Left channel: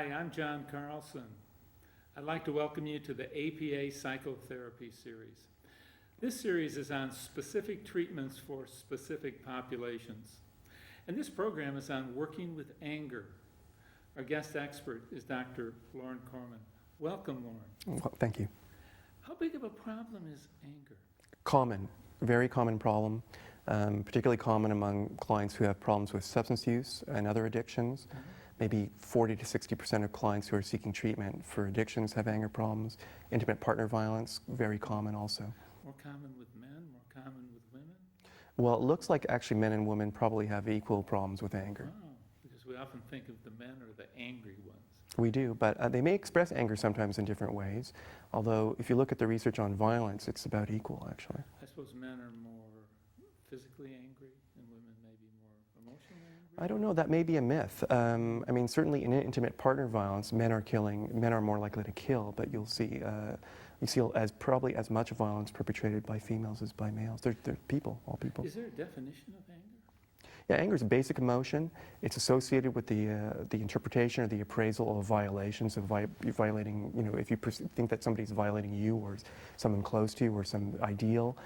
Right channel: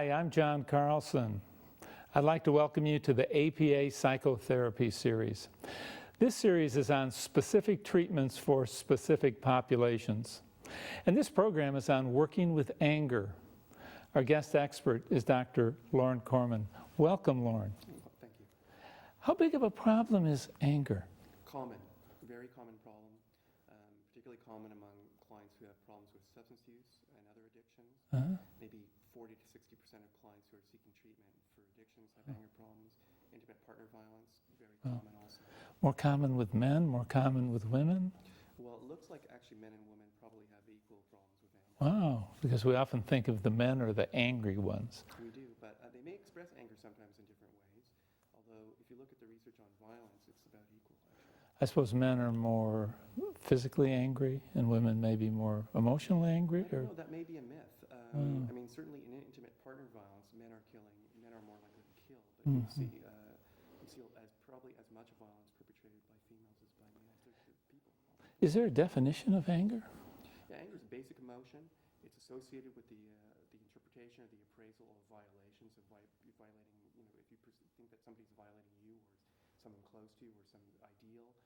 Hi, I'm John Carlson. I'd like to welcome you to the APA Psychotherapy Series. This series is on specific treatments for specific populations. And this program is on working with anger. Our guest expert is Dr. Lorne Korman. Welcome, Lorne. Well, thank you. How big of a problem is anger? Common, very common problem, particularly common among clients who have problems with substance use and other addictions. Maybe 40 to 60% of clients who are seeking treatment for addictions have anger problems. Intimate partner violence, very common also. More common with men, more common with women? Well, it looks like actually men and women probably have equal problems with anger. Wow, because we often think of the men are the angry ones. We do, but they may express anger sometimes in different ways. Although, if you look at the research on violence, it's about equal, actually. I suppose men are more physically angry and women may be more emotionally angry? I don't know, that may be a myth. I mean, certainly in intimate partner violence, men are more likely to kill, but you'll see probably as much violence perpetrated by females as by males. They're people, all people. Is there a definition of anger? Yeah, anger is a basic emotion. It's associated with the interpretation or the appraisal of violations, of violating, if you think that somebody's violating you or someone close to you or some ideal.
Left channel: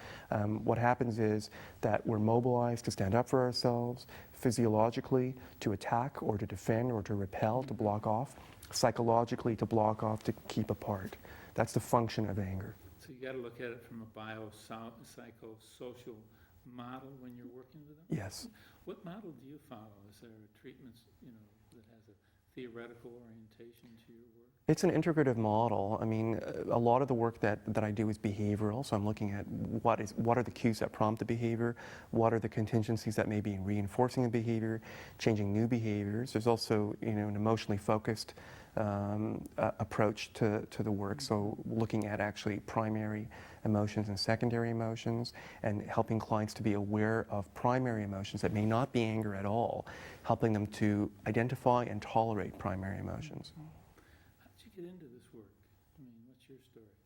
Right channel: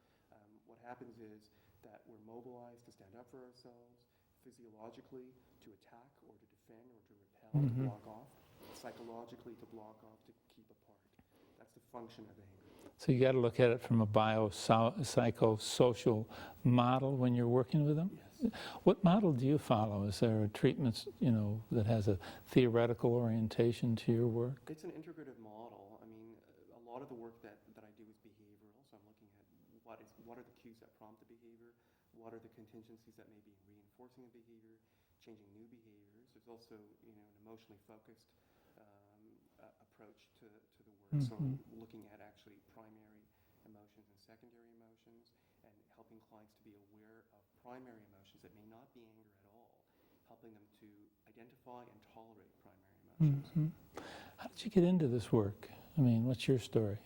What happens is that we're mobilized to stand up for ourselves, physiologically to attack or to defend or to repel, to block off, psychologically to block off, to keep apart. That's the function of anger. So you got to look at it from a biopsychosocial model when you're working with them? Yes. What model do you follow? Is there a treatment, that has a theoretical orientation to your work? It's an integrative model. I mean, a lot of the work that I do is behavioral, so I'm looking at what are the cues that prompt the behavior, what are the contingencies that may be reinforcing the behavior, changing new behaviors. There's also, an emotionally focused approach to the work, so looking at actually primary emotions and secondary emotions and helping clients to be aware of primary emotions that may not be anger at all, helping them to identify and tolerate primary emotions. How did you get into this work? I mean, what's your story?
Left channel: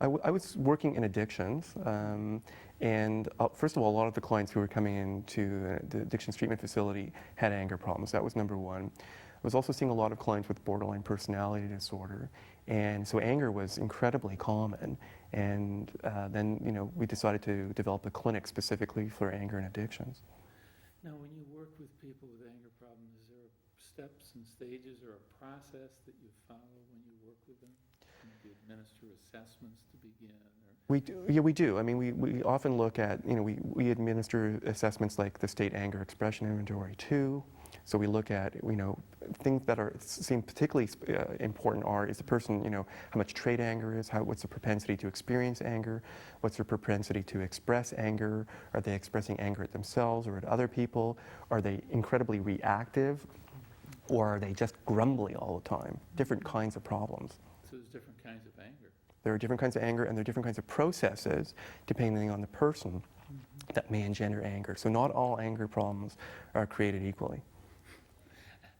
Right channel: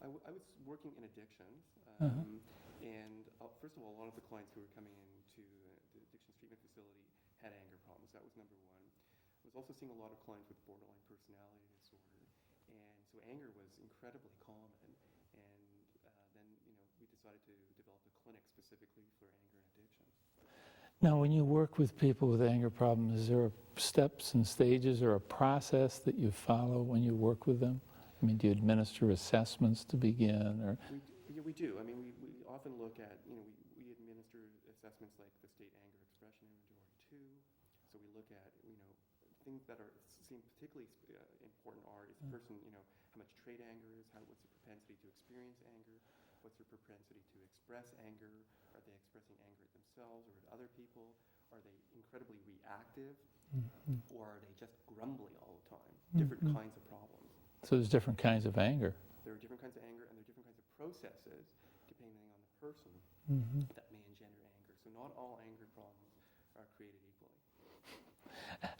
I was working in addictions, and first of all, a lot of the clients who were coming into the addictions treatment facility had anger problems. That was number one. I was also seeing a lot of clients with borderline personality disorder, and so anger was incredibly common. And then, we decided to develop a clinic specifically for anger and addictions. Now, when you work with people with anger problems, is there steps and stages or a process that you follow when you work with them? I mean, do you administer assessments to begin? Or? We do. I mean, we often look at, we administer assessments like the State Anger Expression Inventory 2. So we look at, things that seem particularly important is the person, how much trait anger is, what's the propensity to experience anger, what's their propensity to express anger, are they expressing anger at themselves or at other people, are they incredibly reactive, or are they just grumbly all the time, different kinds of problems. So there's different kinds of anger. There are different kinds of anger, and there are different kinds of processes depending on the person that may engender anger. So not all anger problems are created equally.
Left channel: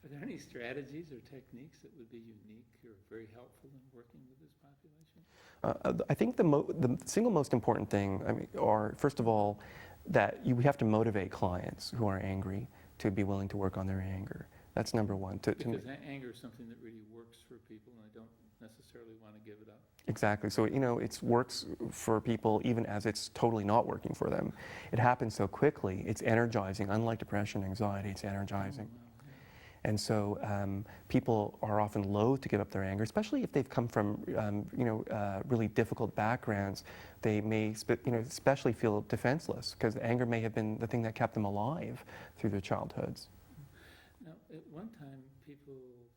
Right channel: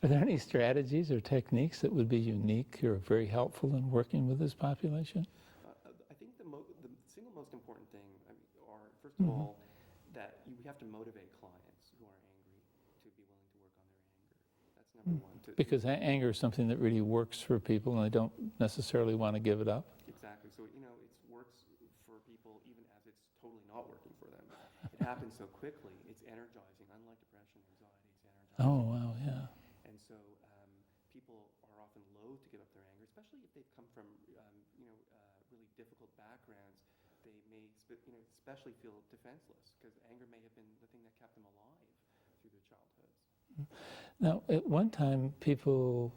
Are there any strategies or techniques that would be unique or very helpful in working with this population? I think the single most important thing, are first of all, that we have to motivate clients who are angry to be willing to work on their anger. That's number one. Because anger is something that really works for people and they don't necessarily want to give it up? Exactly. So, it works for people even as it's totally not working for them. It happens so quickly. It's energizing. Unlike depression and anxiety, it's energizing. Oh, wow, yeah. And so people are often loath to give up their anger, especially if they've come from, really difficult backgrounds. They may, especially feel defenseless because anger may have been the thing that kept them alive through their childhoods. Now, at one time, people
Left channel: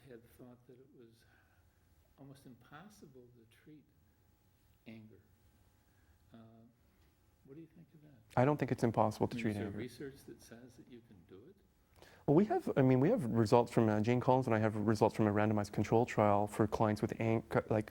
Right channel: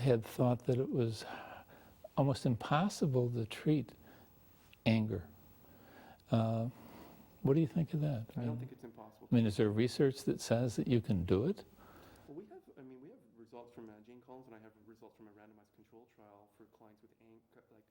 had thought that it was almost impossible to treat anger. What do you think of that? I don't think it's impossible to treat Is there anger. research that says that you can do it? Well, we have results from, Jane Collins and I have results from a randomized control trial for clients with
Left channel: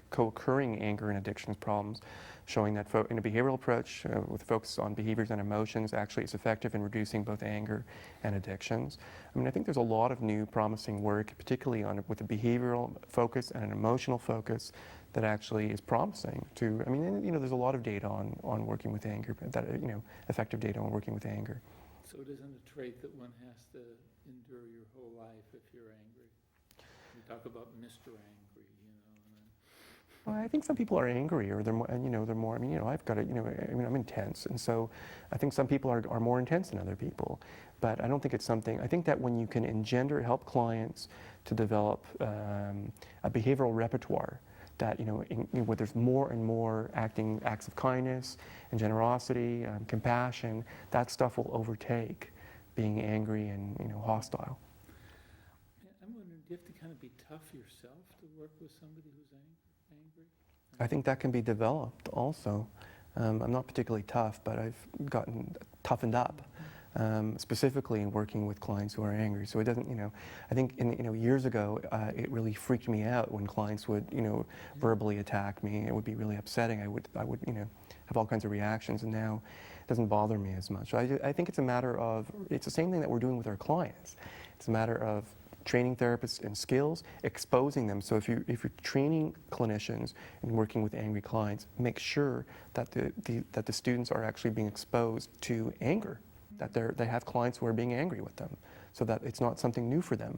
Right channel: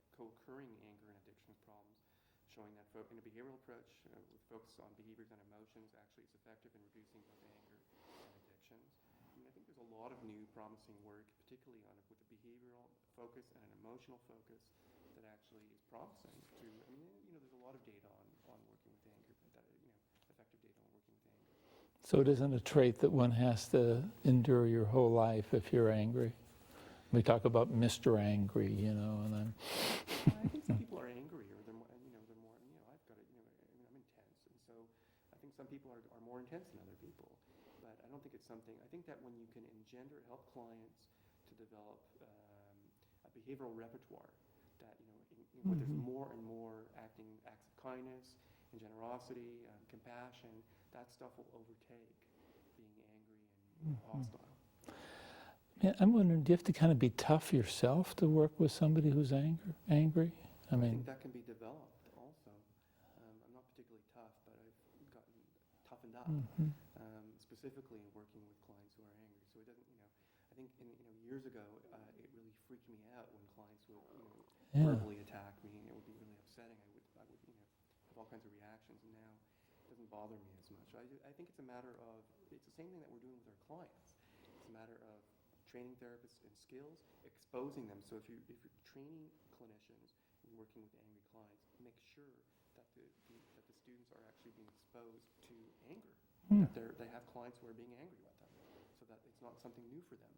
co-occurring anger and addictions problems, showing that in a behavioral approach with focus on behaviors and emotions actually is effective in reducing both anger and addictions. I think there's a lot of new promising work, particularly with a behavioral focus and an emotional focus that actually is promising to, there's a lot of data on working with anger, effective data on working with anger. So it isn't a trait that one has to endure your whole life if you're angry? We talk about Mr. Angry, you know, and then Well, I think some people are angry, or they're more, and, you know, they're more. I mean, you know, I've got it. You know, I mean, I'm intense, and so I think some people are more intense than other people. But I don't think it's something. I think that when you can help clients to develop a behavioral repertoire, that where there's more and more acts of kindness and generosity, compassion, that stuff will overtake being angry and hostile. yeah, I'm wondering, do you have to kind of be tough yourself to work with somebody who's angry? I think that can be developed also. I'm not particularly tough, but I've gotten toughened up, specifically in working with clients who are angry. So it doesn't, I think years ago, it really freaked me out when clients would, verbally attack me. It would be really upsetting. I would, have all kinds of reactions, and now it doesn't bother me as much. So I think it's a matter of, it's the same thing that we're doing with our clients. It's a matter of training therapists in skills, exposing them. So if you're training clinicians and working with angry clients, make sure that the students are actually being exposed to anger, that they have clients who are being angry with them, so that it's not something new for them.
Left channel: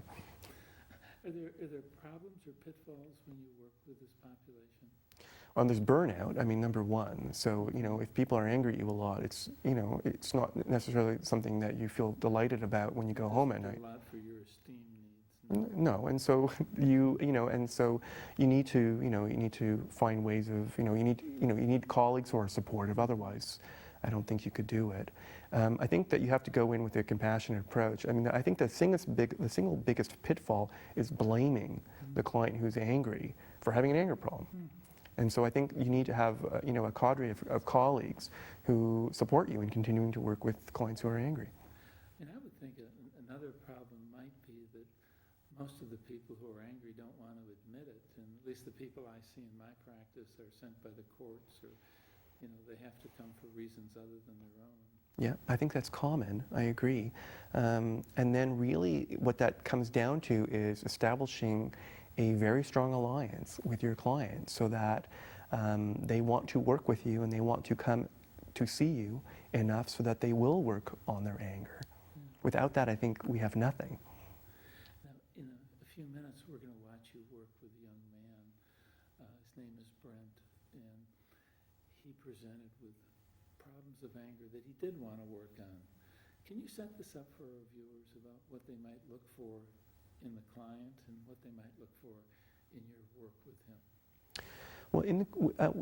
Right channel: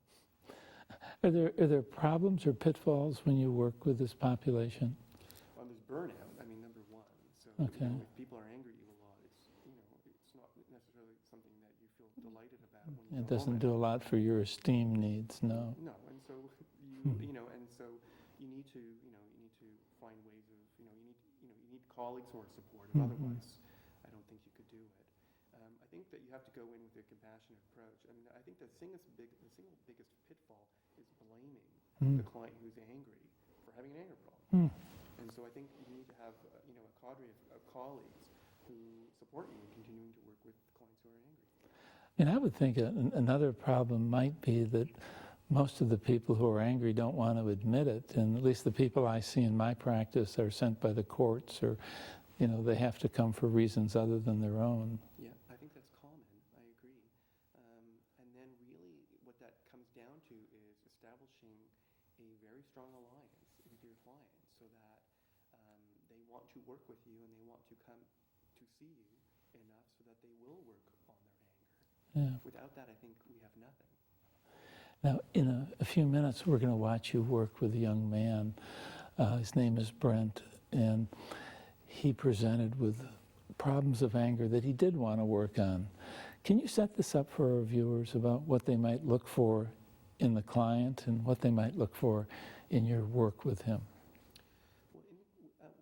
Are there problems or pitfalls when you work with this population? There's burnout, I mean, number one. So, if people are angry at you a lot, it's not necessarily something that you feel delighted about when you go home at night. It doesn't do a lot for your esteem needs, no. No, and so you need to find ways of, you need colleagues who are supportive, otherwise I don't think you could do it. I think that you have to go in with a compassionate approach. I mean, I think the single biggest pitfall is blaming the client who's angry for having an anger problem. And so I think you need to have, a cadre of colleagues who support you in continuing to work with clients who are angry. And I would think another problem might be that most of the people who are angry don't want to admit it, and at least the people I see in my practice are sent by the courts, or, they have to come for reasons other than their own. Yeah, I think that's common. I agree. And then really what that comes down to is establishing a very strong alliance with your client, so that they want to work with you and they want to come to see you enough so that they will work on their anger. Yeah. Without that, I think we have nothing. Now, in a few minutes, we're going to watch you work with a young man. His name is Brent, and he presented with problems of anger that he did want to work on. Can you set this up for our viewers about what they might look for in the client and what they might look for in your work with him? Well,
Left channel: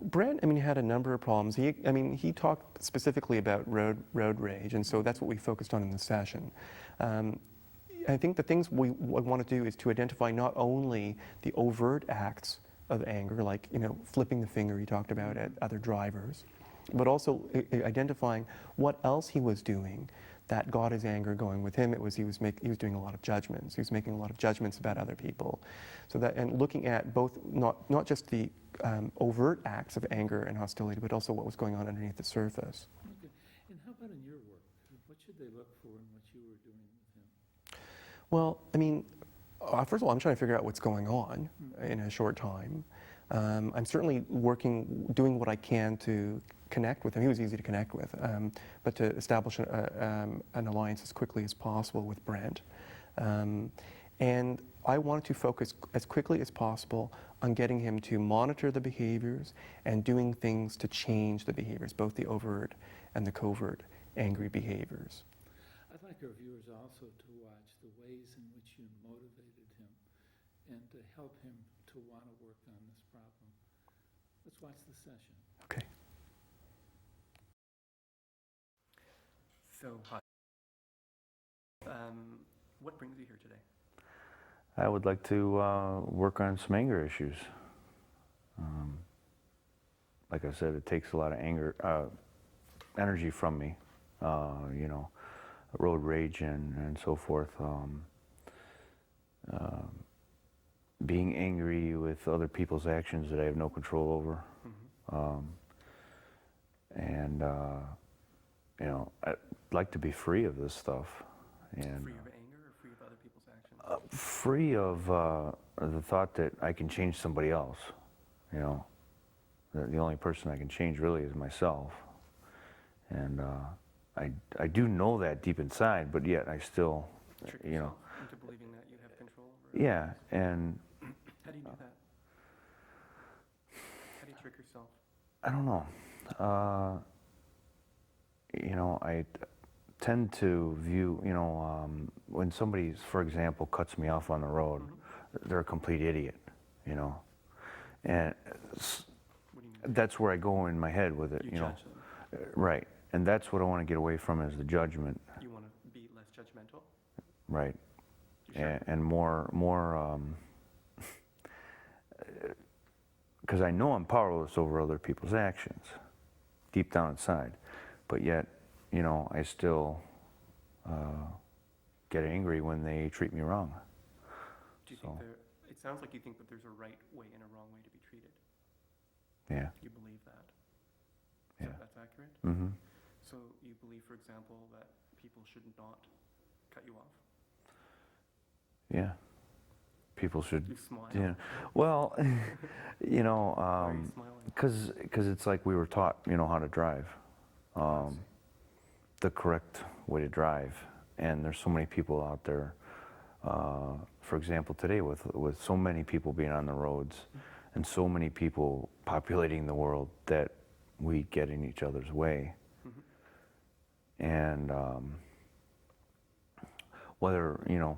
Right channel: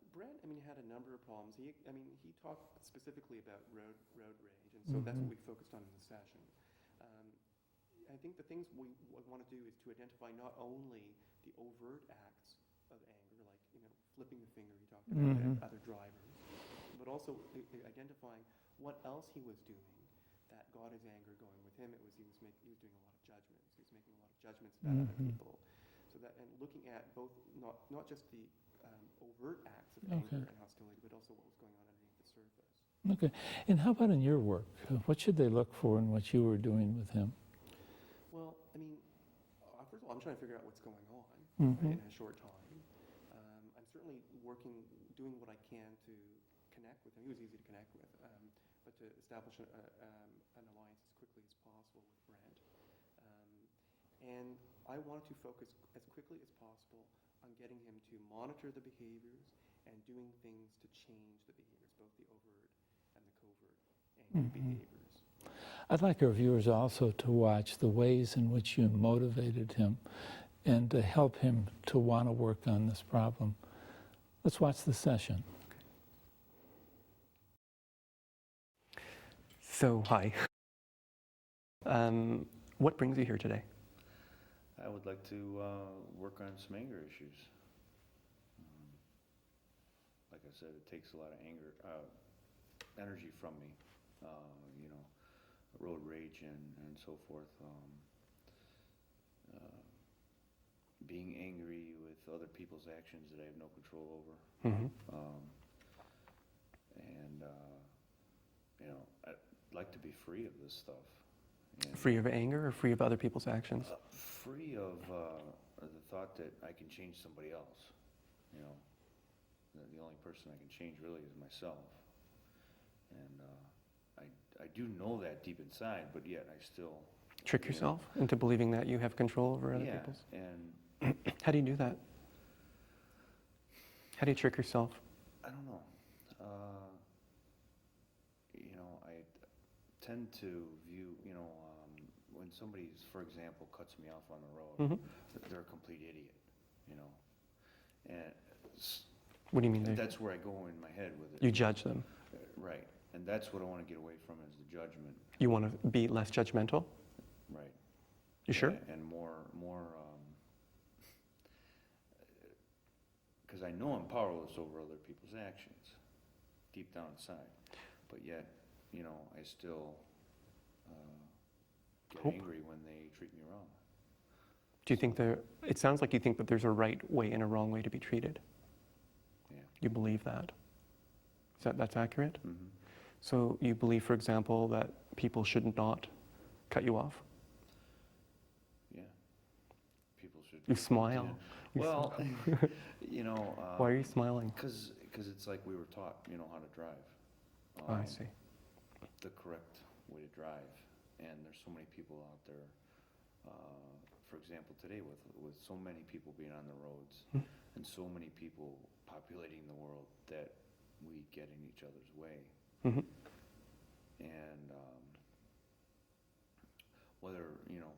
Brent, had a number of problems. He talked specifically about road rage, and so that's what we focused on in the session. I think the things we want to do is to identify not only the overt acts of anger, like flipping the finger he talked about at other drivers, but also identifying what else he was doing that got his anger going with him. He was doing a lot of judgments. He was making a lot of judgments about other people. So that, and looking at both not just the overt acts of anger and hostility, but also what was going on underneath the surface. Okay. And how about in your work? What should they look for in what you were doing with him? Well, first of all, I'm trying to figure out what's going on in a short time. I'm certainly doing what I can to connect with him. He was easy to connect with, but to establish an alliance as quickly as possible with Brent. And I wanted to focus as quickly as possible on getting him to monitor the behaviors and doing things to change the behaviors, both the overt and the covert angry behaviors. I'd like our viewers also to watch the ways in which you motivated him and to help him to want to work on this problem. Let's watch the session. Okay. So, hi. What brings you here today? I would like to work on some anger issues. Like I said, it takes a lot of energy from me, road rage and so forth. Being angry with other people's actions that I have no control over. I'd like to be free of this stuff. And free of anger or free of other people's actions? Free of the thought that I can change somebody else. The only person I can change really is myself. And I do know that deep inside, but yet I still Trick you know, yourself into believing that you have control over other yeah, people's- and How do you do that? How do you trick yourself? I don't know. You know, I tend to view, you know, when somebody, for example, cuts me off on the road, they're a complete idiot, you know. And What do you mean? that's where I go in my head with it. You know. judge them. Right. And that's what I want to get away from is the judgment. You want to be less judgmental? Right. You sure? And more, because I know I'm powerless over other people's actions, deep down inside. But yet, you know, I still get angry when they treat me wrong. Do you think it sounds like you think that there's a right way and a wrong way to be treated. Yeah. You believe that. That's accurate? Mm-hmm. So you believe, for example, that people should not cut you off? Yeah. People should. You smile. Yeah. Well, you know. Why are you smiling? Because it's like we were taught, you know, how to drive. I see. The correct way to drive. And there's so many people out there, for example, today with so many people being on the roads and so many people populating the world that we get in each other's way. And whether, you know,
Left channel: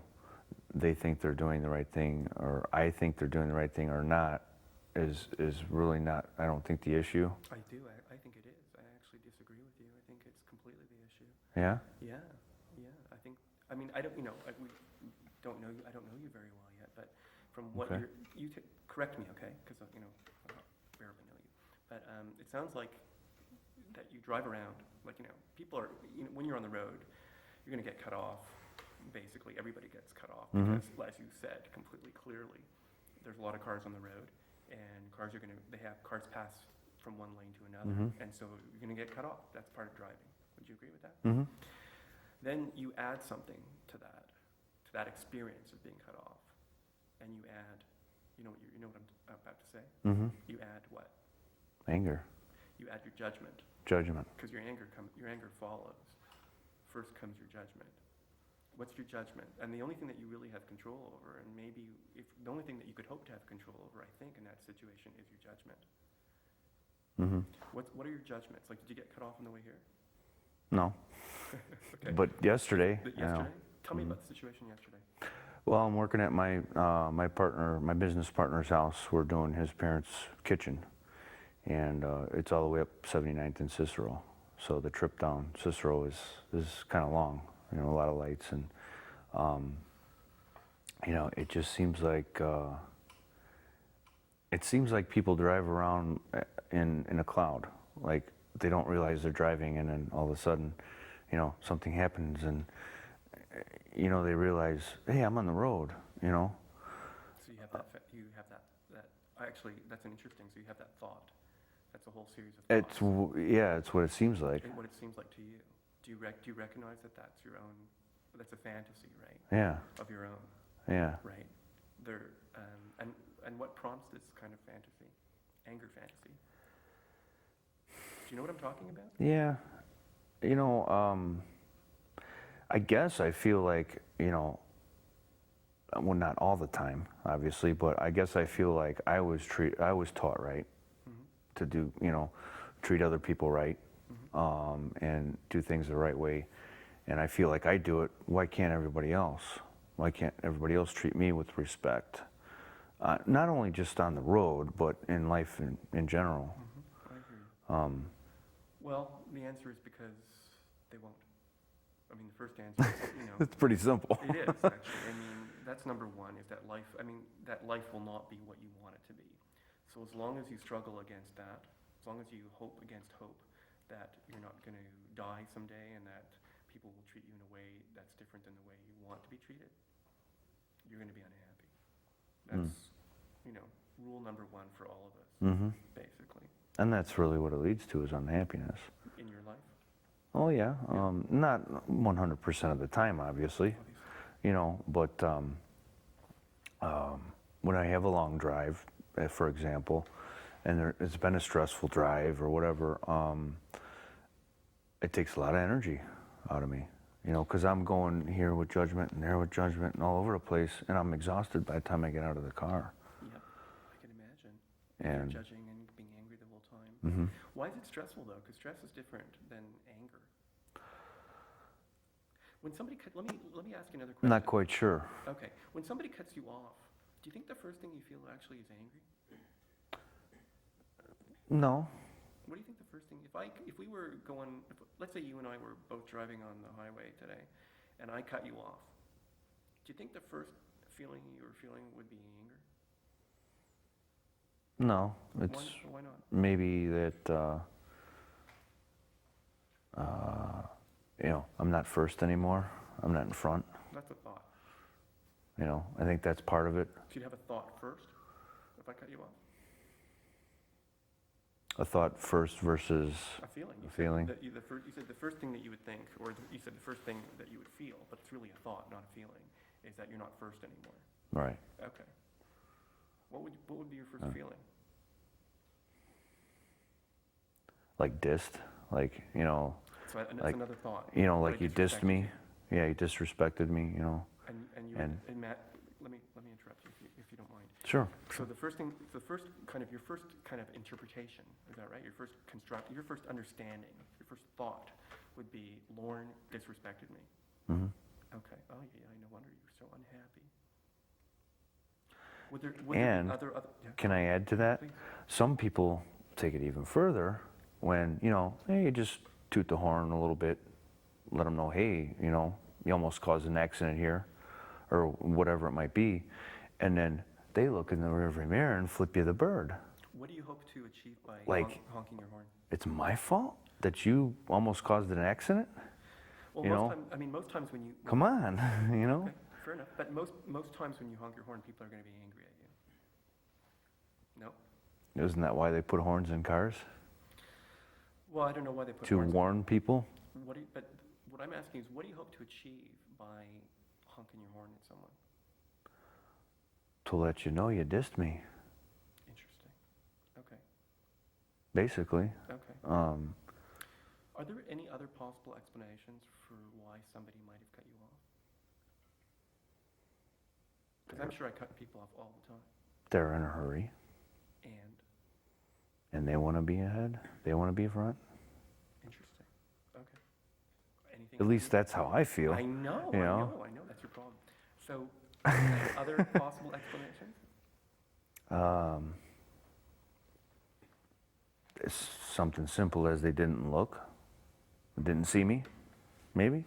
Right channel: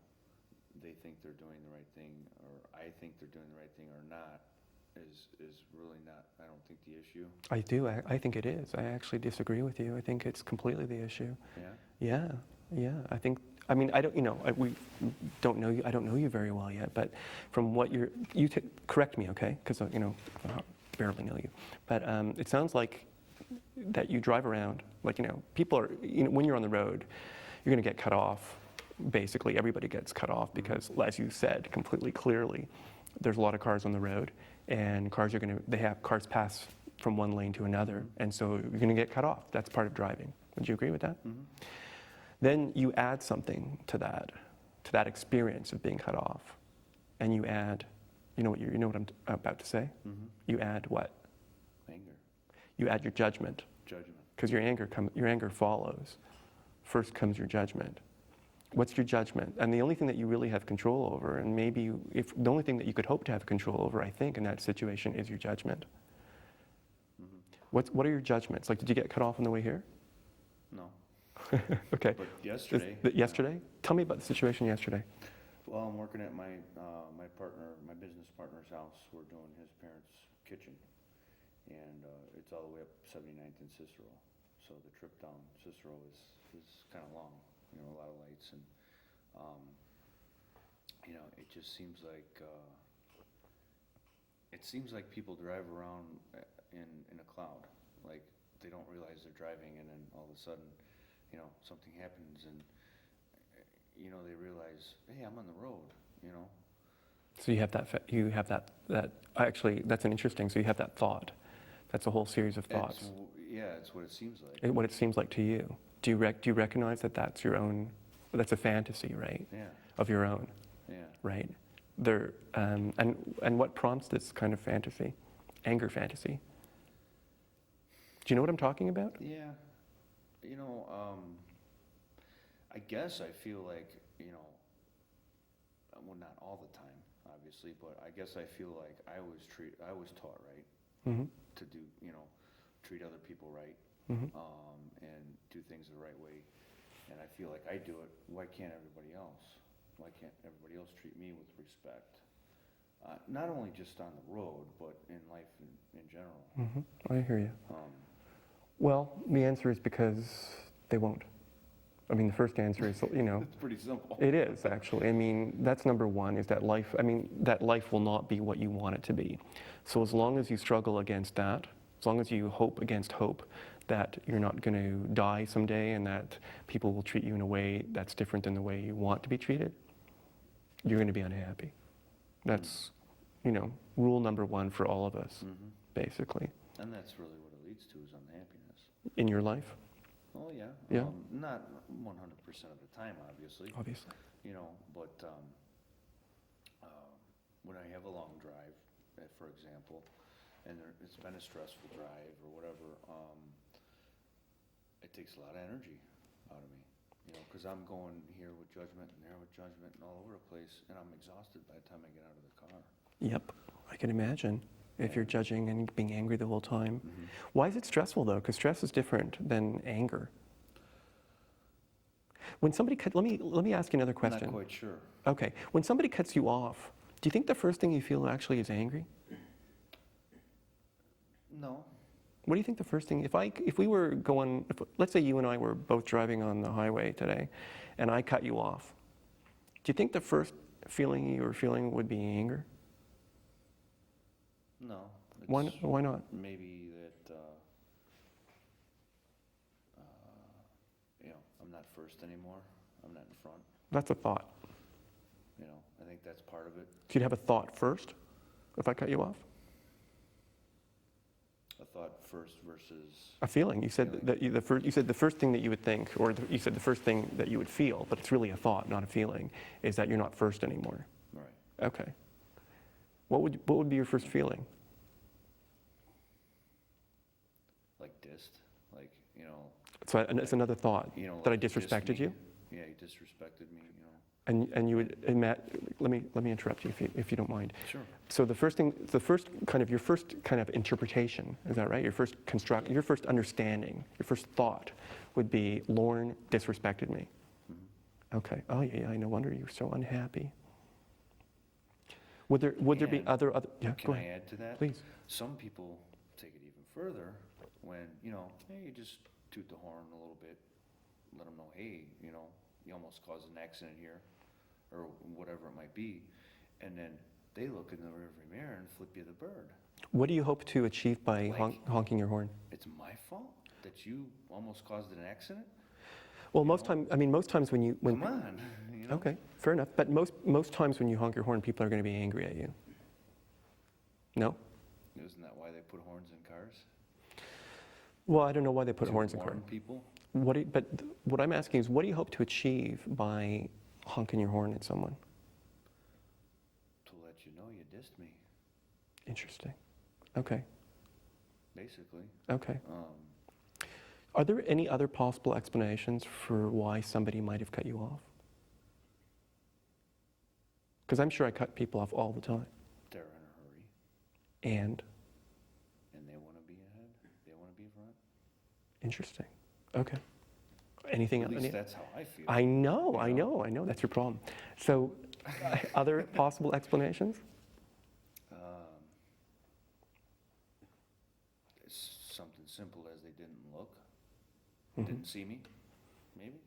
they think they're doing the right thing or I think they're doing the right thing or not is really not, I don't think, the issue. I do. I think it is. I actually disagree with you. I think it's completely the issue. Yeah? Yeah. I think, I mean, I don't, you know, we don't know you, I don't know you very well yet, but from what correct me, okay? Because, you know, I barely know you. But it sounds like that you drive around, like, you know, people are, you know, when you're on the road, you're going to get cut off. Basically, everybody gets cut off because, as you said completely clearly, there's a lot of cars on the road, and cars pass from one lane to another, and so you're going to get cut off. That's part of driving. Would you agree with that? Then you add something to that experience of being cut off, and you add, you know what I'm about to say? You add what? Anger. You add your judgment. Judgment. Because your anger follows. First comes your judgment. What's your judgment? And the only thing that you really have control over, and maybe the only thing that you could hope to have control over, I think, in that situation is your judgment. What are your judgments? Like, did you get cut off on the way here? No. Okay. But yesterday. Yesterday? Tell me about the situation yesterday. Well, I'm working at my business partner's house. We're doing his parents' kitchen, and it's all the way up 79th and Cicero. So the trip down Cicero is kind of long. You know, a lot of lights, and you know, it just seems like people drive around in a cloud, like they don't realize they're driving, and then all of a sudden, you know, something happens, and you know, they realize, hey, I'm on the road, you know. So you have that. Actually, that's an interesting. So you have that thought. That's a whole series of thoughts. It's what it seems like. What it seems like to you. Do you recognize that that's your own? That's a fantasy, right? Yeah. Of your own. Yeah. Right. And what prompts this kind of fantasy? Anger fantasy. Do you know what I'm talking about? Yeah. You know, I guess I feel like, you know, well, not all the time, obviously, but I guess I feel like I was taught right to do, you know, treat other people right. And do things the right way, and I feel like I do it. Why can't everybody else? Why can't everybody else treat me with respect? Not only just on the road, but in life in general. I hear you. Well, the answer is because they won't. I mean, the first answer is, you know. It's pretty simple. It is, actually. I mean, that's number one, is that life, I mean, that life will not be what you want it to be. So as long as you struggle against that, as long as you hope against hope, that you're not going to die someday and that people will treat you in a way that's different than the way you want to be treated, you're going to be unhappy. That's, you know, rule number one for all of us, basically. And that's really what it leads to, is unhappiness. In your life? Oh, yeah. Not 100% of the time, obviously. You know, but when I have a long drive, for example, and it's been a stressful drive or whatever, it takes a lot of energy out of me. You know, because I'm going here with judgment and there with judgment and all over the place, and I'm exhausted by the time I get out of the car. Yep, I can imagine if you're And- judging and being angry the whole time. Mm-hmm. Why is it stressful though? Because stress is different than anger. When somebody let me ask you another I'm question. not quite sure. Okay, when somebody cuts you off, do you think the first thing you feel actually is angry? No. What do you think the first thing, if we were going, let's say you and I were both driving on the highway today, and I cut you off, do you think the first feeling you were feeling would be anger? No. It's Why not? maybe that, you know, I'm not first anymore. I'm not in front. That's a thought. You know, I think that's part of it. So you'd have a thought first if I cut you off? A thought first versus, A feeling. You said Feeling. that you said the first thing that you would think, or you said the first thing that you would feel, but it's really a thought, not a feeling, is that you're not first anymore. right. Okay. What would be your first feeling? Like dissed, like, you know, So that's like, another thought. you know, that like I you dissed disrespected me. you? Yeah, you disrespected me, you know. And you would, and Matt, let me interrupt you if you don't mind. Sure. So your first kind of interpretation, is that right? Your first understanding, your first thought would be, Lorne disrespected me. Mm-hmm. Okay. Oh yeah, no wonder you're so unhappy. Would there be And other? Yeah, Can go I ahead. add to that? Please. Some people take it even further when, you know, hey, you just toot the horn a little bit, let them know, hey, you know, you almost caused an accident here, or whatever it might be, and then they look in the rearview mirror and flip you the bird. What do you hope to achieve by Like- honking your horn? It's my fault that you almost caused an accident? Well, you know? most times when you Come on, you know? Okay, fair enough. But most times when you honk your horn, people are going to be angry at you. No? Isn't that why they put horns in cars? Well, I don't know why they put To horns in warn people? But what I'm asking is, what do you hope to achieve by honking your horn at someone? To let you know you dissed me, Interesting. Okay. basically. Okay. Are there any other possible explanations for why somebody might have cut you off? Because I'm sure I cut people off all the time. They're in a hurry, And and they want to be ahead. They want to be front. interesting. Okay. Anything? At least that's how I feel. I know. you I know. That's your problem. So, other possible explanations? It's something simple as they didn't look, didn't see me, maybe.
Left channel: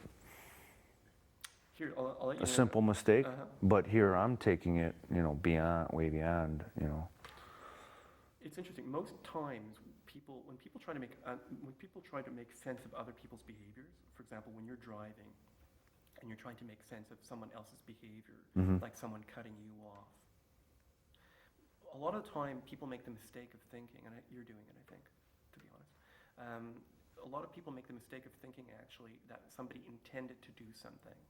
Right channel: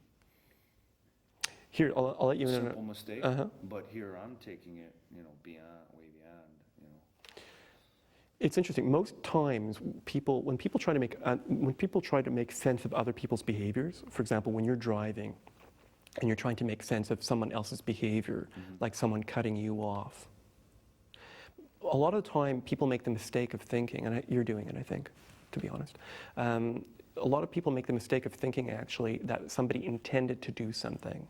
Here, I'll let you A know. simple mistake, Uh-huh. but here I'm taking it, you know, way beyond, you know. It's interesting. Most times, when people try to make sense of other people's behaviors, for example, when you're driving and you're trying to make sense of someone else's behavior, like someone cutting you off, a lot of the time people make the mistake of thinking, and you're doing it, I think, to be honest. A lot of people make the mistake of thinking actually that somebody intended to do something,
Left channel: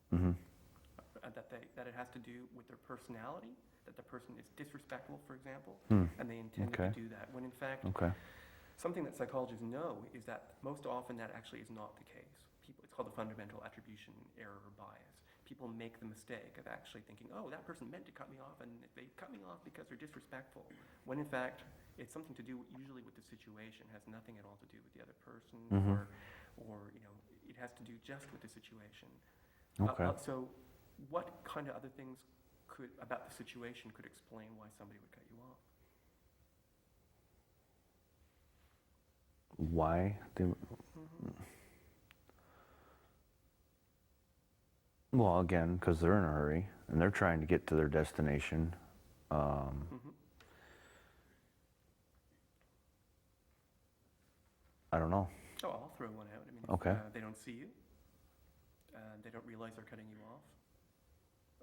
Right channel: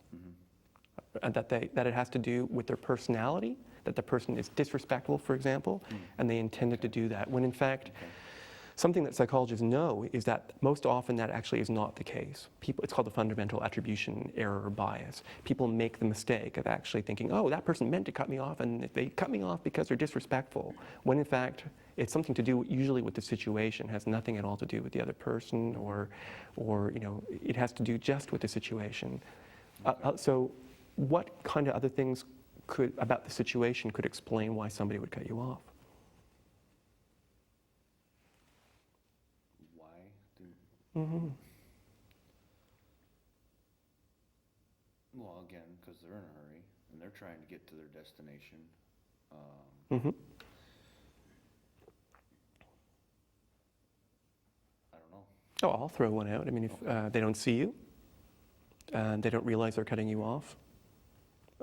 and that it has to do with their personality, that the person is disrespectful, for example, and they intended to Okay. do that. When in fact, Okay. something that psychologists know is that most often that actually is not the case. It's called the fundamental attribution error or bias. People make the mistake of actually thinking, oh, that person meant to cut me off, and they cut me off because they're disrespectful, when in fact it's something to do usually with the situation, has nothing at all to do with the other person, or you know, it has to do just with the situation. Okay. So what kind of other things about the situation could explain why somebody would cut you off? Why? Well, again, because they're in a hurry and they're trying to get to their destination. I don't know. Oh, I'll throw one out. I mean, if Okay. they don't see you, and they don't realize they're cutting you off,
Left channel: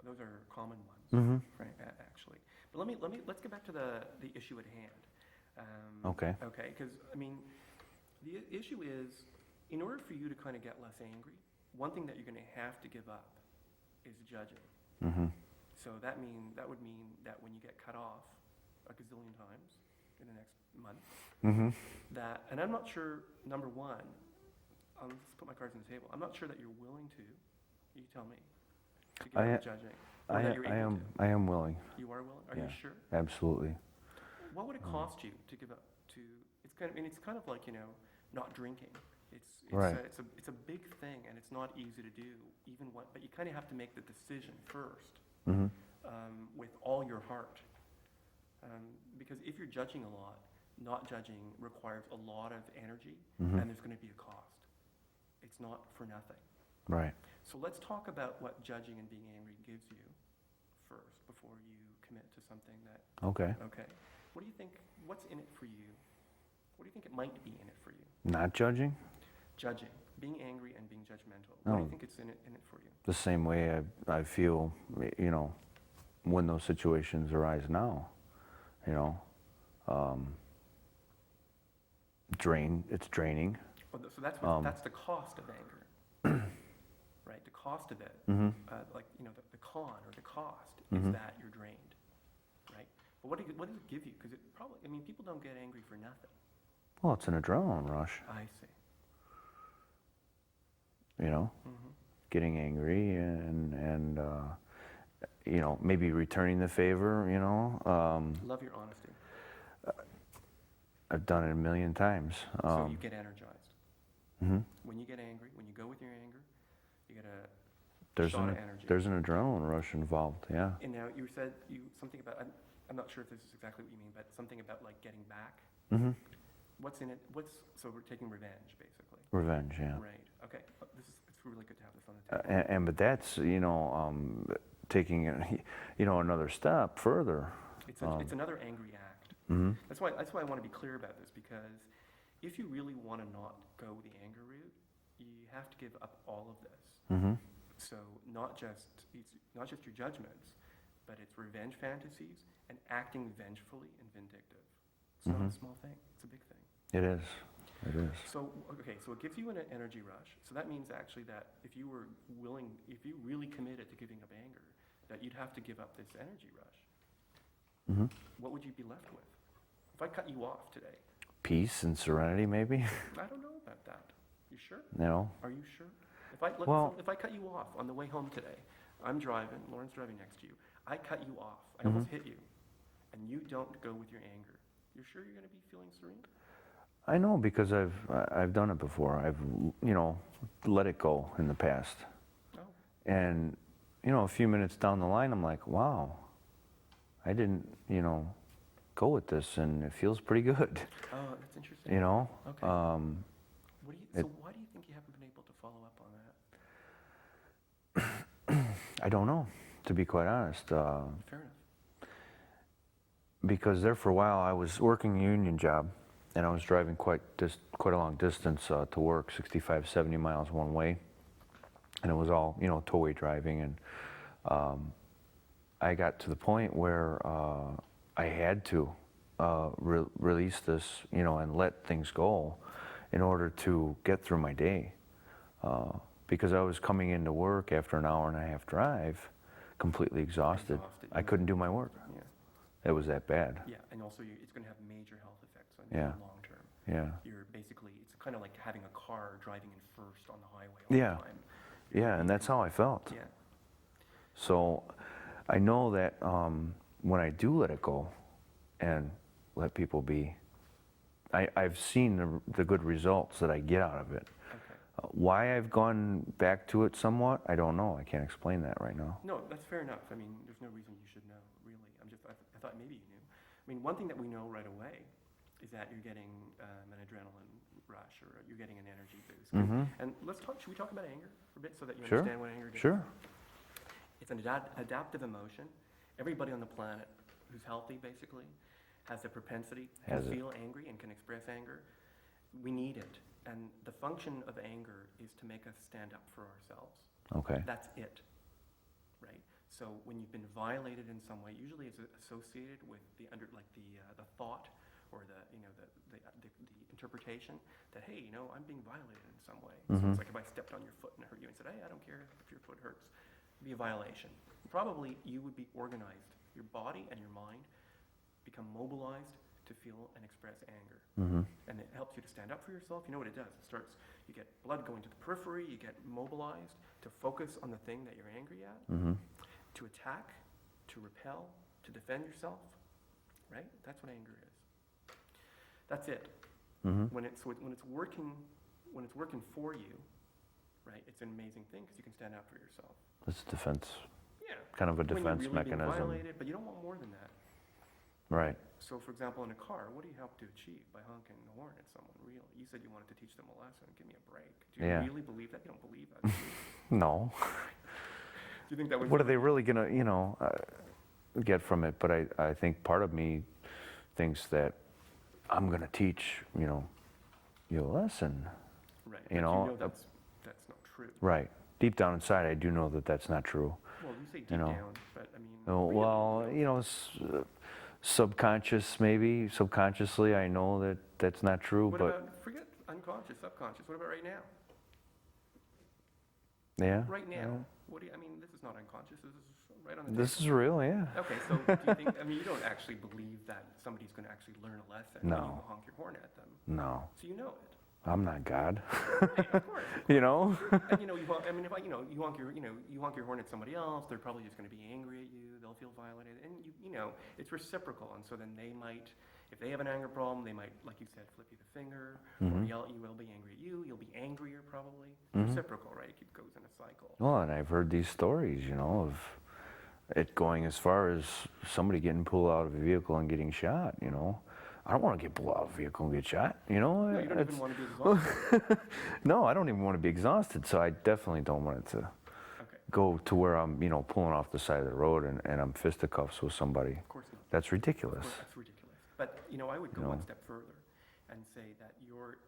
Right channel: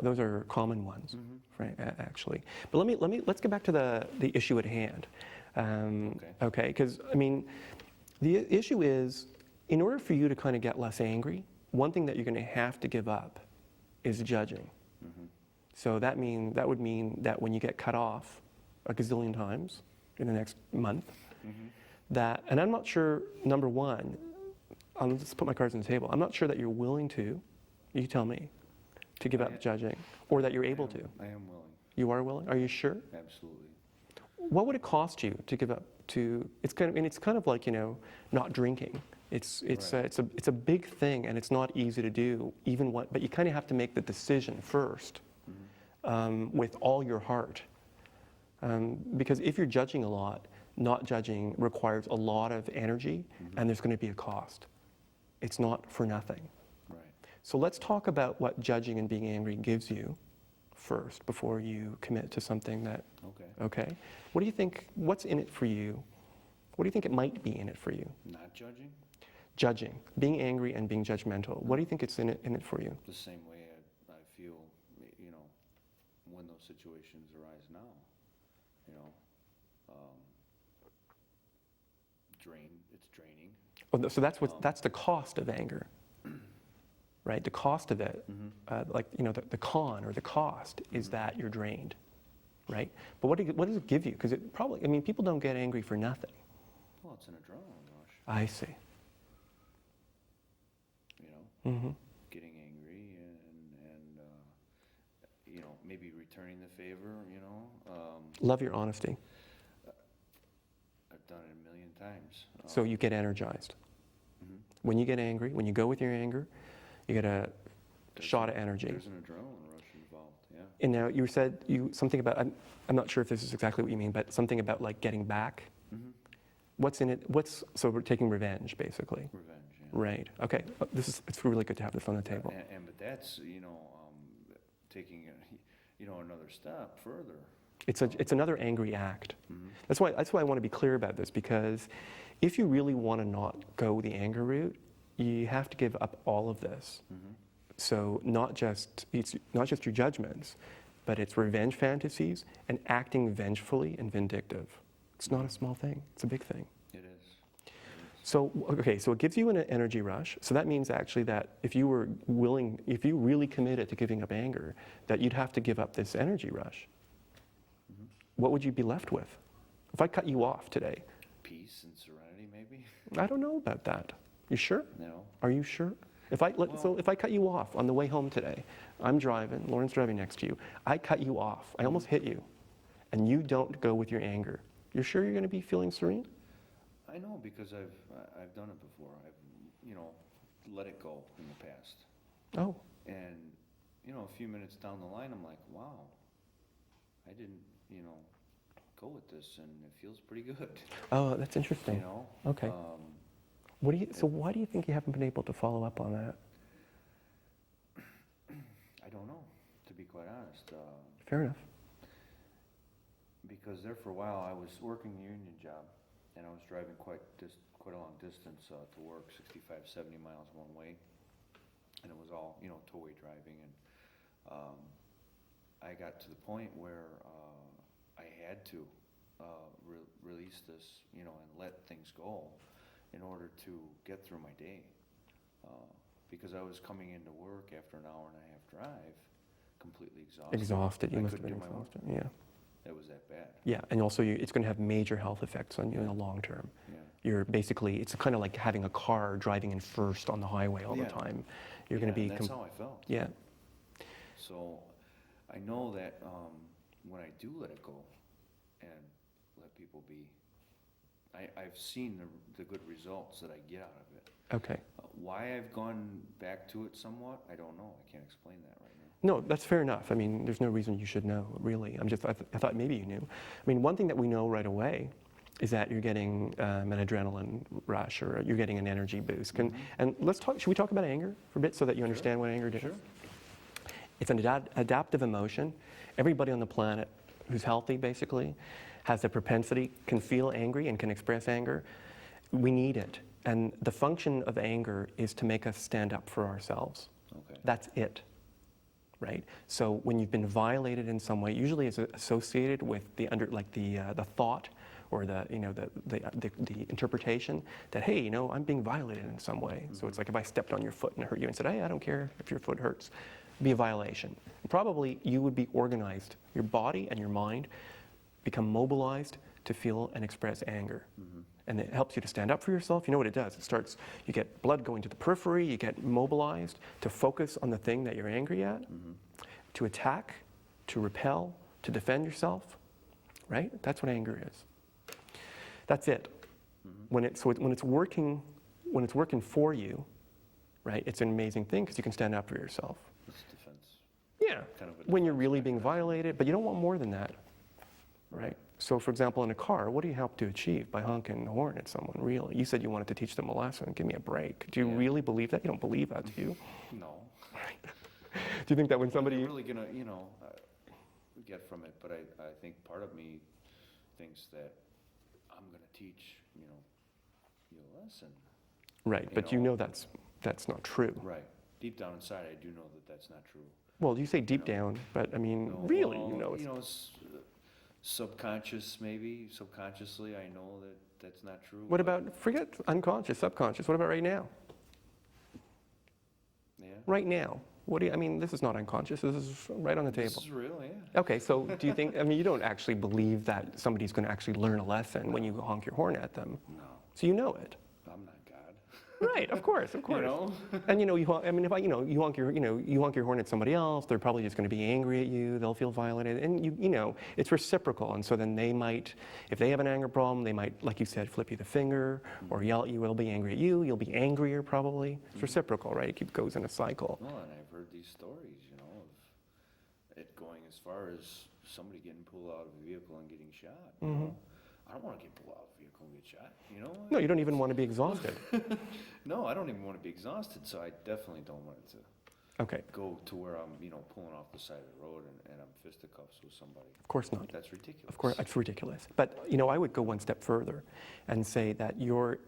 those are common ones, right? Actually, but let's get back to the issue at hand. Okay. Okay, because I mean, the issue is, in order for you to kind of get less angry, one thing that you're going to have to give up is judging. So that would mean that when you get cut off a gazillion times in the next month, and I'm not sure, number one, I'll just put my cards on the table, I'm not sure that you're willing to You tell me. To give up judging, or that you're able to. I am willing. You are willing? Are you sure? Absolutely. What would it cost you to give up to? It's kind of like, you know, not drinking. It's Right. a big thing, and it's not easy to do. But you kind of have to make the decision first, with all your heart, because if you're judging a lot, not judging requires a lot of energy, and there's going to be a cost. It's not for nothing. Right. So let's talk about what judging and being angry gives you first before you commit to something that, Okay. okay? What do you think, what's in it for you? What do you think it might be in it for you? Not judging? Judging, being angry and being judgmental. What do you think it's in it for you? The same way I feel, you know, when those situations arise now, you know. It's draining. Well, so that's the cost of anger, right? The cost of it, like, you know, the con or the cost is that you're drained, right? But what does it give you? Because it probably, I mean, people don't get angry for nothing. Well, it's an adrenaline rush, I see. you know, getting angry and you know, maybe returning the favor, you know. Love your honesty. I've done it a million times. So you get energized. When you get angry, when you go with your anger, you get a shot of energy. There's an adrenaline rush involved, yeah. And now you said something about, I'm not sure if this is exactly what you mean, but something about like getting back. What's in it? So we're taking revenge, basically. Revenge, yeah. Right. Okay. It's really good to have this on the table. But that's, you know, taking it, you know, another step further. It's another angry act. That's why I want to be clear about this, because if you really want to not go the anger route, you have to give up all of this. So it's not just your judgments, but it's revenge fantasies and acting vengefully and vindictive. It's not a small thing. It's a big thing. It is. It is. So, okay, so it gives you an energy rush. So that means actually that if you really committed to giving up anger, that you'd have to give up this energy rush. What would you be left with? If I cut you off today? Peace and serenity, maybe? I don't know about that. You sure? No. Are you sure? So if I cut you off on the way home today, I'm driving, Lorne's driving next to you, I cut you off, I almost hit you, and you don't go with your anger, you're sure you're going to be feeling serene? I know, because I've done it before. I've, you know, let it go in the past. Oh. And, you know, a few minutes down the line, I'm like, wow, I didn't, you know, go with this, and it feels pretty good. Oh, that's interesting. You know? Okay. So why do you think you haven't been able to follow up on that? I don't know, to be quite honest. Fair enough. Because there for a while, I was working a union job, and I was driving quite a long distance to work, 65, 70 miles one way. And it was all, you know, tow-away driving. And I got to the point where I had to release this, you know, and let things go in order to get through my day. Because I was coming into work after an hour and a half drive, completely exhausted. I couldn't do my work. Yeah. It was that bad. Yeah, and also it's going to have major health effects on you in the long term. Yeah. You're basically, it's kind of like having a car driving in first on the highway all the time. And that's how I felt. Yeah. So I know that when I do let it go and let people be, I've seen the good results that I get out of it. Okay. Why I've gone back to it somewhat, I don't know. I can't explain that right now. No, that's fair enough. I mean, there's no reason you should know, really. I thought maybe you knew. I mean, one thing that we know right away is that you're getting an adrenaline rush, or you're getting an energy boost. And should we talk about anger for a bit so that you understand what anger is? Sure. It's an adaptive emotion. Everybody on the planet who's healthy, basically, has the propensity, can feel angry and can express anger. We need it. And the function of anger is to make us stand up for ourselves. Okay. That's it, right? So when you've been violated in some way, usually it's associated with the thought or the interpretation that, hey, you know, I'm being violated in some way. So it's like if I stepped on your foot and hurt you and said, hey, I don't care if your foot hurts, it'd be a violation. Probably you would be organized. Your body and your mind become mobilized to feel and express anger. And it helps you to stand up for yourself. You know what it does? It starts, you get blood going to the periphery, you get mobilized to focus on the thing that you're angry at, to attack, to repel, to defend yourself, right? That's what anger is. That's it. When it's working for you, right? It's an amazing thing because you can stand up for yourself. It's defense. Yeah. Kind of a defense when you're really mechanism. being violated, but you don't want more than that. Right. So, for example, in a car, what do you help to achieve by honking the horn at someone? Really, you said you wanted to teach them a lesson. Give me a break. Do you really believe that? You don't believe that, do you? No. Do you think that when What are they really gonna, get from it? But I think part of me thinks that I'm gonna teach, you a lesson. Right, but you know that's not true. Right. Deep down inside, I do know that that's not true. Well, you say deep down, but I mean, No, really, well, subconscious maybe. Subconsciously, I know that that's not true. What but about, forget unconscious, subconscious, what about right now? Yeah. Right now. What do you, I mean, this is not unconscious, this is right on the table. This is real, yeah. Okay, so do you think, I mean, you don't actually believe that somebody's going to actually learn a lesson when you honk your horn at them. No. So you know it. I'm not God. Right, of course. You know? And you honk, I mean, if you honk your horn at somebody else, they're probably just going to be angry at you. They'll feel violated, and it's reciprocal. And so then they might, if they have an anger problem, they might, like you said, flip you the finger or yell at you. They'll be angry at you. You'll be angrier probably. It's reciprocal, right? It goes in a cycle. Well, and I've heard these stories, of it going as far as somebody getting pulled out of a vehicle and getting shot. I don't want to get pulled out of a vehicle and get shot, No, you don't even want to be exhausted. No, I don't even want to be exhausted, so I definitely don't want it to go to where I'm, pulling off the side of the road and I'm fisticuffs with somebody. Of course not. That's ridiculous. Of course, that's ridiculous. But, I would go one step further and say that your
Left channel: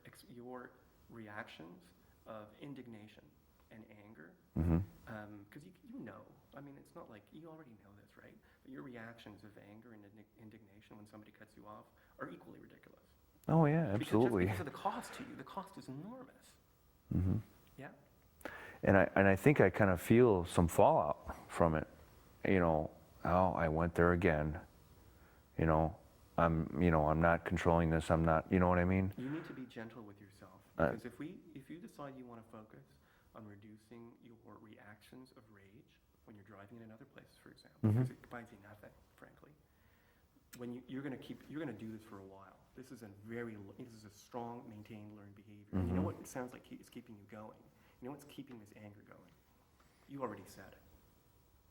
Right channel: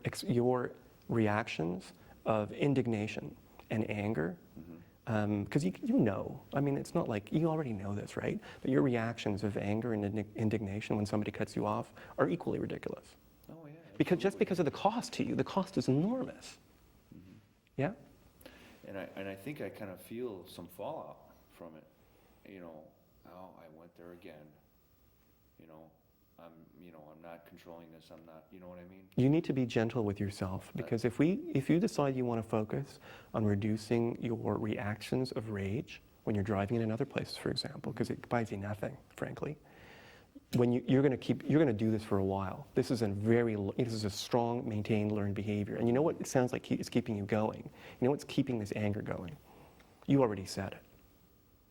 reactions of indignation and anger, because I mean, it's not like, you already know this, right? But your reactions of anger and indignation when somebody cuts you off are equally ridiculous. Oh, yeah, absolutely. Just because of the cost to you, the cost is enormous. Yeah? And I think I kind of feel some fallout from it. Oh, I went there again. I'm not controlling this. I'm not, you know what I mean? You need to be gentle with yourself because if you decide you want to focus on reducing your reactions of rage when you're driving in another place, for example, because it buys you nothing, frankly. When you're going to do this for a while. This is a strong, maintained, learned behavior. And you know what it sounds like is keeping you going? You know what's keeping this anger going? You already said it.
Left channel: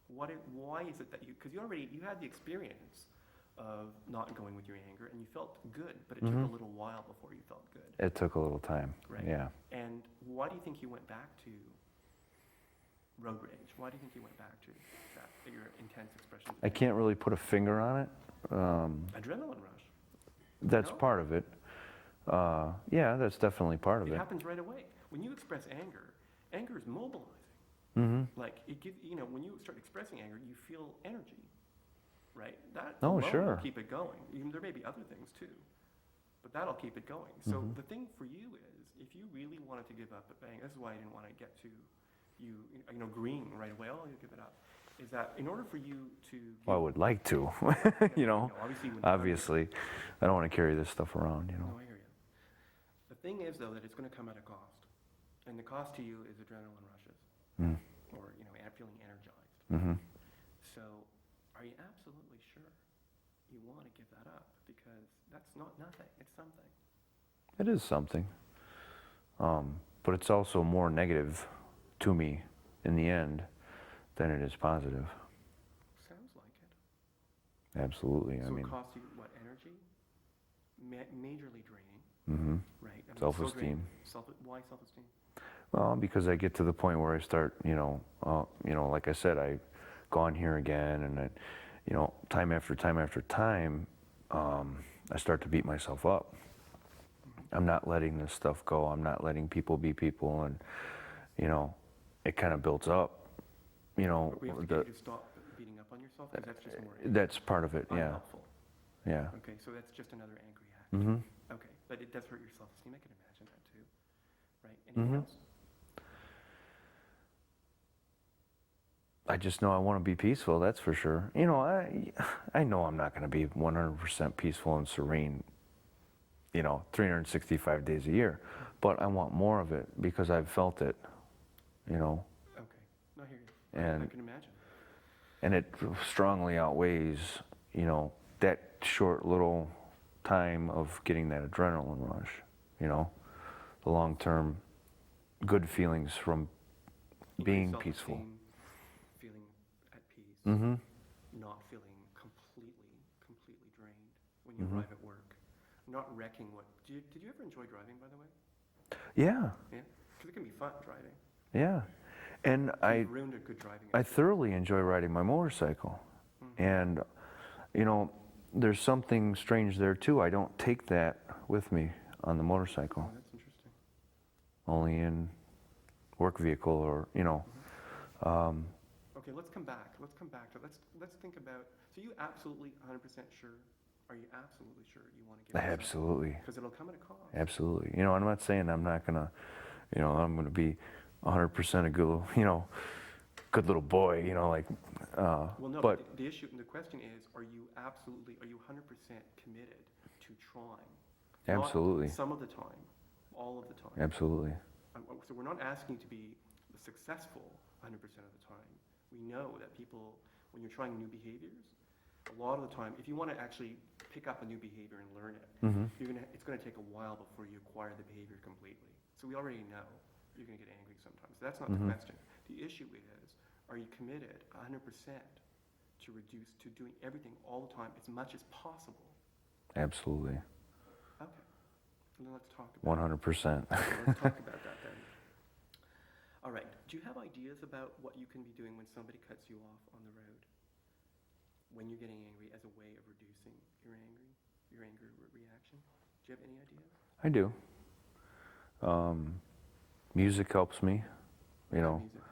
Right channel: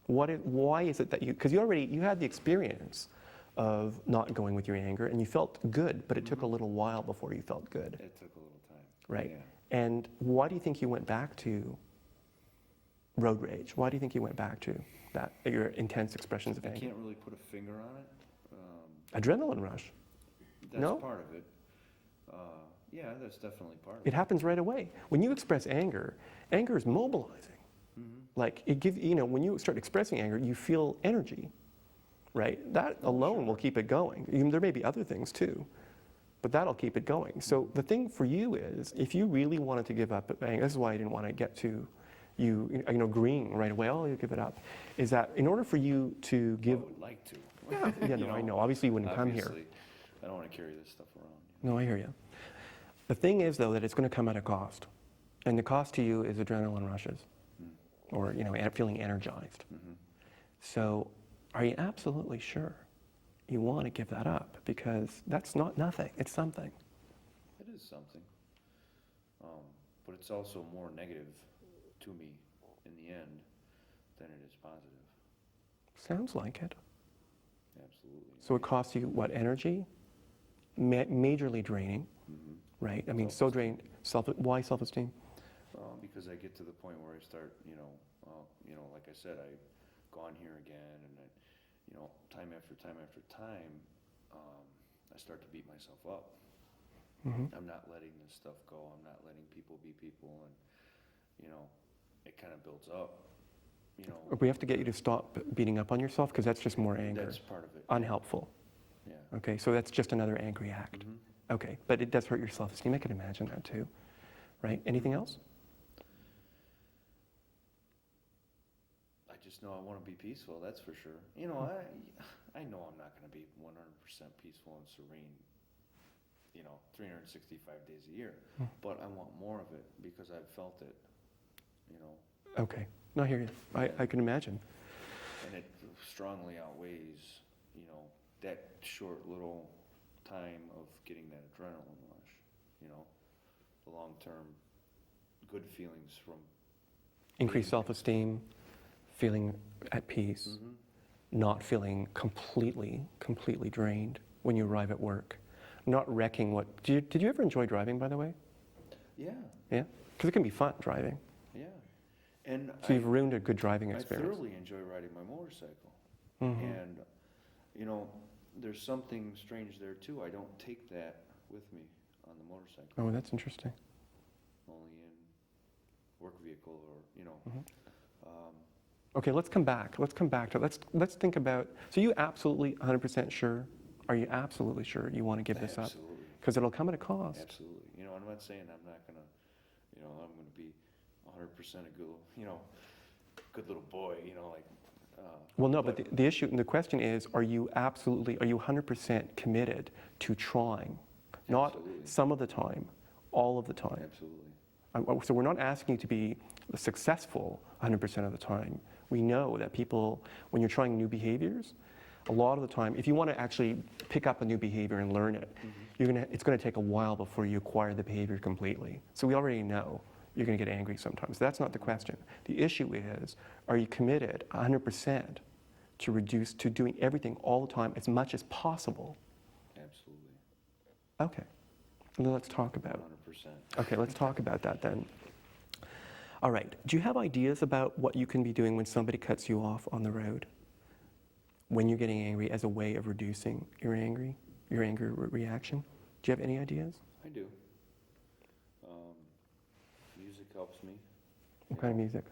Why is it that because you had the experience of not going with your anger, and you felt good, but it took a little while before you felt good. It took a little time. Right. Yeah. And why do you think you went back to road rage? Why do you think you went back to that, your intense expressions of anger? I can't really put a finger on it. Adrenaline rush. That's part of it. Yeah, that's definitely part of it. It happens right away. When you express anger, anger is mobilizing. Like it gives, when you start expressing anger, you feel energy. Right? That alone will keep it going. There may be other things too, but that'll keep it going. So the thing for you is, if you really wanted to give up anger, this is why I didn't want to get to you agreeing right away, oh, you give it up, is that in order for you to give... Well, I would like to. I know, obviously you wouldn't come here. I don't want to carry this stuff around. No, I hear you. The thing is, though, that it's going to come at a cost. And the cost to you is adrenaline rushes or, feeling energized. So... are you absolutely sure you want to give that up? Because that's not nothing, it's something. It is something. But it's also more negative to me in the end than it is positive. Sounds like it. Absolutely. So it costs you what, energy? Majorly draining, right? I mean, so draining. Why self-esteem? Well, because I get to the point where I start, like I said, I've gone here again, and time after time after time, I start to beat myself up. I'm not letting this stuff go. I'm not letting people be people, and it kind of builds up. We have to get you to stop beating up on yourself, because that's just more anger. That's part of it. Unhelpful. Yeah. Okay, so that's just another angry act. Okay, but it does hurt your self-esteem. I can imagine that too, right? Anything else? I just know I want to be peaceful, that's for sure. You know, I know I'm not going to be 100% peaceful and serene, you know, 365 days a year, but I want more of it because I've felt it, you know. Okay, no, I hear you. I can imagine. And it strongly outweighs, you know, that short little time of getting that adrenaline rush, you know, the long-term good feelings from Increased being self-esteem, feeling at peace, not feeling completely drained when you arrive at work, not wrecking what... Did you ever enjoy driving, by the way? Yeah. Yeah? Because it can be fun, driving. Yeah. And So you've ruined a good driving experience. I thoroughly enjoy riding my motorcycle. And, you know, there's something strange there too. I don't take that with me on the motorcycle. Oh, that's interesting. Only in work vehicle or, you know. Okay, let's come back. Let's come back to, let's think about, so you absolutely 100% sure, are you absolutely sure you want to give this up? Absolutely. Because it'll come at a cost. Absolutely. You know, I'm not saying I'm not going to, you know, I'm going to be 100% a good, you know, good little boy, you know, like. Well, no, but the issue, the question is, are you 100% committed to trying? Absolutely. Not some of the time, all of the time. Absolutely. So we're not asking you to be successful 100% of the time. We know that people, when you're trying new behaviors, a lot of the time, if you want to actually pick up a new behavior and learn it, it's going to take a while before you acquire the behavior completely. So we already know you're going to get angry sometimes. That's not the question. The issue is, are you committed 100% to doing everything all the time as much as possible? Absolutely. Okay. And then let's talk about 100%. Okay, let's talk about that then. All right. Do you have ideas about what you can be doing when somebody cuts you off on the road? When you're getting angry as a way of reducing your anger reaction? Do you have any ideas? I do. Music helps me. What kind of music?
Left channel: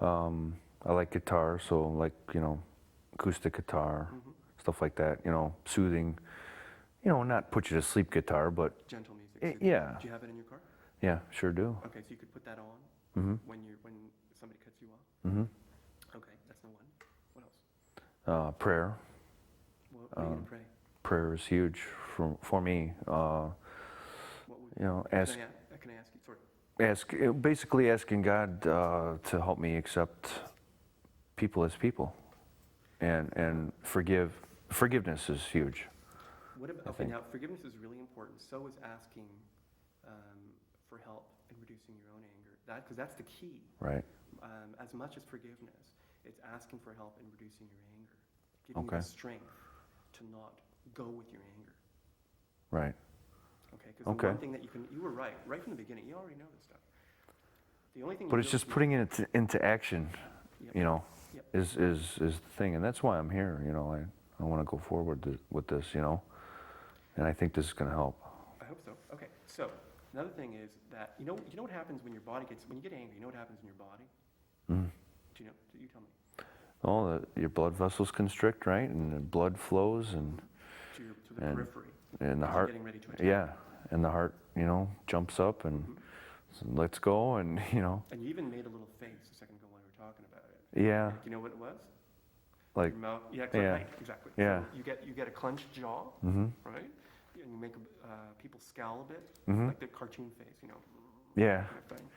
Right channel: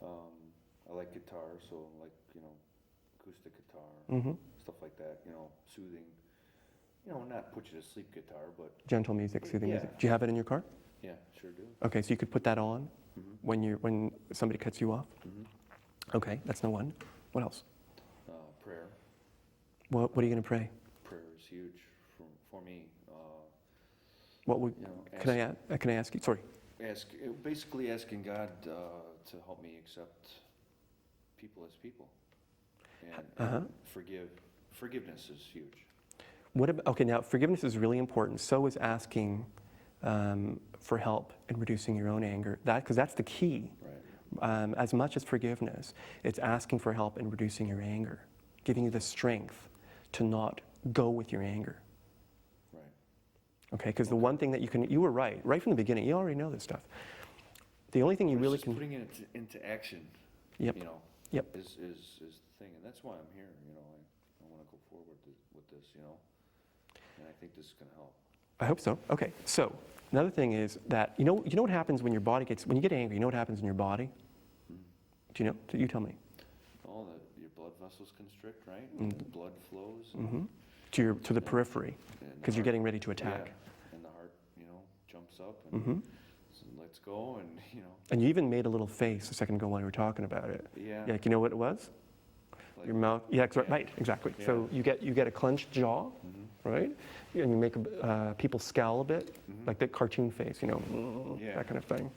I like guitar, so like, you know, acoustic guitar, stuff like that, you know, soothing, you know, not put you to sleep guitar, but... Gentle music, soothing music. Do you have it in your car? Yeah, sure do. Okay, so you could put that on when somebody cuts you off? Okay, that's no one. What else? Prayer. What are you going to pray? Prayer is huge for me. What would, you know, can I ask you, sorry. Basically asking God to help me accept people as people, and forgiveness is huge. What about, okay, now forgiveness is really important. So is asking for help in reducing your own anger. Because that's the key. Right. As much as forgiveness, it's asking for help in reducing your anger, giving you the strength to not go with your anger. Right. Okay, because the one thing that you were right from the beginning, you already know this stuff. The only thing but it's just putting it into action, you know, is the thing. And that's why I'm here, you know, I want to go forward with this, you know, and I think this is going to help. I hope so. Okay, so another thing is that, you know what happens when your body when you get angry, you know what happens in your body? Do you know? You tell me. Oh, your blood vessels constrict, right? And the blood flows and to the periphery, because you're getting ready to attack. Yeah, and the heart, you know, jumps up and lets go, and you know. And you even made a little face a second ago while you were talking about it. Yeah. Like, you know what it was? Like your mouth. Yeah, right. Exactly. Yeah. So you get a clenched jaw, right? And you make people scowl a bit, like the cartoon face, you know. That kind of thing.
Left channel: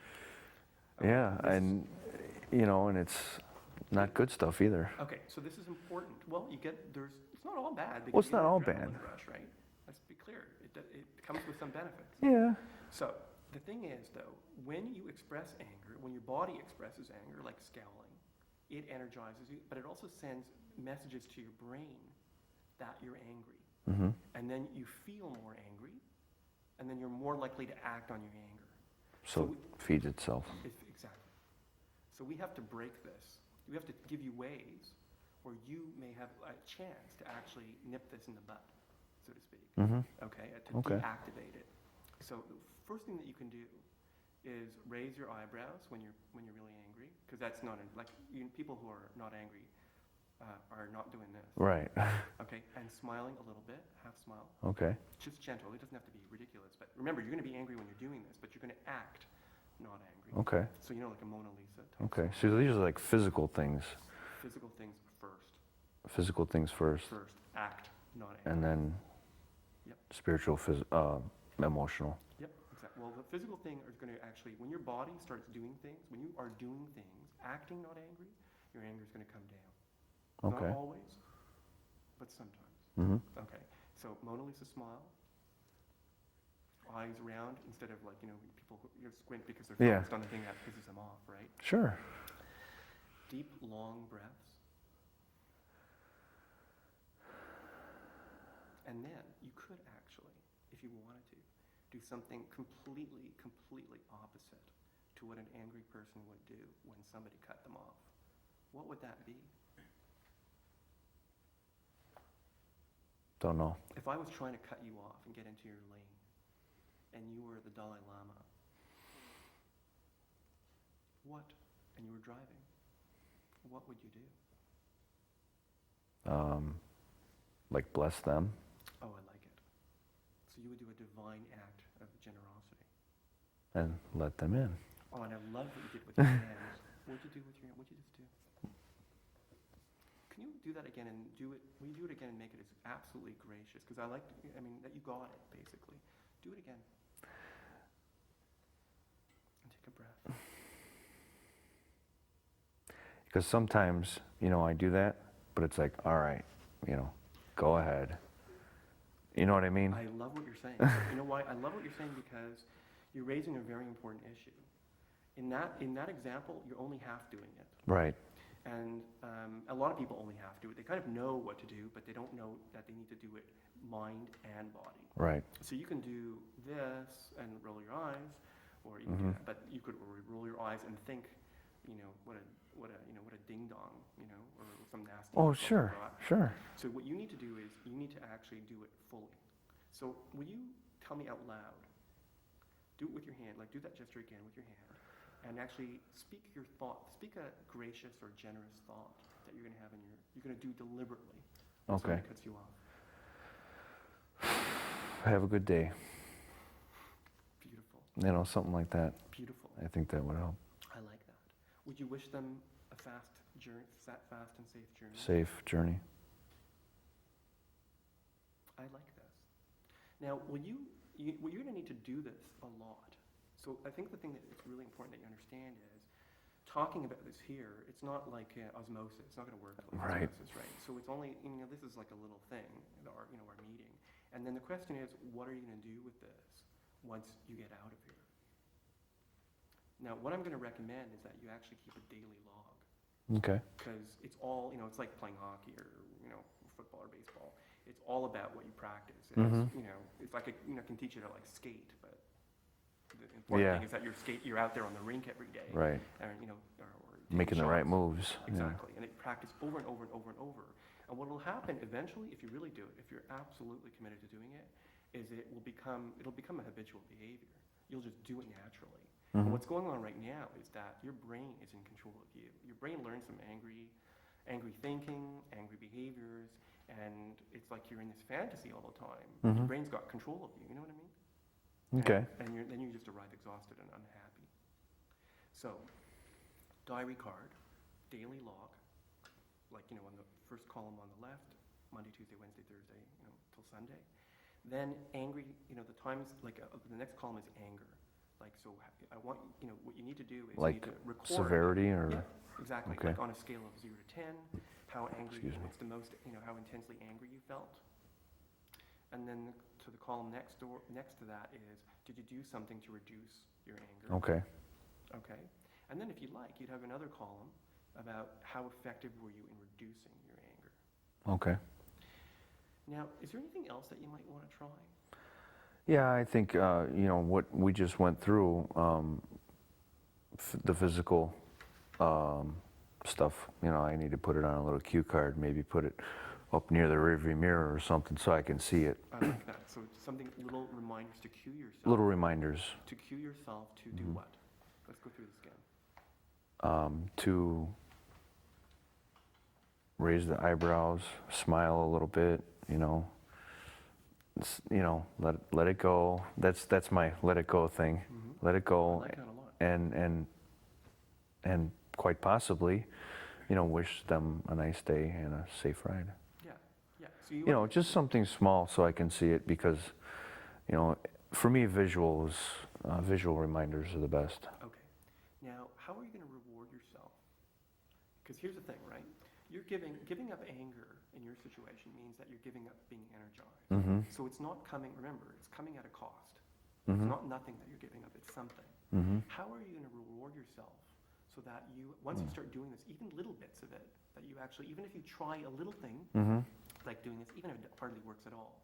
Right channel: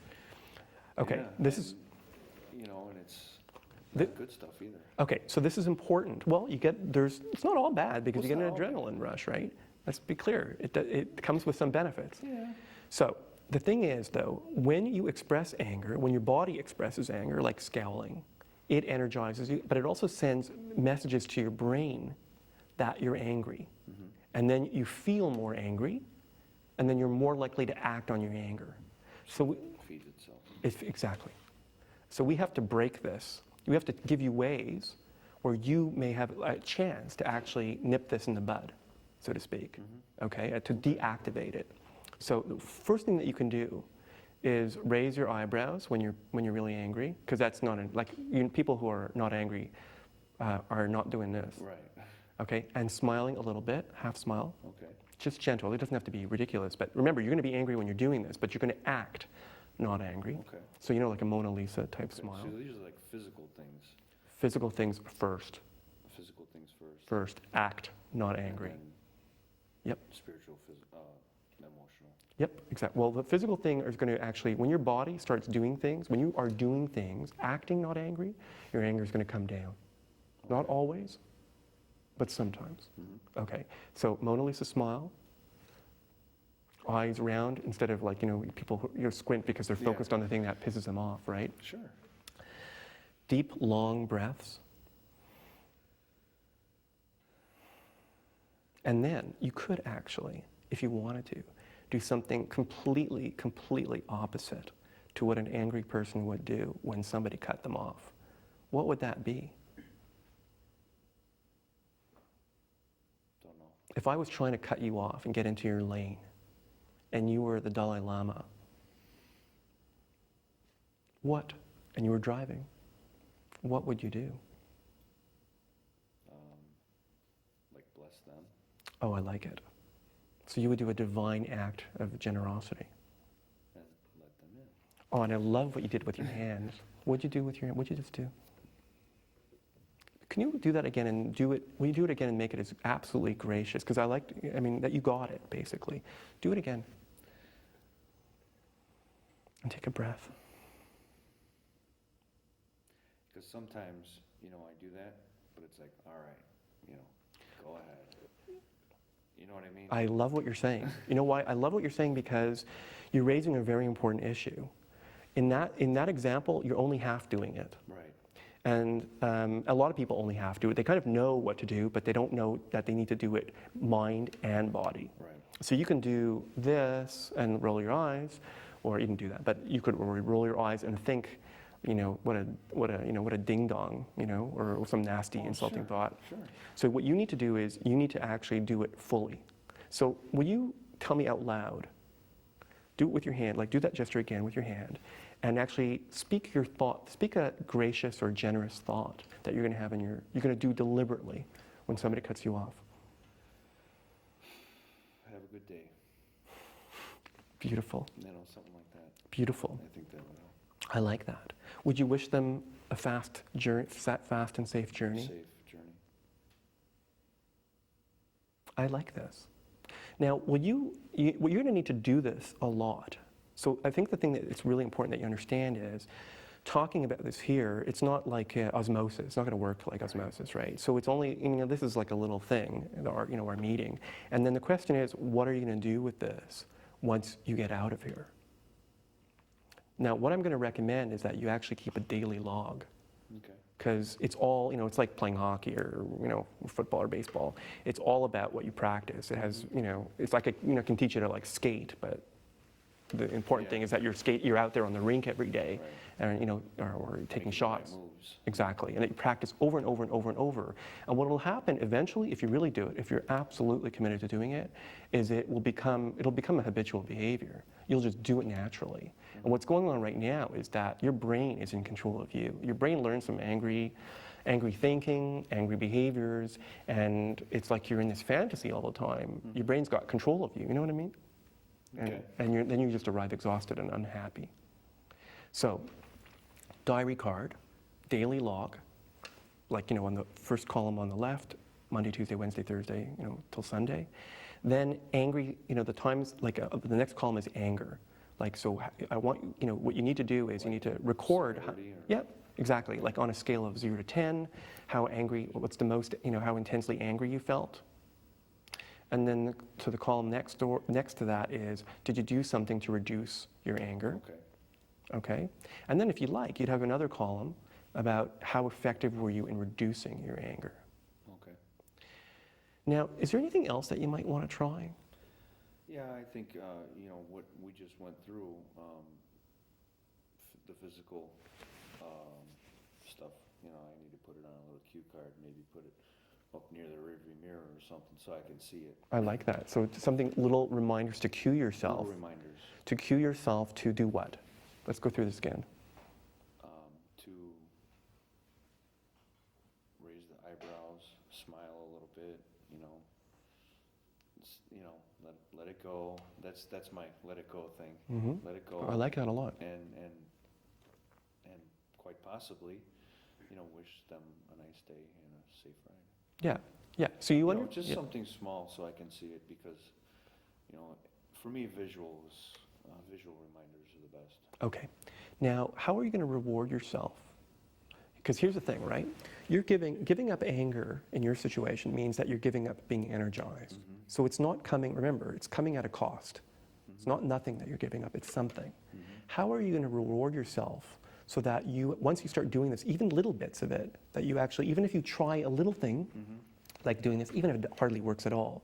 Okay. Yeah, and you know, and it's not good stuff either. Okay, so this is important. Well, it's not all bad because you get an adrenaline rush, right? Let's be clear. It comes with some benefits. Yeah. So the thing is, though, when you express anger, when your body expresses anger, like scowling, it energizes you, but it also sends messages to your brain that you're angry. And then you feel more angry, and then you're more likely to act on your anger. So it feeds itself. Exactly. So we have to break this. We have to give you ways where you may have a chance to actually nip this in the bud, so to speak, to deactivate it. So the first thing that you can do is raise your eyebrows when you're really angry, because that's not, people who are not angry are not doing this. Right. Okay, and smiling a little bit, half smile. Okay. Just gentle, it doesn't have to be ridiculous, but remember, you're gonna be angry when you're doing this, but you're gonna act not angry. Okay. So, like a Mona Lisa type smile. So these are like physical things. Physical things first. Physical things first. First, act, not angry. And then Yep. spiritual, emotional. Yep, exactly. Well, the physical thing is going to actually, when your body starts doing things, when you are doing things, acting not angry, your anger is going to come down. Okay. Not always, but sometimes. Mm-hmm. Okay, so Mona Lisa smile, eyes round instead of like, people who squint because they're Yeah. focused on the thing that pisses them off, right? Sure. Deep, long breaths. And then you could actually, if you wanted to, do something completely opposite to what an angry person would do when somebody cut them off. What would that be? Don't know. If I was trying to cut you off and get into your lane, and you were the Dalai Lama, and you were driving, what would you do? Like bless them. Oh, I like it. So you would do a divine act of generosity. And let them in. Oh, and I love what you did with your hands. What'd you do with your hand? What'd you just do? Can you do that again and do it, will you do it again and make it as absolutely gracious? Because that you got it, basically. Do it again. And take a breath. Because sometimes, I do that, but it's like, all right, go ahead. You know what I mean? I love what you're saying. You know why? I love what you're saying because you're raising a very important issue. In that example, you're only half doing it. Right. And a lot of people only half do it. They kind of know what to do, but they don't know that they need to do it mind and body. Right. So you can do this and roll your eyes, or even do that. But you could roll your eyes and think, what a ding dong, or some nasty insulting thought. Sure. So what you need to do is you need to actually do it fully. So will you tell me out loud? Do it with your hand, like do that gesture again with your hand, and actually speak your thought. Speak a gracious or generous thought that you're going to have you're going to do deliberately when somebody cuts you off. Have a good day. Beautiful. Something like that. Beautiful. I think that would help. I like that. Would you wish them a fast and safe journey? Safe journey. I like this. Now, what you're going to need to do this a lot. So I think the thing that it's really important that you understand is talking about this here, it's not like osmosis. It's not going to work like osmosis, right? So it's only, this is like a little thing, our meeting. And then the question is, what are you going to do with this once you get out of here? Now, what I'm going to recommend is that you actually keep a daily log. Okay. Because it's all, it's like playing hockey or, football or baseball. It's all about what you practice. It has, it's like, can teach you to like skate, but the important thing is that you're out there on the rink every day. Right. And, or taking Making shots. the right moves. Exactly. And that you practice over and over and over and over. And what will happen eventually, if you really do it, if you're absolutely committed to doing it, is it'll become a habitual behavior. You'll just do it naturally. And what's going on right now is that your brain is in control of you. Your brain learns some angry thinking, angry behaviors, and it's like you're in this fantasy all the time. Your brain's got control of you, you know what I mean? Okay. And then you just arrive exhausted and unhappy. So, diary card, daily log, like, on the first column on the left, Monday, Tuesday, Wednesday, Thursday, till Sunday. Then angry, the times, like the next column is anger. Like, so I want, what you need to do is like you need to record. Severity or? Yeah, exactly. Okay. Like on a scale of 0 to 10, how angry, what's the most, how intensely angry you felt. And then to the column next to that is, did you do something to reduce your anger? Okay. Okay. And then if you like, you'd have another column about how effective were you in reducing your anger. Okay. Now, is there anything else that you might want to try? Yeah, I think, what we just went through, the physical stuff, I need to put it on a little cue card, maybe put it up near the rearview mirror or something so I can see it. I like that. So it's something, little reminders to cue yourself. Little reminders. To cue yourself to do what? Let's go through this again. To raise the eyebrows, smile a little bit, let it go. That's my let it go thing. Let it go. I like that a lot. And quite possibly, wish them a nice day and a safe ride. Yeah, yeah. So Just something small so I can see it, because, for me, visual reminders are the best. Okay. Now, how are you going to reward yourself? Because here's the thing, right? You're giving up anger in your situation means that you're giving up being energized. So it's not coming, remember, it's coming at a cost. It's not nothing that you're giving up, it's something. How are you going to reward yourself so that once you start doing this, even little bits of it, that you actually, even if you try a little thing, like doing this, even if it hardly works at all,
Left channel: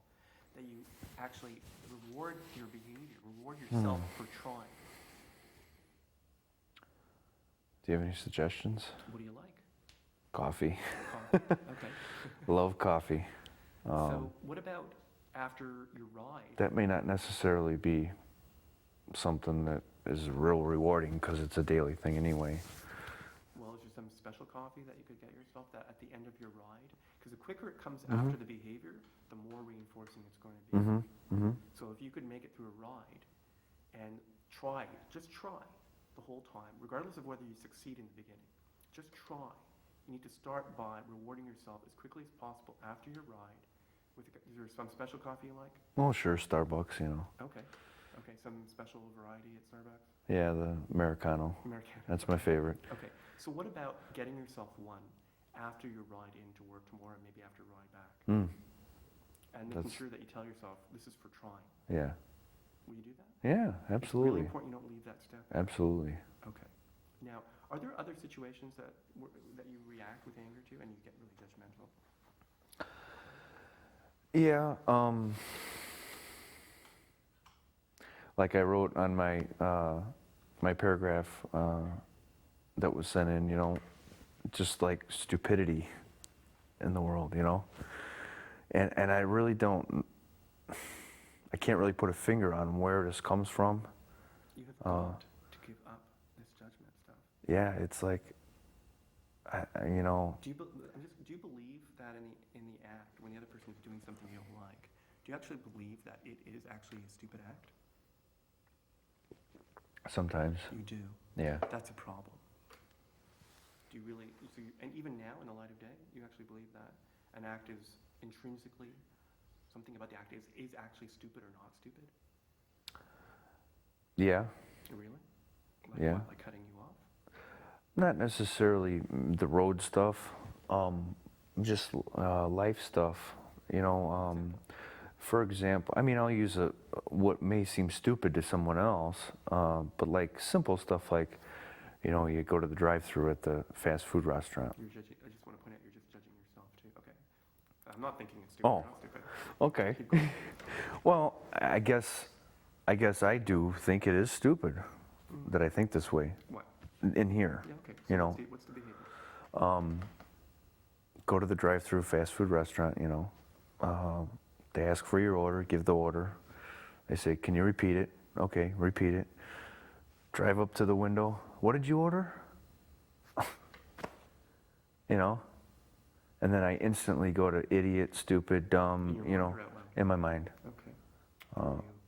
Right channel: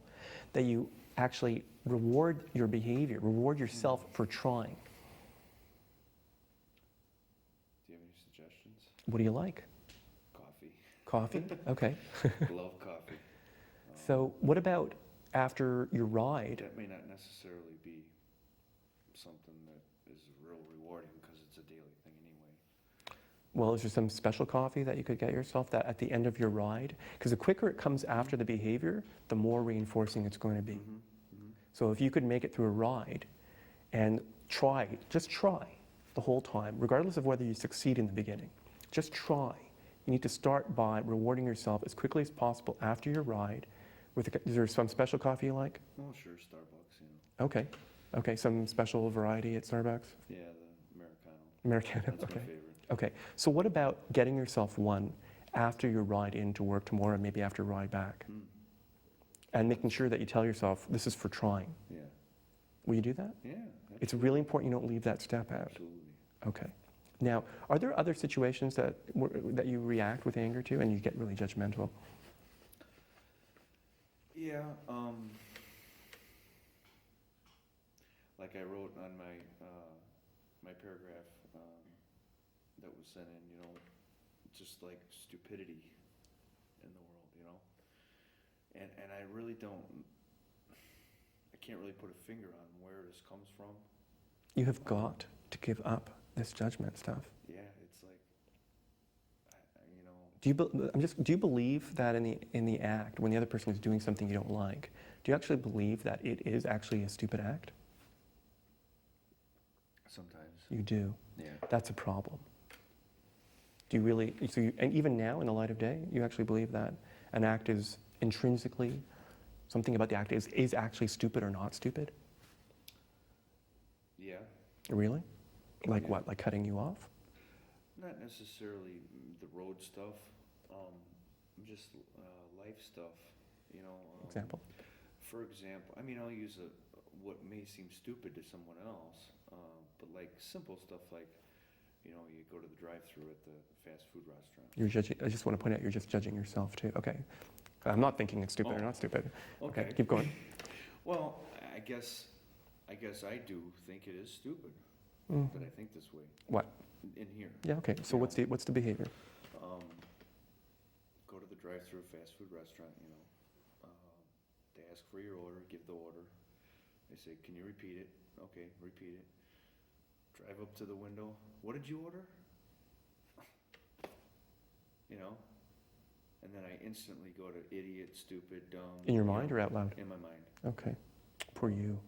that you actually reward your behavior, reward yourself for trying? Do you have any suggestions? What do you like? Coffee. Coffee? Okay. Love coffee. So what about after your ride? That may not necessarily be something that is real rewarding, because it's a daily thing anyway. Well, is there some special coffee that you could get yourself that at the end of your ride? Because the quicker it comes after the behavior, the more reinforcing it's going to be. So if you could make it through a ride and just try the whole time, regardless of whether you succeed in the beginning, just try. You need to start by rewarding yourself as quickly as possible after your ride. Is there some special coffee you like? Oh, sure, Starbucks, Okay. Okay, some special variety at Starbucks? Yeah, the Americano. Americano. That's my favorite. Okay, so what about getting yourself one after your ride into work tomorrow, maybe after your ride back? And making sure that you tell yourself, this is for trying. Yeah. Will you do that? Yeah, absolutely. It's really important you don't leave that step out. Absolutely. Okay. Now, are there other situations that you react with anger to and you get really judgmental? Yeah, like I wrote on my my paragraph that was sent in, just like stupidity in the world, and I really I can't really put a finger on where this comes from. You have got to give up this judgment stuff. Yeah, it's like, Do you believe that in the act, when the other person is doing something you don't like, do you actually believe that it is actually a stupid act? Sometimes. You do. Yeah. That's a problem. Do you really? And even now, in the light of day, you actually believe that an act is intrinsically, something about the act is actually stupid or not stupid? Yeah. Really? Like Yeah. what? Like cutting you off? Not necessarily the road stuff, just life stuff, Example. For example, I'll use what may seem stupid to someone else, but like simple stuff like, you go to the drive-through at the fast food restaurant. You're judging. I just want to point out you're just judging yourself too. Okay. I'm not thinking it's stupid or not stupid. Okay. Keep going. Well, I guess I do think it is stupid that I think this way. What? In here. Yeah. Okay. So what's the behavior? Go to the drive-through fast food restaurant. They ask for your order, give the order. They say, "Can you repeat it?" Okay, repeat it. Drive up to the window. What did you order? And then I instantly go to idiot, stupid, dumb. In your mind or out loud? In my mind. Okay. For you.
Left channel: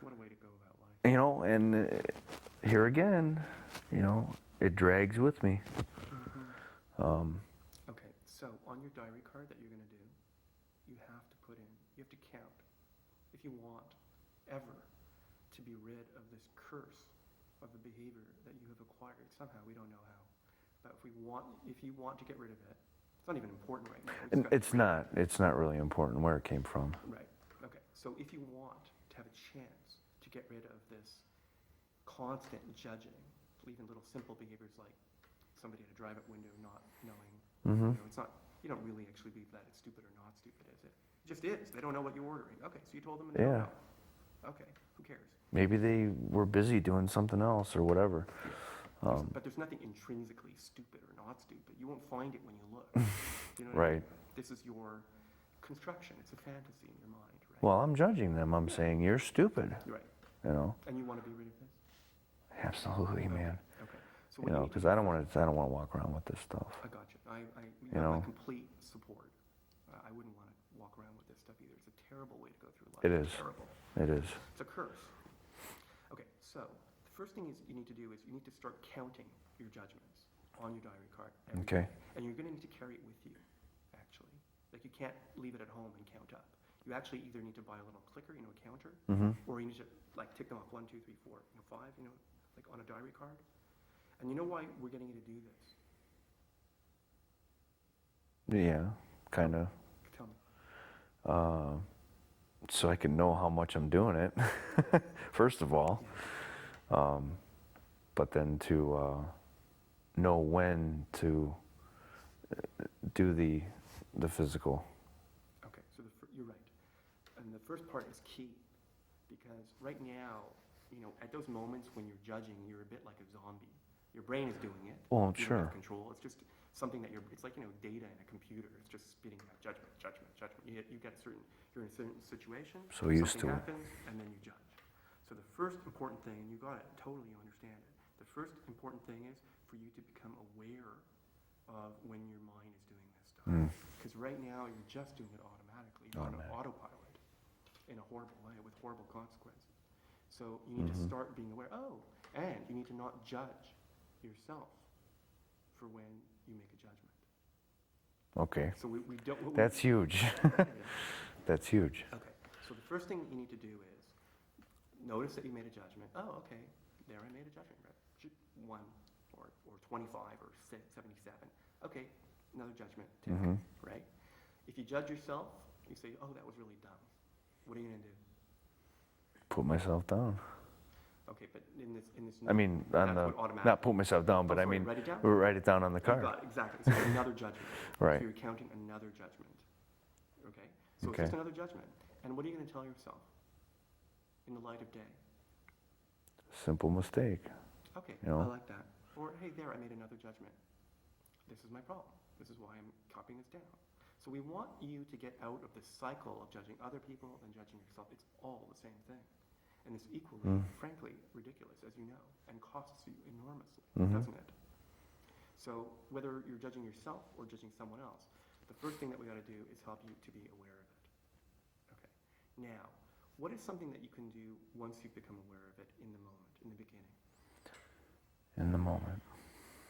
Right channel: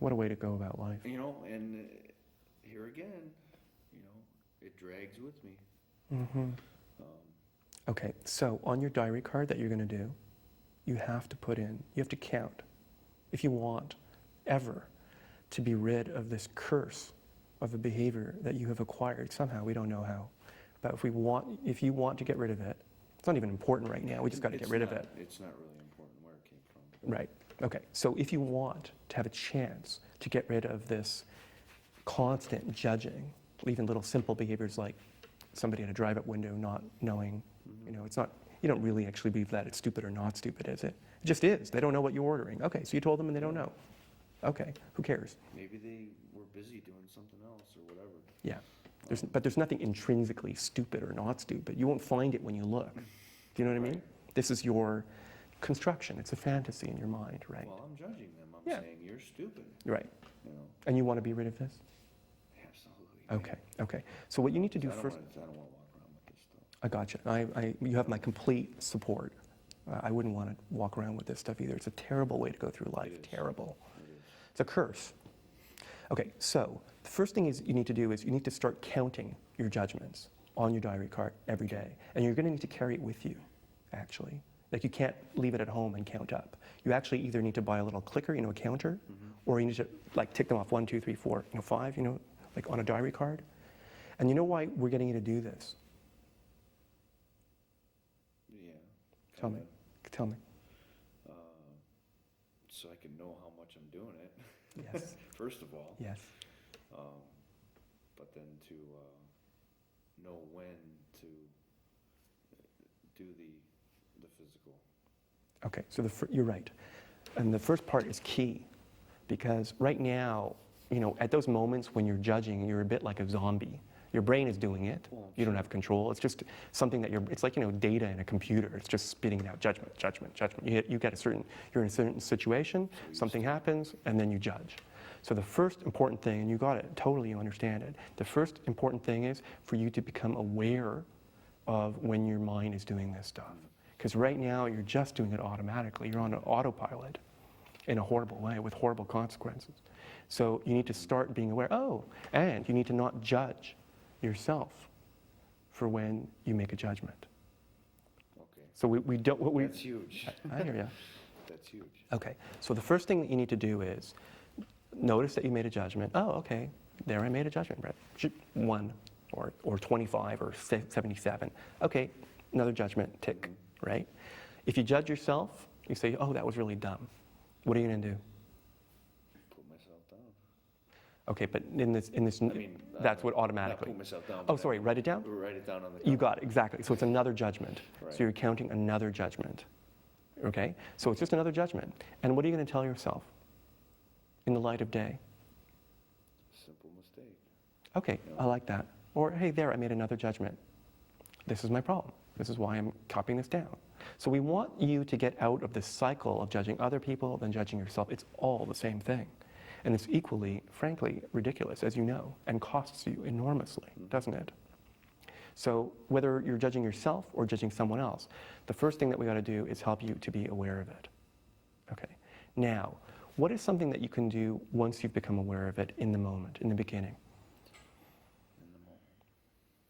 What a way to go about life. And here again, it drags with me. Okay, so on your diary card that you're going to do, you have to count, if you want ever to be rid of this curse of a behavior that you have acquired somehow. We don't know how. But if you want to get rid of it, it's not even important right now. We just got to get rid of it. It's not really important where it came from. Right. Okay. So if you want to have a chance to get rid of this constant judging, even little simple behaviors like somebody at a drive-up window not knowing, it's not, you don't really actually believe that it's stupid or not stupid, is it? It just is. They don't know what you're ordering. Okay, so you told them and they don't know. Okay, who cares? Maybe they were busy doing something else or whatever. Yeah. But there's nothing intrinsically stupid or not stupid. You won't find it when you look. Do you know what I mean? This is your construction. It's a fantasy in your mind, right? Well, I'm judging them. I'm saying you're stupid. Right. And you want to be rid of this? Absolutely, man. Okay. So what you need to do I don't want to walk around with this stuff. I got you. You have my complete support. I wouldn't want to walk around with this stuff either. It's a terrible way to go through life. It is. Terrible. It is. It's a curse. Okay, so the first thing you need to do is you need to start counting your judgments. on your diary card every Okay. day. And you're going to need to carry it with you, actually. Like you can't leave it at home and count up. You actually either need to buy a little clicker, a counter, or you need to like tick them off 1, 2, 3, 4, 5, like on a diary card. And you know why we're getting you to do this? Yeah, kind of. Tell me. So I can know how much I'm doing it, Yes. first of all. Yes. But then to know when to do the physical. Okay, so you're right. And the first part is key because right now, at those moments when you're judging, you're a bit like a zombie. Your brain is doing it. Well, you don't sure. have control. It's just something that it's like, data in a computer. It's just spitting out judgment, judgment, judgment. You get you're in a certain situation, So used something to it. happens, and then you judge. So the first important thing, and you got it, totally you understand it. The first important thing is for you to become aware of when your mind is doing this stuff. Because right now you're just doing it automatically. You're on an autopilot in a horrible way with horrible consequences. So you need to start being aware. And you need to not judge yourself for when you make a judgment. Okay. So we don't. That's huge. I hear you. That's huge. Okay. So the first thing that you need to do is notice that you made a judgment. Oh, okay. There I made a judgment, Brett. 1 or 25 or 77. Okay. Another judgment tick, right? If you judge yourself, you say, oh, that was really dumb. What are you going to do? Put myself down. Okay, but in this, I mean, that's what automatically. Not put myself down, but sorry, I mean, write it down? Write it down on the You card. got it, exactly. So it's another judgment. Right. So you're counting another judgment. Okay? So it's Okay. just another judgment. And what are you going to tell yourself in the light of day? Simple mistake. Okay, You know? I like that. Or, hey, there, I made another judgment. This is my problem. This is why I'm copying this down. So we want you to get out of this cycle of judging other people, then judging yourself. It's all the same thing. And it's equally, frankly, ridiculous, as you know, and costs you enormously, doesn't it? So whether you're judging yourself or judging someone else, the first thing that we got to do is help you to be aware of it. Okay. Now, what is something that you can do once you've become aware of it in the moment, in the beginning? In the moment.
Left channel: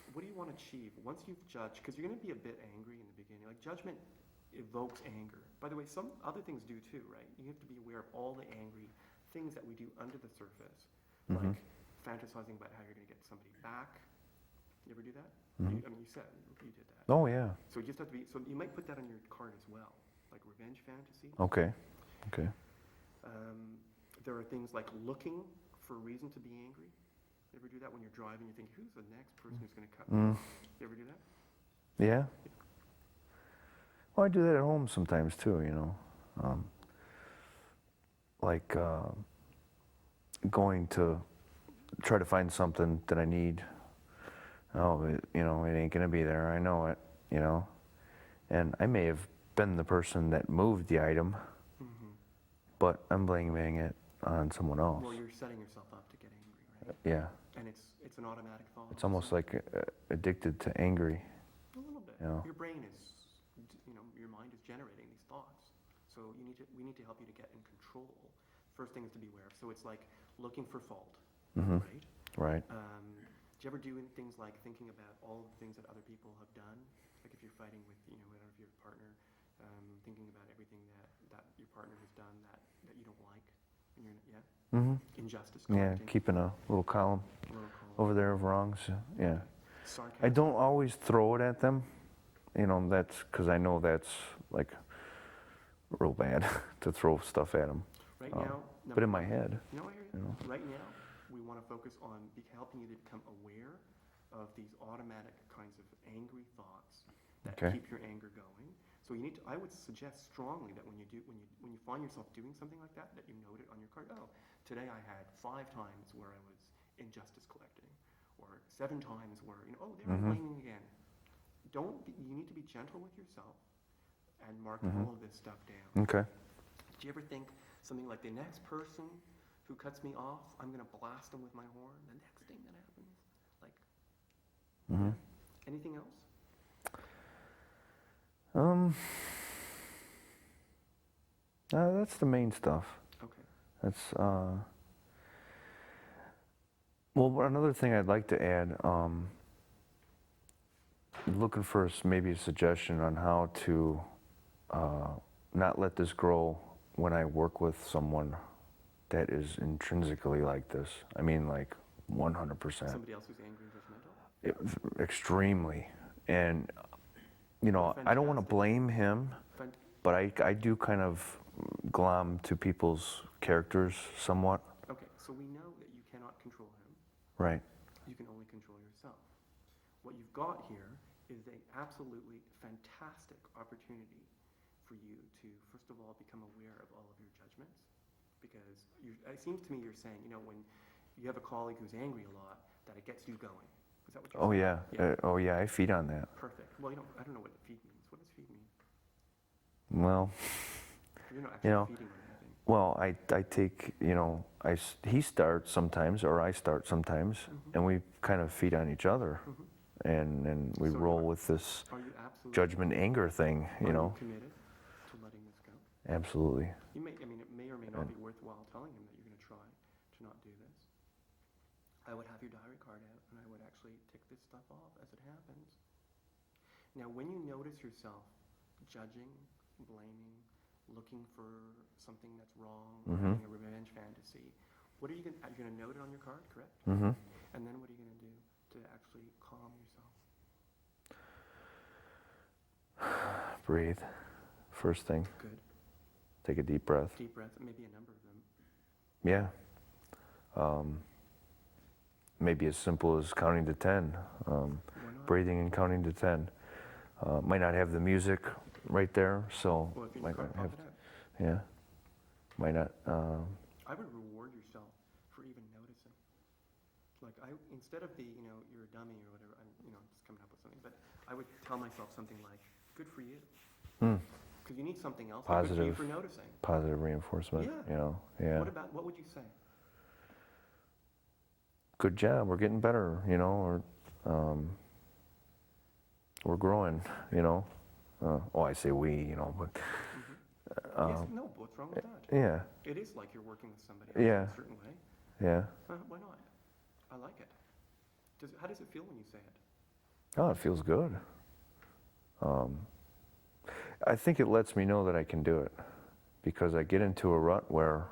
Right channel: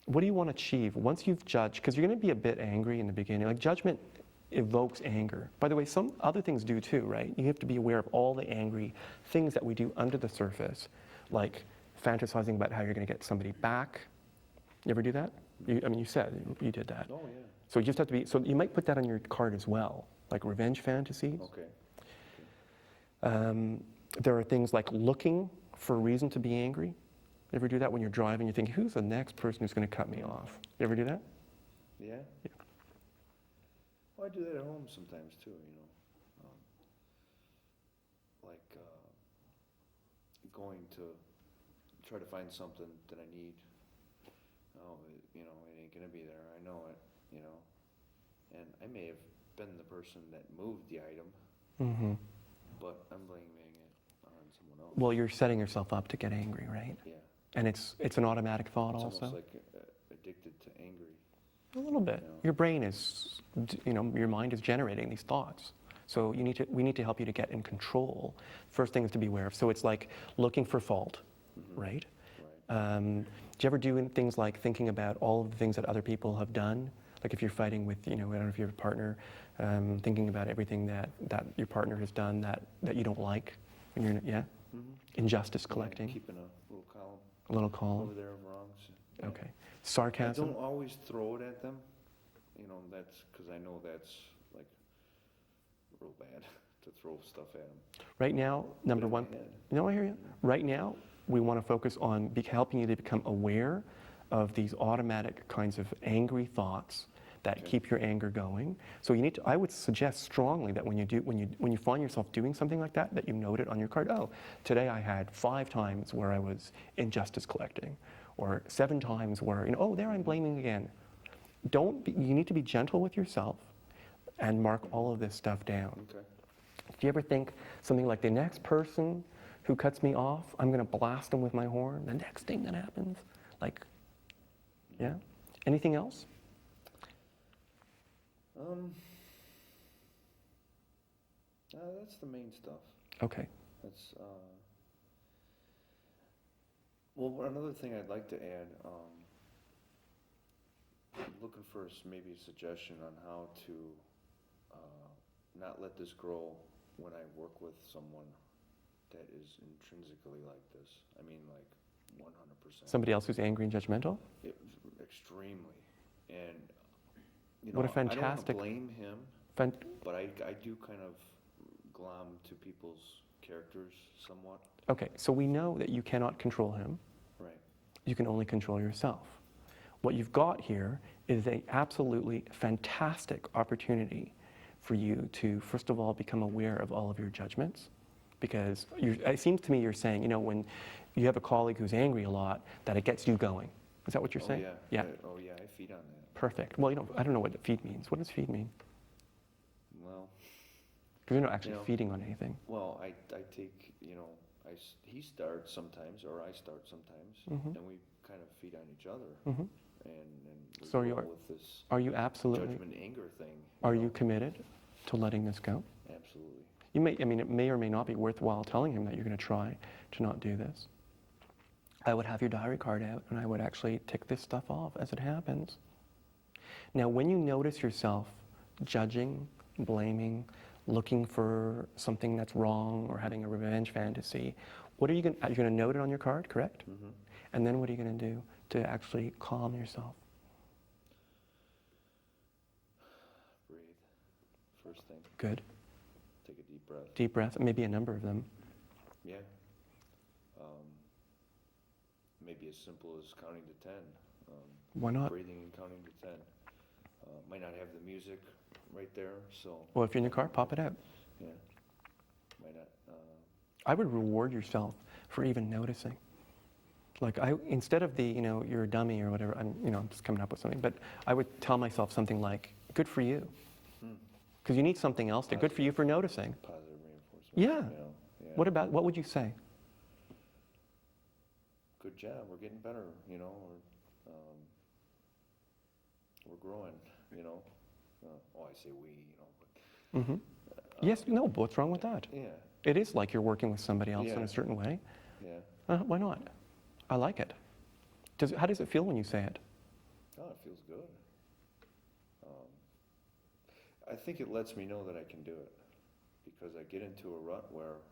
What do you want to achieve once you've judged? Because you're going to be a bit angry in the beginning. Like judgment evokes anger. By the way, some other things do too, right? You have to be aware of all the angry things that we do under the surface, like fantasizing about how you're going to get somebody back. You ever do that? You said you did that. Oh, yeah. So you just have to be, so you might put that on your card as well, like revenge fantasies. Okay. Okay. There are things like looking for a reason to be angry. You ever do that when you're driving? You think, who's the next person who's going to cut me off? You ever do that? Yeah. Well, I do that at home sometimes too, like going to try to find something that I need. Oh, it ain't gonna be there. I know it, and I may have been the person that moved the item, but I'm blaming it on someone else. Well, you're setting yourself up to get angry, right? Yeah. And it's an automatic thought. It's also. almost like addicted to angry. A little bit. Yeah. Your brain is, your mind is generating these thoughts. So we need to help you to get in control. First thing is to be aware of. So it's like looking for fault, right? Right. Do you ever do things like thinking about all of the things that other people have done? Like if you're fighting with, I don't know if you have a partner, thinking about everything that your partner has done that you don't like. When you're, injustice collecting. Yeah, keeping a little column A little column. over there of wrongs. Yeah. Okay. Sarcasm. I don't always throw it at them. That's because I know that's like real bad to throw stuff at them. Right now, but number in one. my head. No, I hear you. Right now, we want to focus on helping you to become aware of these automatic kinds of angry thoughts that Okay. keep your anger going. So you need to, I would suggest strongly that when you find yourself doing something like that you note it on your card. Oh, today I had 5 times where I was injustice collecting, or 7 times where, there I'm blaming again. You need to be gentle with yourself and mark all of this stuff down. Okay. Do you ever think something like, the next person who cuts me off, I'm going to blast them with my horn? The next thing that happens? Like, yeah? Anything else? That's the main stuff. Okay. That's well, another thing I'd like to add looking for maybe a suggestion on how to not let this grow when I work with someone that is intrinsically like this. I mean, like 100%. Somebody else who's angry and judgmental? Extremely. And, you know, I don't want to blame him, but I do kind of glom to people's characters somewhat. Okay, so we know that you cannot control him. Right. You can only control yourself. What you've got here is an absolutely fantastic opportunity for you to, first of all, become aware of all of your judgments. Because it seems to me you're saying, you know, when you have a colleague who's angry a lot, that it gets you going. Is that what you're saying? Oh, yeah. Oh, yeah, I feed on that. Perfect. Well, you know, I don't know what feed means. What does feed mean? Well, because you're not actually feeding on anything. Well, I take, you know, he starts sometimes, or I start sometimes, and we kind of feed on each other. And we roll with this judgment, anger thing. Are you committed to letting this go? Absolutely. You may, I mean, it may or may not be worthwhile telling him that you're going to try to not do this. I would have your diary card out, and I would actually tick this stuff off as it happens. Now, when you notice yourself judging, blaming, looking for something that's wrong, or having a revenge fantasy, what are you going to, you're going to note it on your card, correct? And then what are you going to do to actually calm yourself? Breathe. First thing. Good. Take a deep breath. Deep breath, maybe a number of them. Yeah. Maybe as simple as counting to 10. Why not? Breathing and counting to 10. Might not have the music right there, so... Well, if you're in your car, pop it out. Yeah. Might not... I would reward yourself for even noticing. Like, instead of the, you know, you're a dummy or whatever, I'm just coming up with something, but I would tell myself something like, good for you. Because you need something else. Good for you for noticing. Positive reinforcement. Yeah. You know, yeah. What would you say? Good job, we're getting better, you know, or we're growing, you know. I say we, you know, but... Yes, no, what's wrong with that? Yeah. It is like you're working with somebody else in a certain way. Yeah. Why not? I like it. How does it feel when you say it? Oh, it feels good. I think it lets me know that I can do it, because I get into a rut where,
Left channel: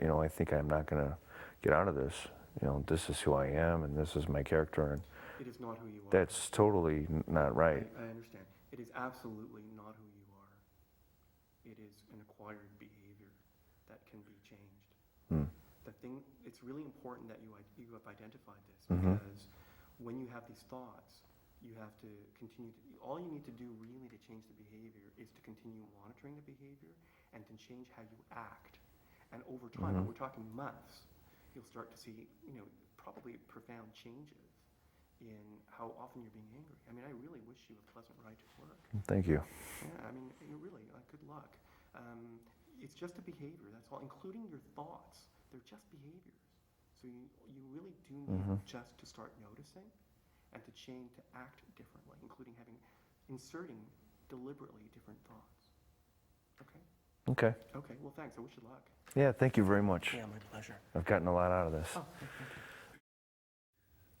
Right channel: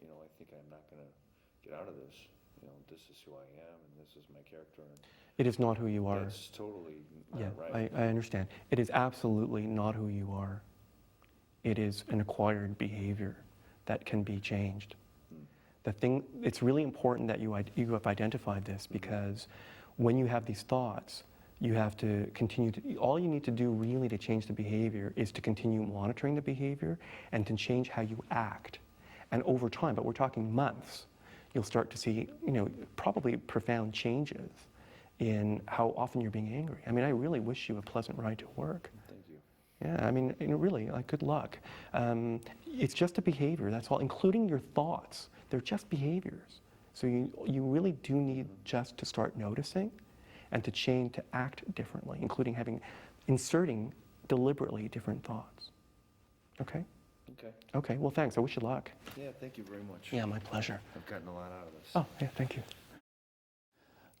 you know, I think I'm not going to get out of this. You know, this is who I am, and this is my character. And it is not who you are. That's totally not right. I understand. It is absolutely not who you are. It is an acquired behavior that can be changed. It's really important that you have identified this, because when you have these thoughts, you have to continue all you need to do really to change the behavior is to continue monitoring the behavior and to change how you act. And over time, but we're talking months, you'll start to see, you know, probably profound changes in how often you're being angry. I mean, I really wish you a pleasant ride to work. Thank you. Yeah, I mean, really, like, good luck. It's just a behavior, that's all, including your thoughts. They're just behaviors. So you really do need just to start noticing and to change, to act differently, including inserting deliberately different thoughts. Okay? Okay. Okay, well, thanks. I wish you luck. Yeah, thank you very much. Yeah, my pleasure. I've gotten a lot out of this. Oh, yeah, thank you.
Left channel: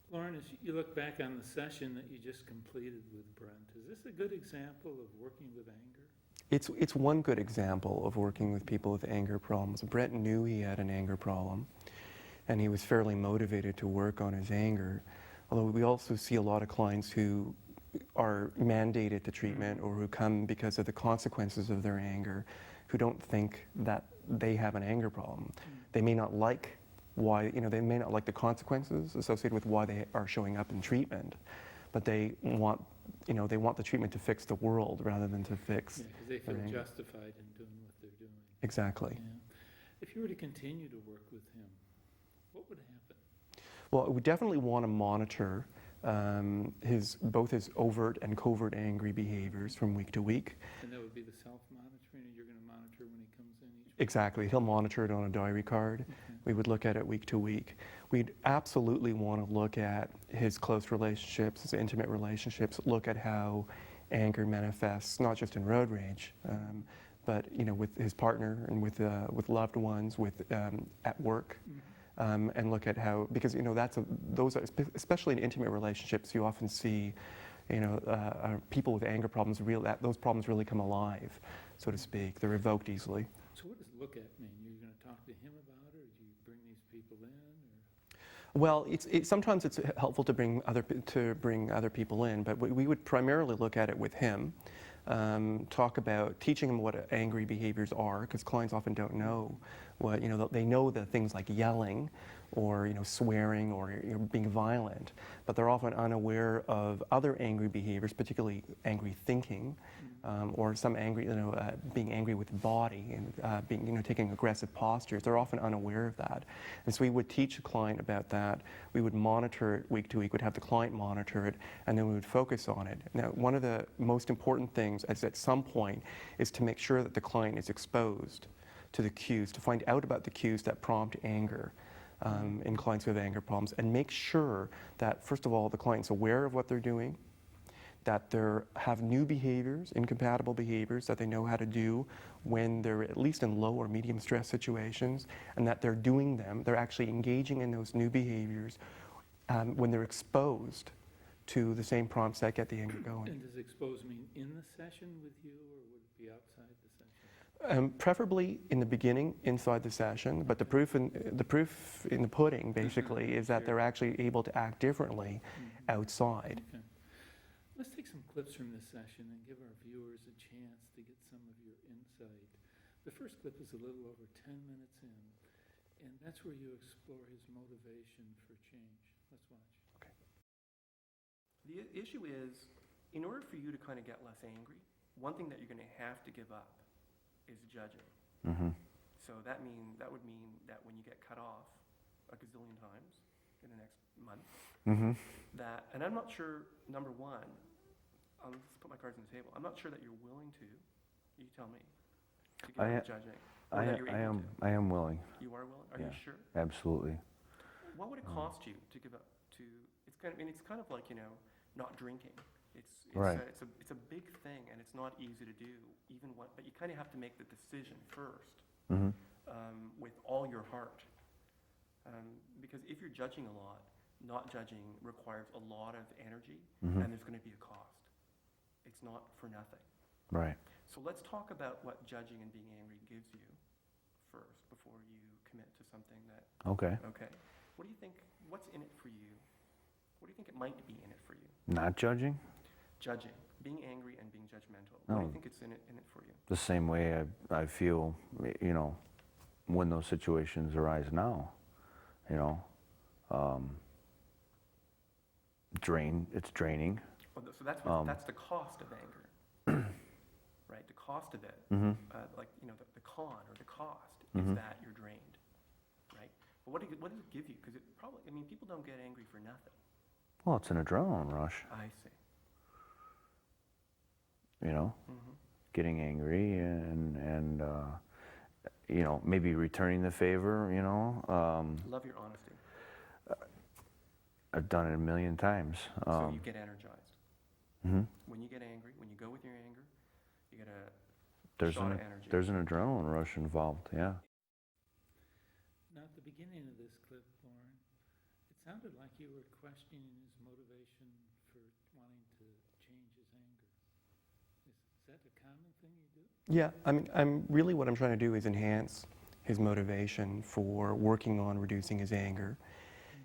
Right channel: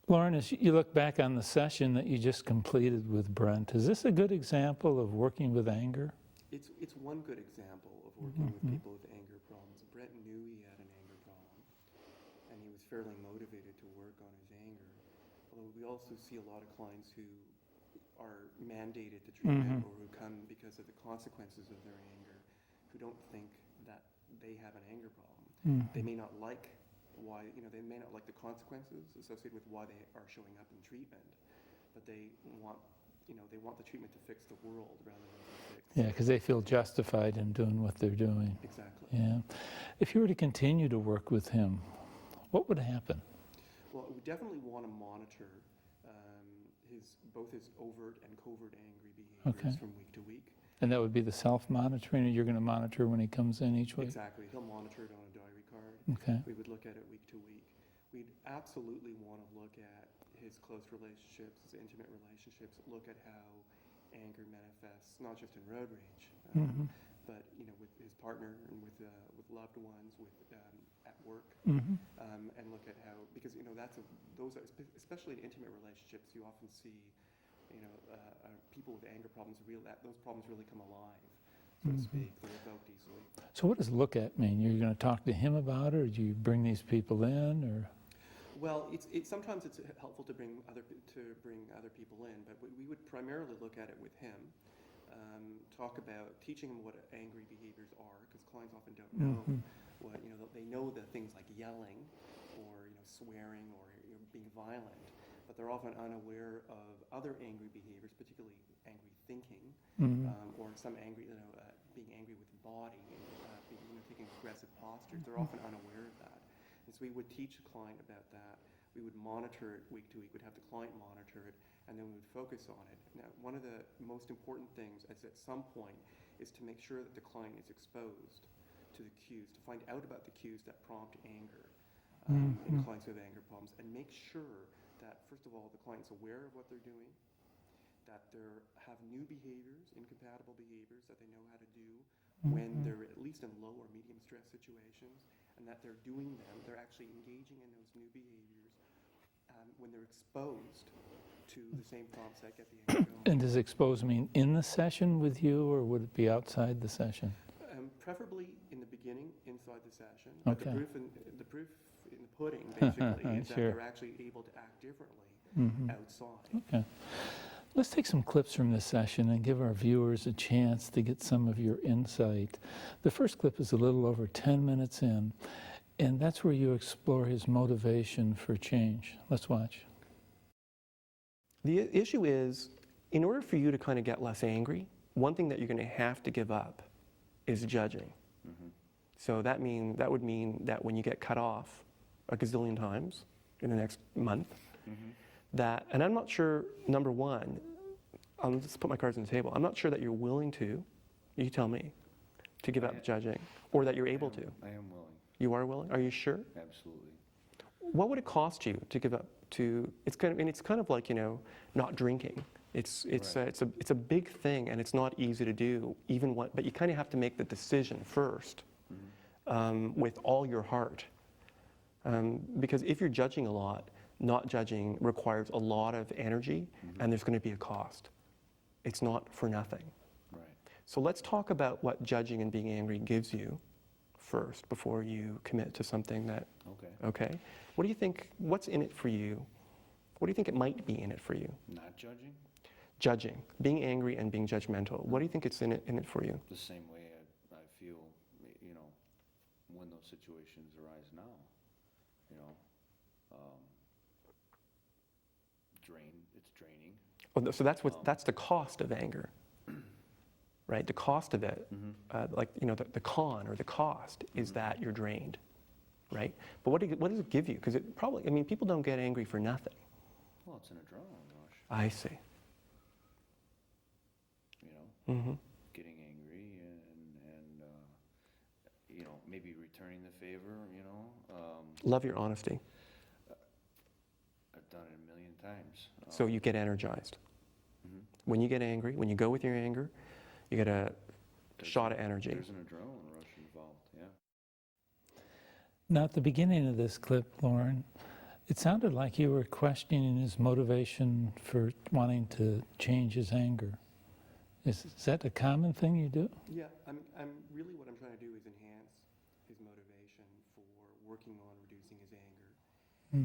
Lorne, as you look back on the session that you just completed with Brent, is this a good example of working with anger? It's one good example of working with people with anger problems. Brent knew he had an anger problem, and he was fairly motivated to work on his anger. Although we also see a lot of clients who are mandated to treatment or who come because of the consequences of their anger, who don't think that they have an anger problem. They may not like they may not like the consequences associated with why they are showing up in treatment, but they want the treatment to fix the world rather than to fix. Yeah, because they feel justified in doing what they're doing. Exactly. Yeah. If you were to continue to work with him, what would happen? Well, we definitely want to monitor both his overt and covert angry behaviors from week to week. And that would be the self-monitoring, or you're going to monitor when he comes in each week? Exactly. He'll monitor it on a diary card. Okay. We would look at it week to week. We'd absolutely want to look at his close relationships, his intimate relationships, look at how anger manifests, not just in road rage, but with his partner and with loved ones, at work, and look at how, because those are, especially in intimate relationships, you often see people with anger problems, those problems really come alive, so to speak. They're evoked easily. So what does look at mean? You're going to talk to him about it, or do you bring these people in, or? Well, sometimes it's helpful to bring other people in, but we would primarily look at it with him. Talk about teaching them what angry behaviors are, because clients often don't know what, they know the things like yelling or swearing or being violent, but they're often unaware of other angry behaviors, particularly angry thinking, or some angry, being angry with the body and being, taking aggressive postures. They're often unaware of that, and so we would teach the client about that. We would monitor it week to week. We'd have the client monitor it, and then we would focus on it. Now, one of the most important things is at some point is to make sure that the client is exposed to the cues, to find out about the cues that prompt anger. In clients who have anger problems, and make sure that, first of all, the client's aware of what they're doing, that they have new behaviors, incompatible behaviors that they know how to do when they're at least in low or medium stress situations, and that they're doing them, they're actually engaging in those new behaviors when they're exposed to the same prompts that get the anger going. And does exposed mean in the session with you, or would it be outside the session? Preferably in the beginning, inside the session, but Okay. the proof in the pudding, basically, is that Sure. they're actually able to act differently outside. Okay. Let's take some clips from this session and give our viewers a chance to get some of your insight. The first clip is a little over 10 minutes in, and that's where you explore his motivation for change. Let's watch. The issue is, in order for you to kind of get less angry, one thing that you're going to have to give up is judging. So that would mean that when you get cut off a gazillion times in the next month, that, and I'm not sure, number one, I'll just put my cards on the table, I'm not sure that you're willing to, you tell me, to give up judging, or that you're able to. I am willing. You are willing? Are you sure? Absolutely. What would it cost you to give up to, it's kind of like, not drinking. It's a big thing, and it's not easy to do, but you kind of have to make the decision first with all your heart. Because if you're judging a lot, not judging requires a lot of energy, and there's going to be a cost. It's not for nothing. Right. So let's talk about what judging and being angry gives you first before you commit to something that. Okay. What do you think? What's in it for you? What do you think it might be in it for you? Not judging? Judging, being angry and being judgmental. What do you think it's in it for you? The same way I feel, when those situations arise now, it's draining. Well, so that's the cost of anger, right? The cost of it, the con or the cost is that you're drained, right? But what does it give you? Because it probably, people don't get angry for nothing. Well, it's an adrenaline rush. I see. Getting angry and maybe returning the favor, Love your honesty. I've done it a million times. So you get energized. When you get angry, when you go with your anger, you get a shot of energy. There's an adrenaline rush involved, yeah. Now, at the beginning of this clip, Lorne, it sounded like you were questioning his motivation for wanting to change his anger. Is that a common thing you do? Yeah, what I'm trying to do is enhance his motivation for working on reducing his anger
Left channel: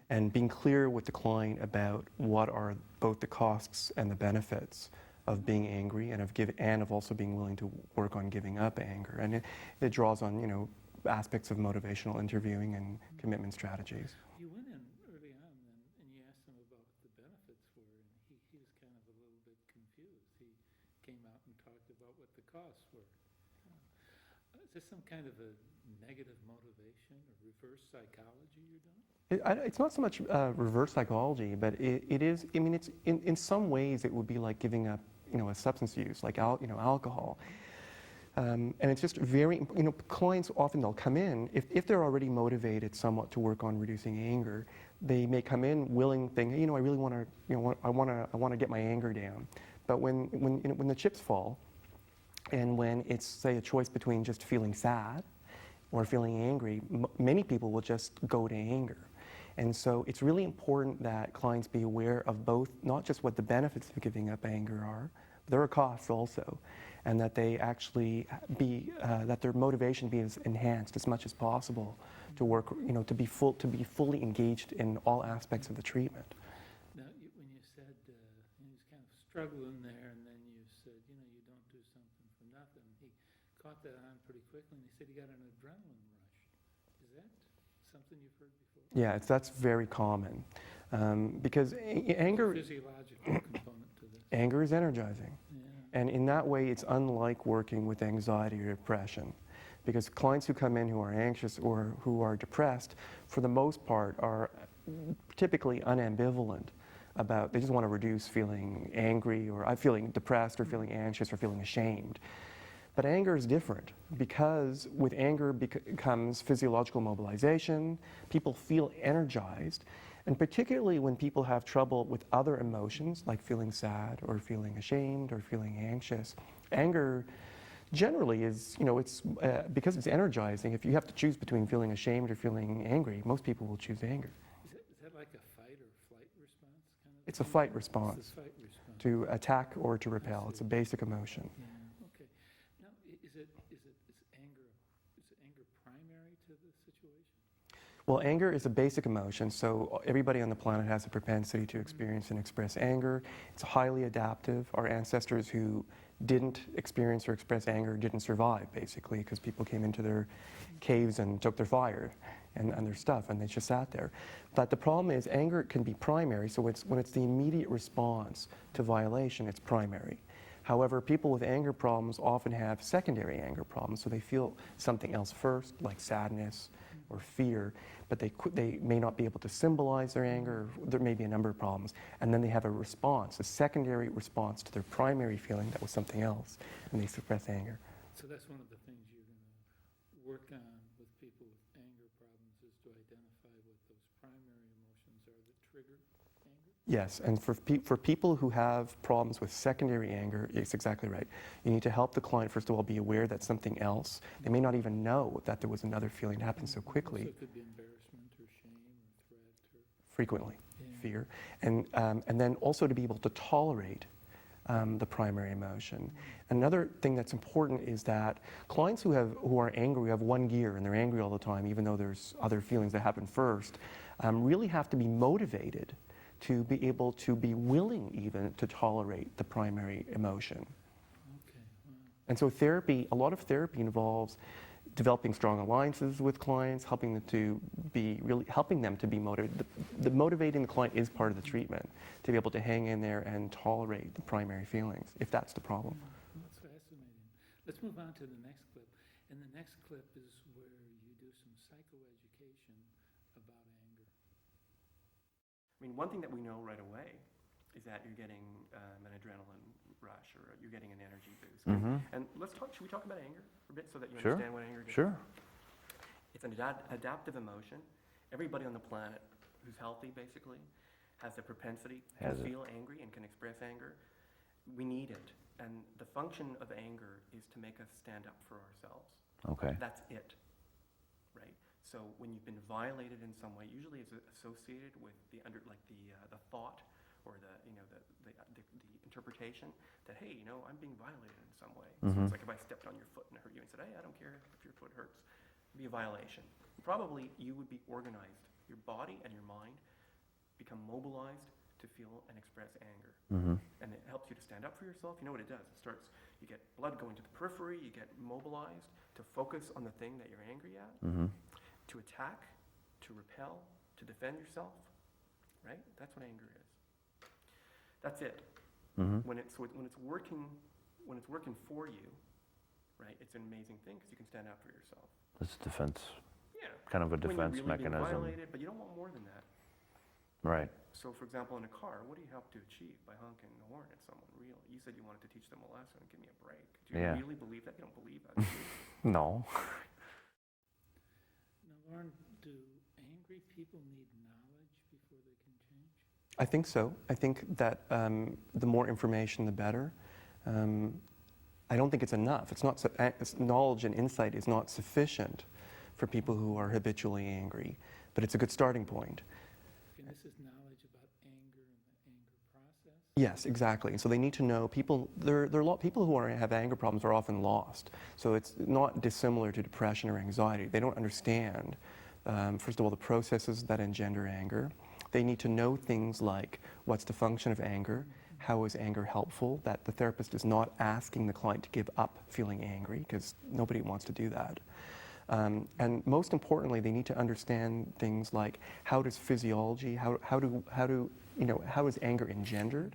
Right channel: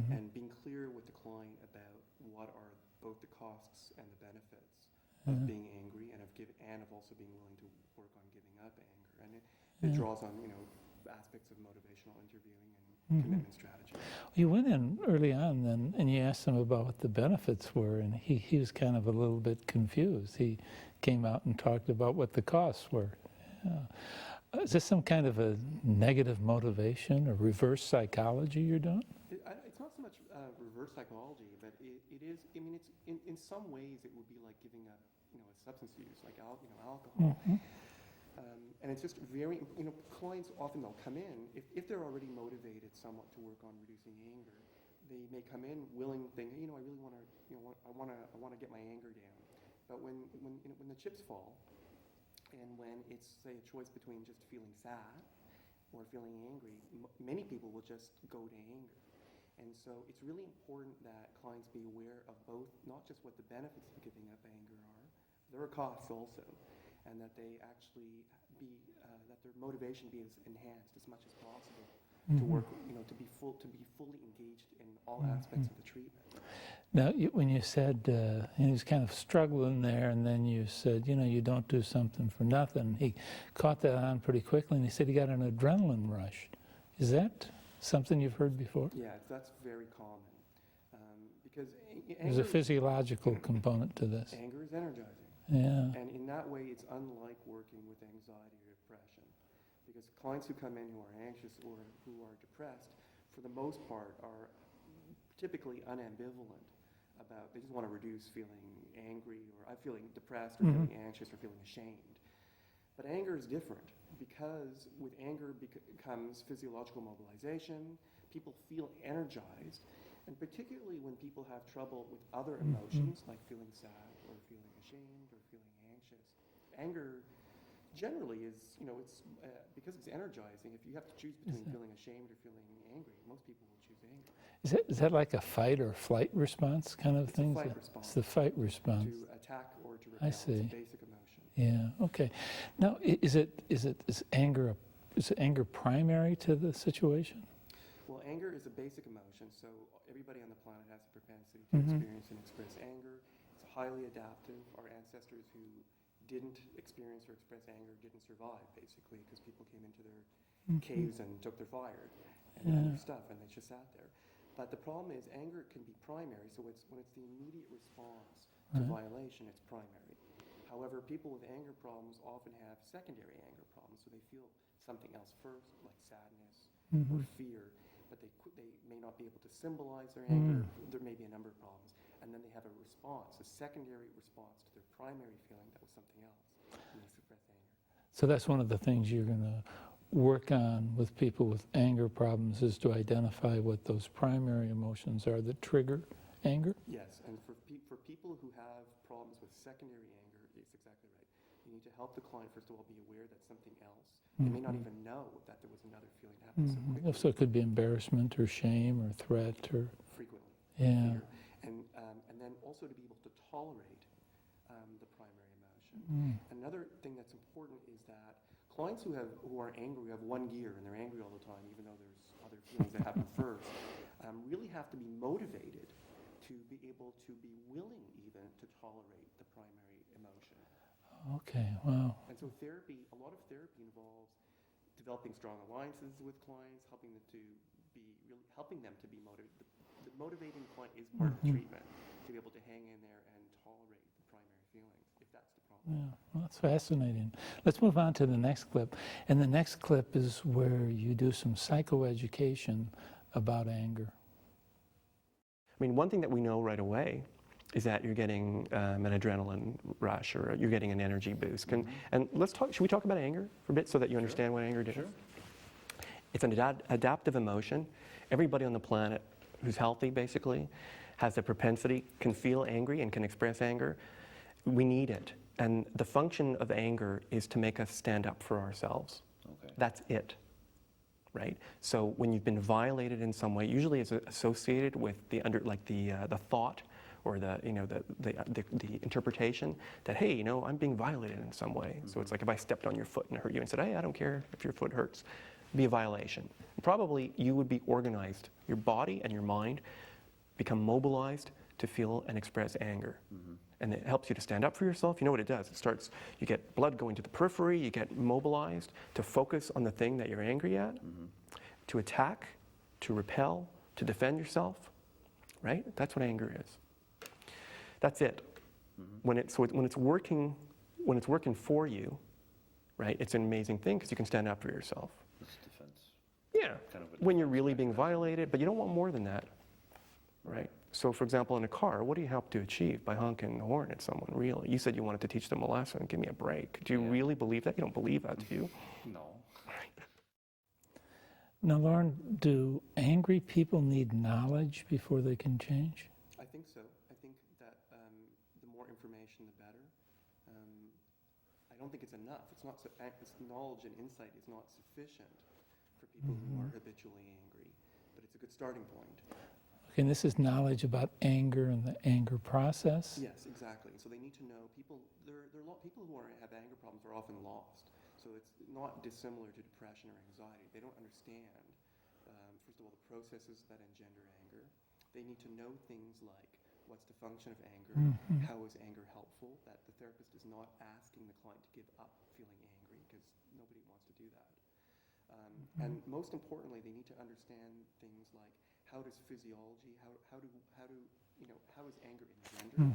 and being clear with the client about what are both the costs and the benefits of being angry and of also being willing to work on giving up anger. And it draws on, aspects of motivational interviewing and commitment strategies. You went in early on then and you asked him about what the benefits were, and he was kind of a little bit confused. He came out and talked about what the costs were. Yeah. Is this some kind of a negative motivation or reverse psychology you're doing? It's not so much reverse psychology, but it is, it's in some ways it would be like giving up, a substance use, like alcohol. And it's just very, clients often, they'll come in, if they're already motivated somewhat to work on reducing anger, they may come in willing, thinking, hey, I really want to, I want to get my anger down. But when the chips fall, and when it's, say, a choice between just feeling sad or feeling angry, many people will just go to anger. And so it's really important that clients be aware of both, not just what the benefits of giving up anger are, but there are costs also, and that they actually be, that their motivation be enhanced as much as possible to work, to be fully engaged in all aspects of the treatment. Now, when you said he was kind of struggling there, and then you said, you don't do something for nothing, he caught that on pretty quickly, and he said he got an adrenaline rush. Is that something you've heard before? Yeah, that's very common. Because anger... There's a physiological component to this. Anger is energizing. Yeah. And in that way, it's unlike working with anxiety or depression. Because clients who come in who are anxious or who are depressed, for the most part, are typically unambivalent about, they just want to reduce feeling angry or feeling depressed or feeling anxious or feeling ashamed. But anger is different, because with anger comes physiological mobilization, people feel energized, and particularly when people have trouble with other emotions, like feeling sad or feeling ashamed or feeling anxious, anger generally is, it's because it's energizing. If you have to choose between feeling ashamed or feeling angry, most people will choose anger. Is that like a fight or flight response kind of It's thing? a fight response. It's the fight response. To attack or to repel. It's a see. basic emotion. Yeah. Okay. Now, is anger primary to the situation? Well, anger is a basic emotion, so everybody on the planet has a propensity to experience and express anger. It's highly adaptive. Our ancestors who didn't experience or express anger didn't survive, basically, because people came into their caves and took their fire and their stuff, and they just sat there. But the problem is anger can be primary, so when it's the immediate response to violation, it's primary. However, people with anger problems often have secondary anger problems, so they feel something else first, like sadness or fear, but they may not be able to symbolize their anger. There may be a number of problems. And then they have a response, a secondary response to their primary feeling that was something else, and they suppress anger. So that's one of the things you're going to work on with people with anger problems, is to identify what those primary emotions are that trigger anger? Yes, and for people who have problems with secondary anger, it's exactly right. You need to help the client, first of all, be aware that something else. They may not even know that there was another feeling happening so quickly. So it could be embarrassment or shame or threat or... Frequently, Yeah. fear. And then also to be able to tolerate the primary emotion. Another thing that's important is that clients who are angry, who have one gear and they're angry all the time, even though there's other feelings that happen first, really have to be motivated to be able to be willing even to tolerate the primary emotion. Okay, wow. And so a lot of therapy involves developing strong alliances with clients, helping them to be motivated. The motivating the client is part of the treatment, to be able to hang in there and tolerate the primary feelings, if that's the problem. Yeah, well, that's fascinating. Let's move on to the next clip. And the next clip is where you do some psychoeducation about anger. I mean, one thing that we know right away is that you're getting an adrenaline rush, or you're getting an energy boost. And should we talk about anger for a bit so that you understand what anger is? Sure. It's an adaptive emotion. Everybody on the planet who's healthy, basically, has the propensity, can feel angry and can express anger. We need it. And the function of anger is to make us stand up for ourselves. Okay. That's it. Right? So when you've been violated in some way, usually it's associated with the thought or the interpretation that, hey, I'm being violated in some way. So it's like if I stepped on your foot and hurt you and said, hey, I don't care if your foot hurts, it'd be a violation. Probably you would be organized. Your body and your mind become mobilized to feel and express anger. And it helps you to stand up for yourself. You know what it does? You get blood going to the periphery, you get mobilized to focus on the thing that you're angry at, to attack, to repel, to defend yourself, right? That's what anger is. That's it. When it's working for you, right, it's an amazing thing because you can stand up for yourself. It's defense. Yeah. Kind of a defense when you're really being mechanism. violated, but you don't want more than that. Right. So, for example, in a car, what do you help to achieve by honking the horn at someone, really? You said you wanted to teach them a lesson. Give me a break. Do you really believe that? You don't believe that, do you? No. Now, Lorne, do angry people need knowledge before they can change? I think so. I think that the more information, the better. I don't think it's enough. Knowledge and insight is not sufficient for people who are habitually angry, but it's a good starting point. And this is knowledge about anger and the anger process? Yes, exactly. And so they need to know people, people who have anger problems are often lost. So it's not dissimilar to depression or anxiety. They don't understand, first of all, the processes that engender anger. They need to know things like what's the function of anger, how is anger helpful, that the therapist is not asking the client to give up feeling angry, because nobody wants to do that. And most importantly, they need to understand things like how does physiology, how is anger engendered?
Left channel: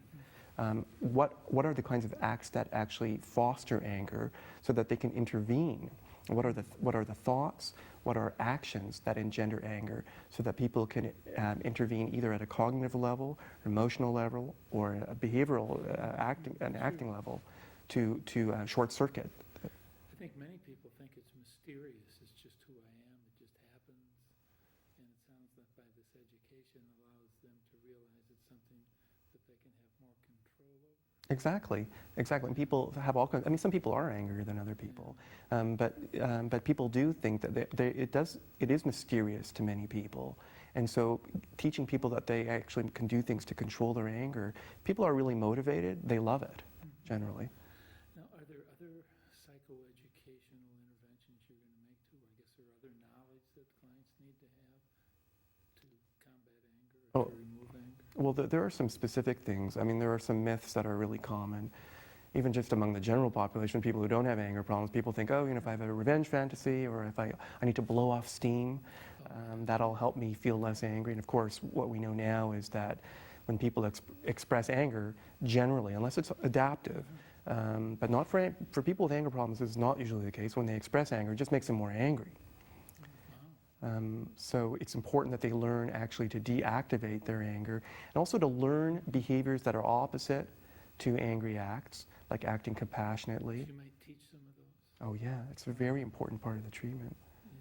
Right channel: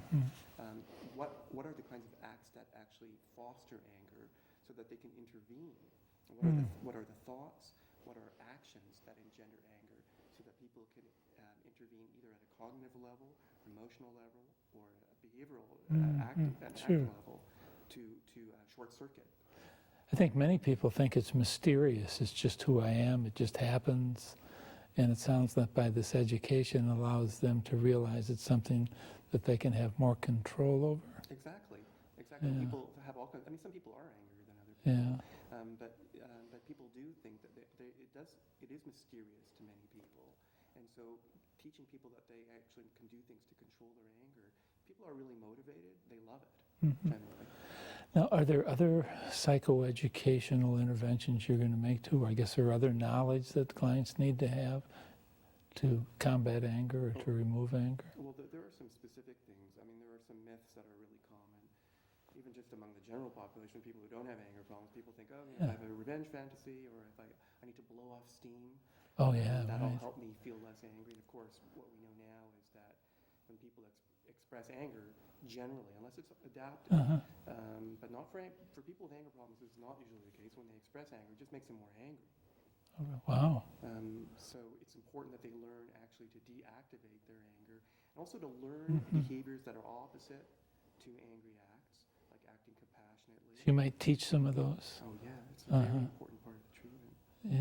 What are the kinds of acts that actually foster anger so that they can intervene? What are the thoughts? What are actions that engender anger so that people can intervene either at a cognitive level, emotional level, or a behavioral acting level to short circuit? I think many people think it's mysterious. It's just who I am. It just happens. And it sounds like by this education allows them to realize it's something that they can have more control over. Exactly, exactly. Yeah. People have all kinds. I mean, some people are angrier than other people, but people do think that it is mysterious to many people. And so teaching people that they actually can do things to control their anger, people are really motivated. They love it, generally. Now, are there other psychoeducational interventions you're going to make too? I guess there are other knowledge that clients need to have to combat anger or to remove anger? Well, there are some specific things. I mean, there are some myths that are really common. Even just among the general population, people who don't have anger problems, people think, oh, if I have a revenge fantasy or if I need to blow off steam, that'll help me feel less angry. And of course, what we know now is that when people express anger, generally, unless it's adaptive, but not for people with anger problems, this is not usually the case. When they express anger, it just makes them more angry. Wow. So it's important that they learn actually to deactivate their anger and also to learn behaviors that are opposite to angry acts, like acting compassionately. You might teach some of those? Oh yeah, it's a very important part of the treatment. Yeah.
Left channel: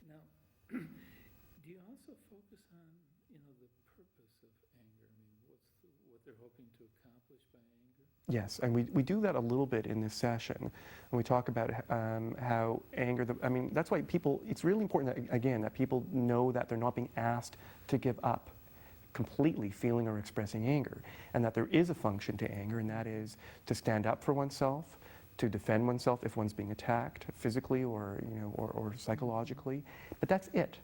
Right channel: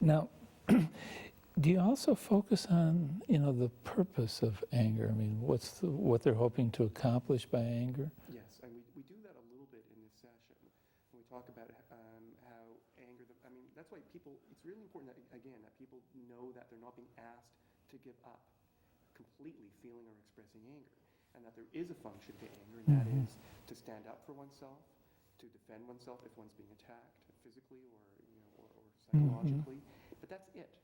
Now, do you also focus on, the purpose of anger? I mean, what they're hoping to accomplish by anger? Yes, and we do that a little bit in this session. And we talk about how anger, that's why it's really important that, again, that people know that they're not being asked to give up completely feeling or expressing anger, and that there is a function to anger, and that is to stand up for oneself, to defend oneself if one's being attacked physically or psychologically. But that's it.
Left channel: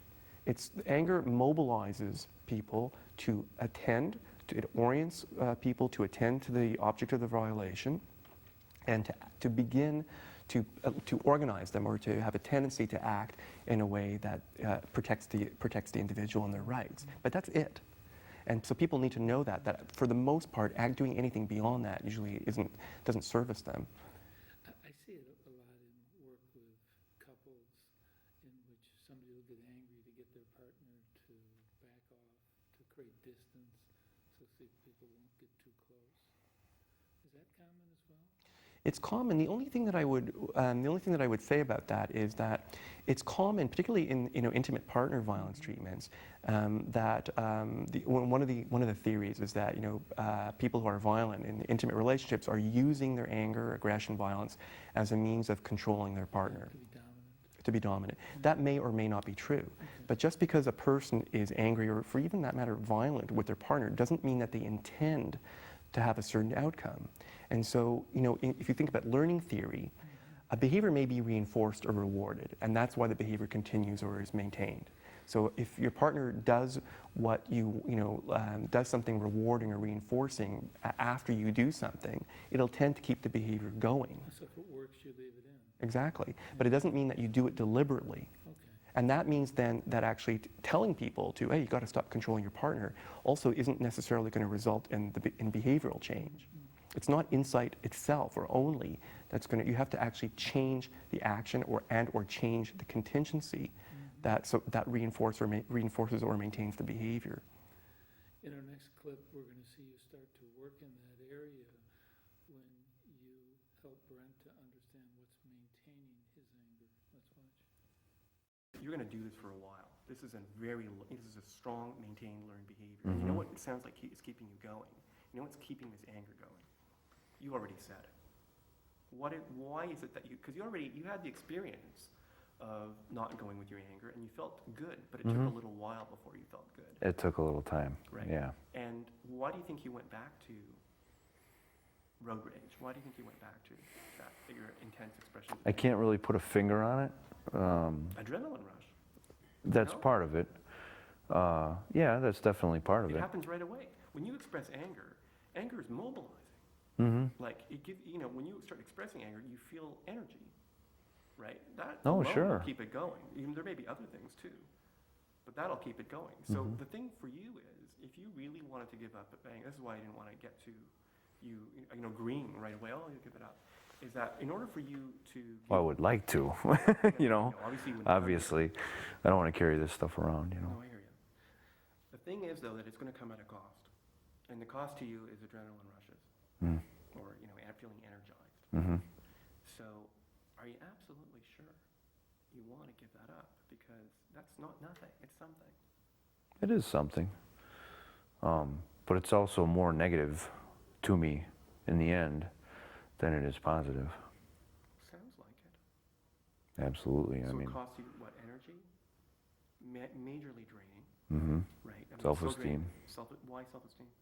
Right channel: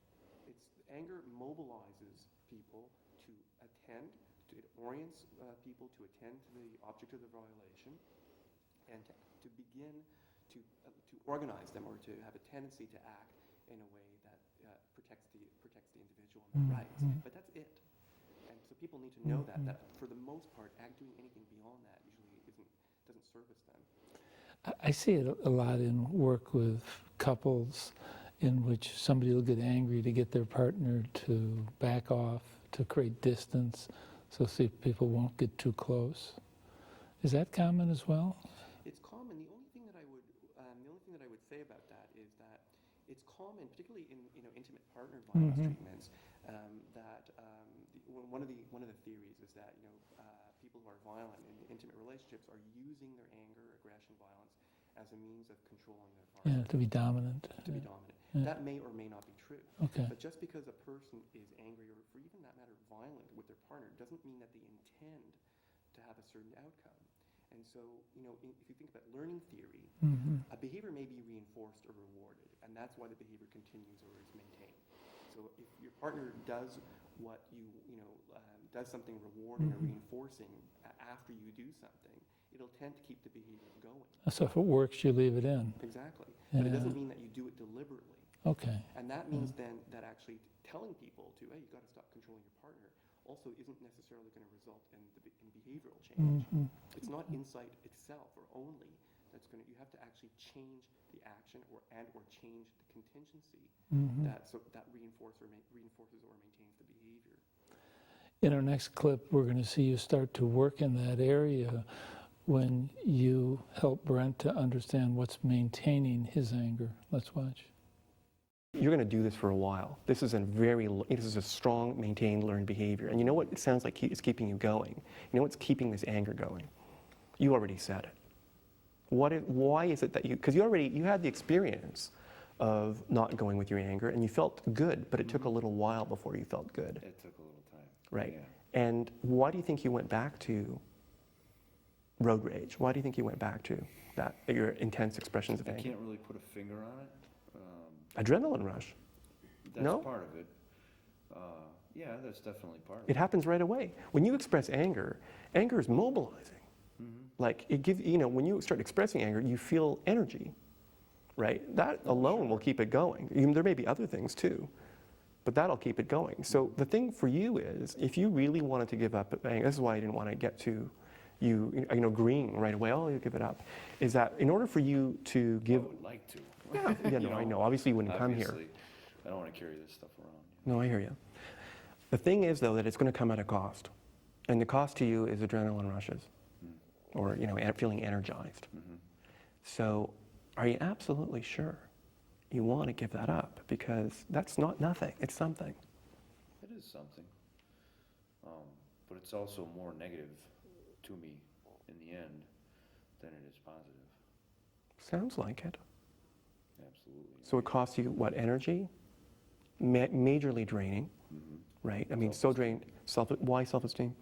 Anger mobilizes people to attend, it orients people to attend to the object of the violation, and to begin to organize them or to have a tendency to act in a way that protects the individual and their rights. But that's it. And so people need to know that for the most part, doing anything beyond that usually doesn't service them. I see it a lot in work with couples in which somebody will get angry to get their partner to back off, to create distance, so people won't get too close. Is that common as well? It's common. The only thing that I would say about that is that it's common, particularly in intimate partner violence treatments, that one of the theories is that people who are violent in intimate relationships are using their anger, aggression, violence as a means of controlling their partner. Yeah, to be dominant. To be dominant. Yeah. That may or may not be true. Okay. But just because a person is angry or, for even that matter, violent with their partner doesn't mean that they intend to have a certain outcome. And so, if you think about learning theory, a behavior may be reinforced or rewarded, and that's why the behavior continues or is maintained. So if your partner does what does something rewarding or reinforcing after you do something, it'll tend to keep the behavior going. So if it works, you leave it in. Exactly. But it doesn't mean that you do it deliberately. Okay. And that means then that actually telling people to, hey, you got to stop controlling your partner, also isn't necessarily going to result in behavioral change. It's not insight itself or only that's going to, you have to actually change the action or change the contingency that reinforces or maintains the behavior. In our next clip, we're going to see you start to work in that area when you help Brent to understand what's maintaining his anger. Let's watch. You're going to do this for a while. This is a strong, maintained, learned behavior. And you know what it sounds like is keeping you going? You know what's keeping this anger going? You already said it. Why is it that because you had the experience of not going with your anger, and you felt good, but it took a little while before you felt good. It took a little time. Right. Yeah. And why do you think you went back to road rage? Why do you think you went back to that, your intense expressions of I anger? can't really put a finger on it. Adrenaline rush. That's No? part of it. Yeah, that's definitely part of it. It happens right away. When you express anger, anger is mobilizing. Like it gives, when you start expressing anger, you feel energy, right? That alone will sure. keep it going. There may be other things too, but that'll keep it going. So the thing for you is, if you really wanted to give up anger, this is why I didn't want to get to you agreeing right away, oh, you give it up, is that in order for you to give... Well, I would like to. Yeah, no, I know, obviously you wouldn't come here. Obviously, I don't want to carry this stuff around. No, I hear you. The thing is, though, that it's going to come at a cost. And the cost to you is adrenaline rushes, or feeling energized. So are you absolutely sure you want to give that up? Because that's not nothing, it's something. It is something. But it's also more negative to me in the end than it is positive. Sounds like it. Absolutely. So it costs you, what, energy? Majorly draining, right? I mean, so drained. Why self-esteem?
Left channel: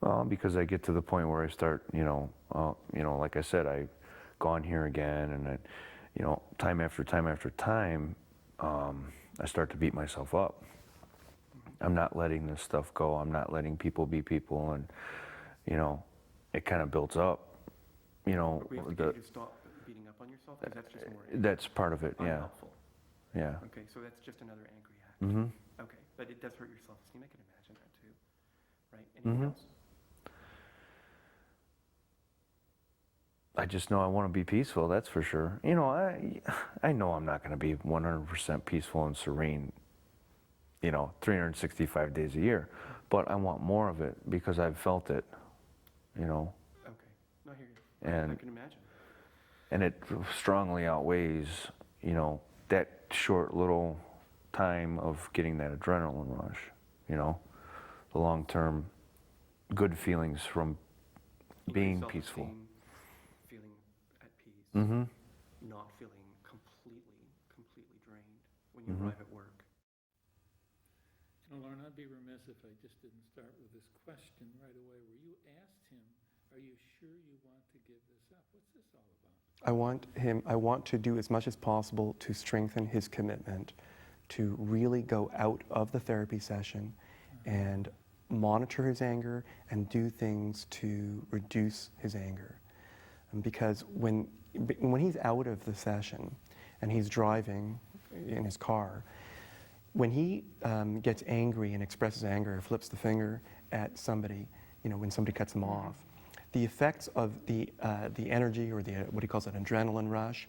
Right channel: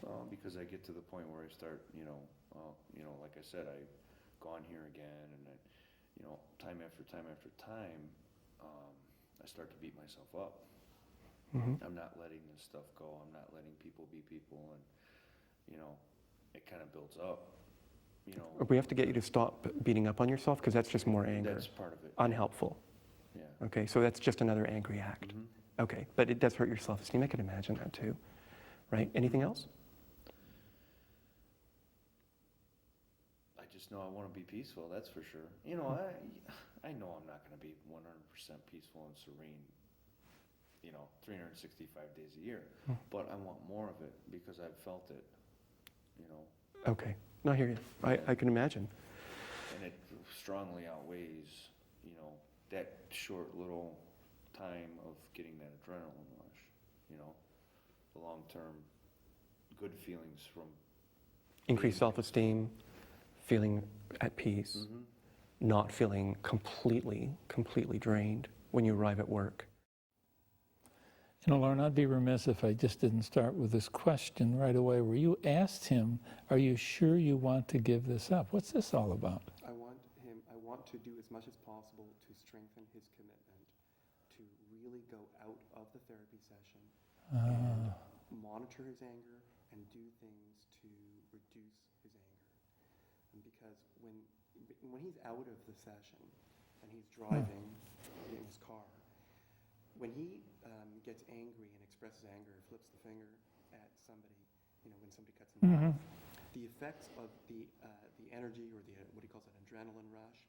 Well, because I get to the point where I start, like I said, I've gone here again, and time after time after time, I start to beat myself up. I'm not letting this stuff go. I'm not letting people be people, and it kind of builds up. We have to get you to stop beating up on yourself, because that's just more anger. That's part of it. Yeah. Unhelpful. Yeah. Okay, so that's just another angry act. Okay, but it does hurt your self-esteem. I can imagine that too, right? Anything else? I just know I want to be peaceful, that's for sure. I know I'm not going to be 100% peaceful and serene, 365 days a year, but I want more of it because I've felt it, Okay, no, I hear you. I can imagine. And it strongly outweighs, that short little time of getting that adrenaline rush, the long-term good feelings from being Increased peaceful. self-esteem, feeling at peace, not feeling completely drained when you arrive at work. Lorne, I'd be remiss if I just didn't start with this question right away, where you asked him, are you sure you want to give this up? What's this all about? I want to do as much as possible to strengthen his commitment to really go out of the therapy session and monitor his anger and do things to reduce his anger. Because when he's out of the session and he's driving in his car, when he gets angry and expresses anger or flips the finger at somebody, when somebody cuts him off, the effects of the energy, or what he calls an adrenaline rush,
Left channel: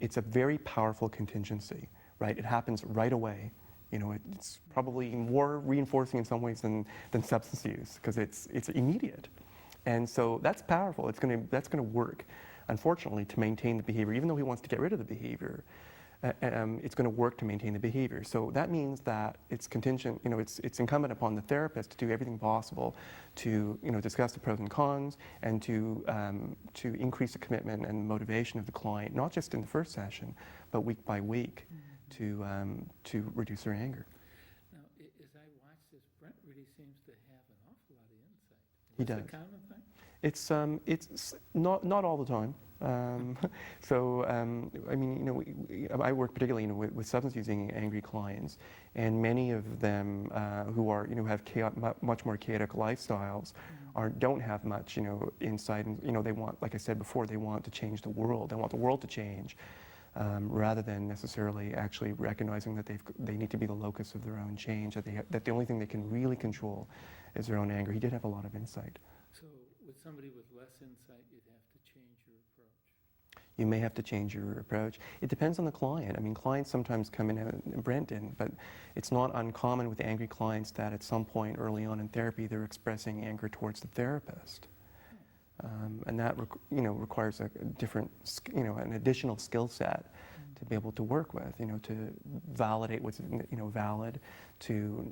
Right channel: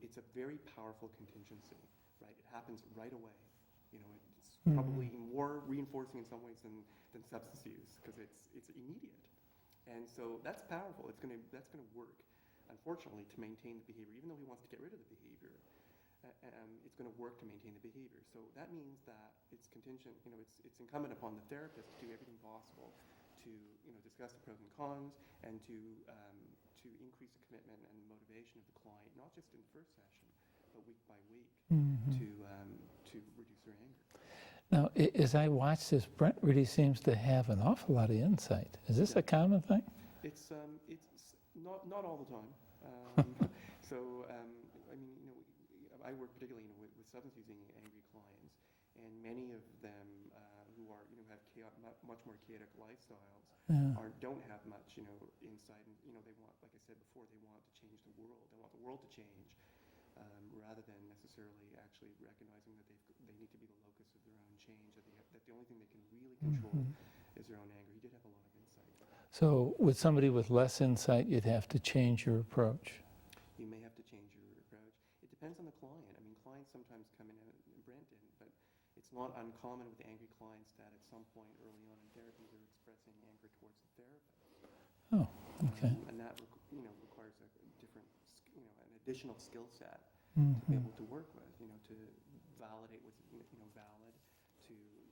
it's a very powerful contingency, right? It happens right away. It's probably more reinforcing in some ways than substance use, because it's immediate. And so that's powerful. That's going to work, unfortunately, to maintain the behavior. Even though he wants to get rid of the behavior, it's going to work to maintain the behavior. So that means that it's contingent, it's incumbent upon the therapist to do everything possible to, discuss the pros and cons, and to increase the commitment and motivation of the client, not just in the first session, but week by week, to reduce their anger. Now, as I watch this, Brent really seems to have an awful lot of insight. Is this a common thing? It's not all the time. I work particularly with substance using angry clients, and many of them who are have much more chaotic lifestyles don't have much insight, and they want, like I said before, they want to change the world. They want the world to change, rather than necessarily actually recognizing that they need to be the locus of their own change. That the only thing they can really control is their own anger. He did have a lot of insight. So with somebody with less insight, you'd have to change your approach. You may have to change your approach. It depends on the client. I mean, clients sometimes come in, and Brent didn't, but it's not uncommon with angry clients that at some point early on in therapy, they're expressing anger towards the therapist. Oh, okay. And that requires a different, an additional skill set to be able to work with, to validate what's valid, to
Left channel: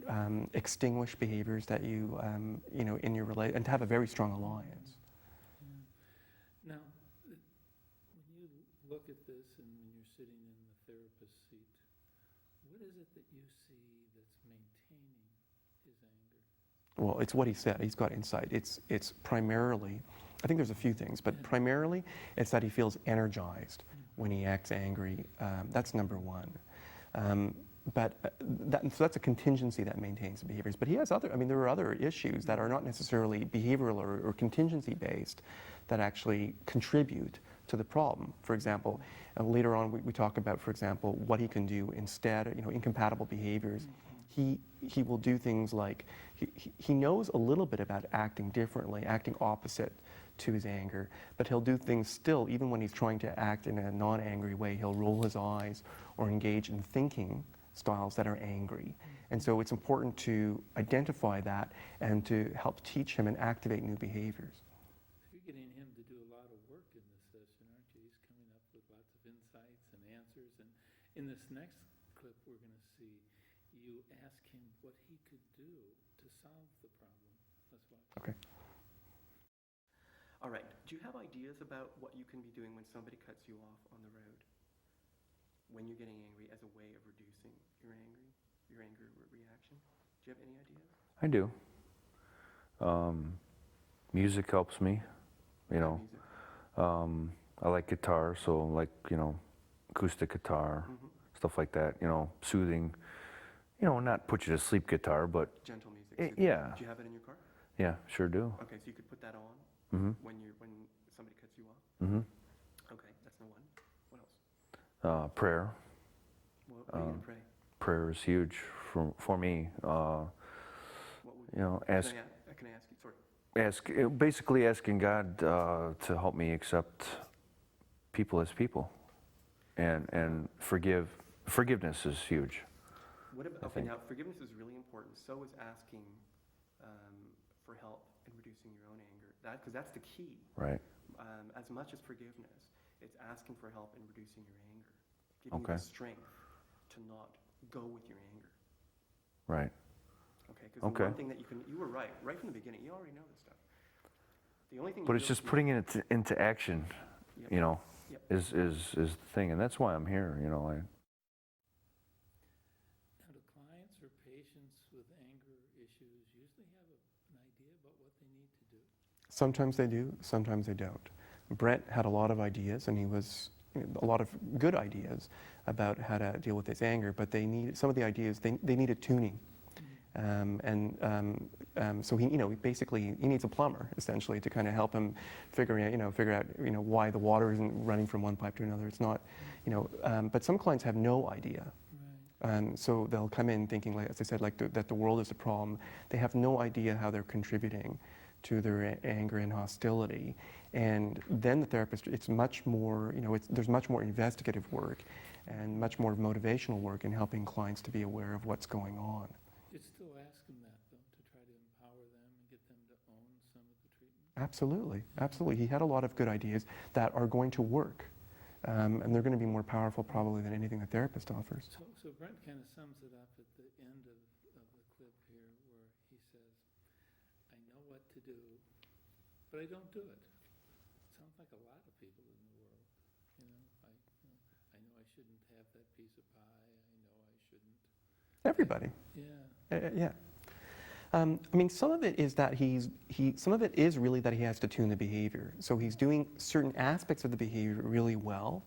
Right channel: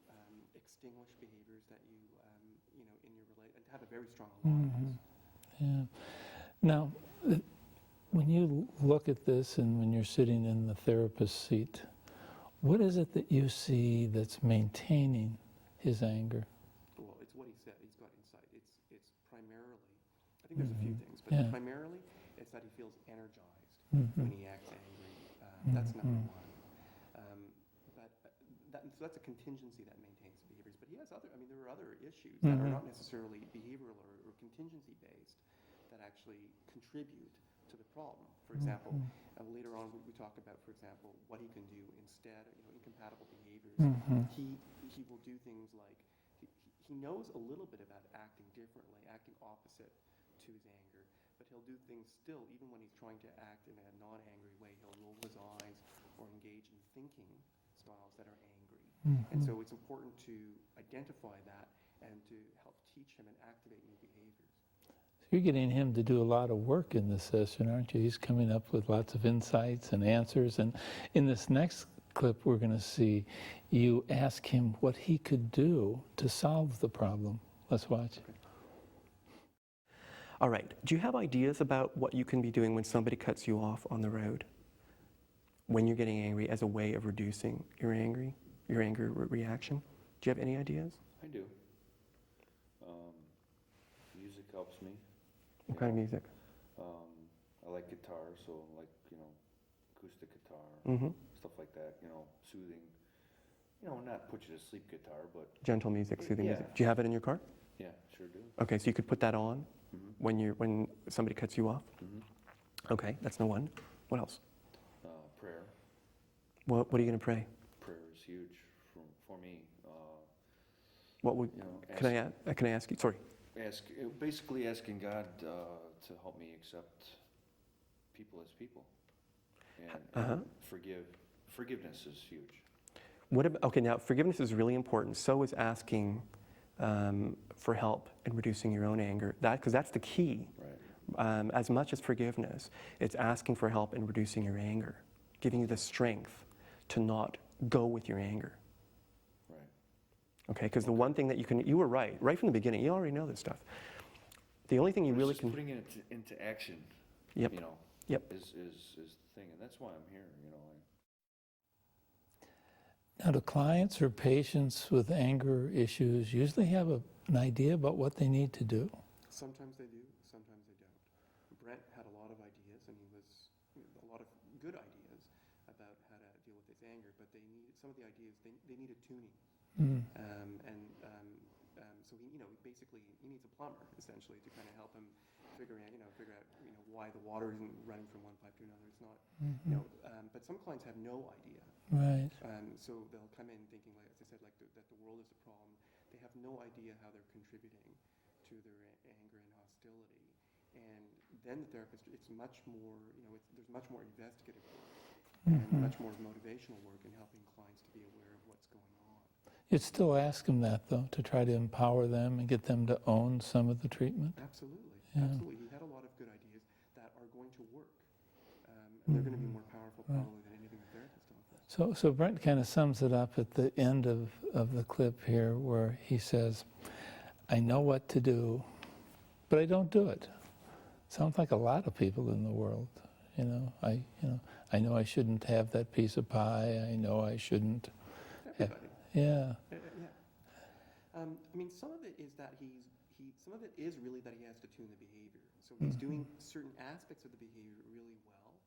extinguish behaviors that you in your relation, and to have a very strong alliance. Yeah. Now, when you look at this and when you're sitting in the therapist seat, what is it that you see that's maintaining his anger? Well, it's what he said. He's got insight. It's primarily, I think there's a few things, but Yeah. primarily it's that he feels energized when he acts angry. That's number one. But so that's a contingency that maintains the behaviors. But he has other, I mean, there are other issues that are not necessarily behavioral or contingency based that actually contribute to the problem. For example, later on we talk about, for example, what he can do instead, incompatible behaviors. He will do things like, he knows a little bit about acting differently, acting opposite to his anger, but he'll do things still, even when he's trying to act in a non-angry way, he'll roll his eyes or engage in thinking styles that are angry. And so it's important to identify that and to help teach him and activate new behaviors. You're getting him to do a lot of work in this session, aren't you? He's coming up with lots of insights and answers. And in this next clip, we're going to see you ask him what he could do to solve the problem. Let's watch. Okay. All right. Do you have ideas about what you can be doing when somebody cuts you off on the road? When you're getting angry, as a way of reducing your anger reaction? Do you have any ideas? I do. Music helps me. What kind of music? I like guitar, so like, acoustic guitar, stuff like that, soothing, not put you to sleep guitar, but... Gentle music, soothing yeah. music. Do you have it in your car? Yeah, sure do. Okay, so you could put that on when somebody cuts you off? Okay, that's no one. What else? Prayer. What are you going to pray? Prayer is huge for me. What would, can I ask you? Sorry. Basically asking God to help me accept people as people, and forgiveness is huge. Okay, now forgiveness is really important. So is asking for help in reducing your own anger. Because that's the key. Right. As much as forgiveness, it's asking for help in reducing your anger, giving you the strength to not go with your anger. Right. Okay, because the one thing that you were right from the beginning, you already know this stuff. The only thing but it's just putting it into action, is the thing, and that's why I'm here, Now, do clients or patients with anger issues usually have an idea about what they need to do? Sometimes they do, sometimes they don't. Brett had a lot of ideas, and a lot of good ideas about how to deal with his anger, but some of the ideas, they needed tuning. So he needs a plumber essentially to kind of help him figure out why the water isn't running from one pipe to another. It's not, but some clients have no idea. Right. So they'll come in thinking, like, as I said, that the world is a problem. They have no idea how they're contributing to their anger and hostility. And then the therapist, it's much more, there's much more investigative work and much more motivational work in helping clients to be aware of what's going on. You'd still ask them that, though, to try to empower them and get them to own some of the treatment? Absolutely, absolutely. He had a lot of good ideas that are going to work, and they're going to be more powerful probably than anything the therapist offers. So Brent kind of sums it up at the end of the clip here where he says, I know what to do, but I don't do it. Sounds like a lot of people in the world. I know I shouldn't have that piece of pie. I know I shouldn't. Everybody. Yeah. Yeah. I mean, some of it is that some of it is really that he has to tune the behavior. So he's doing certain aspects of the behavior really well,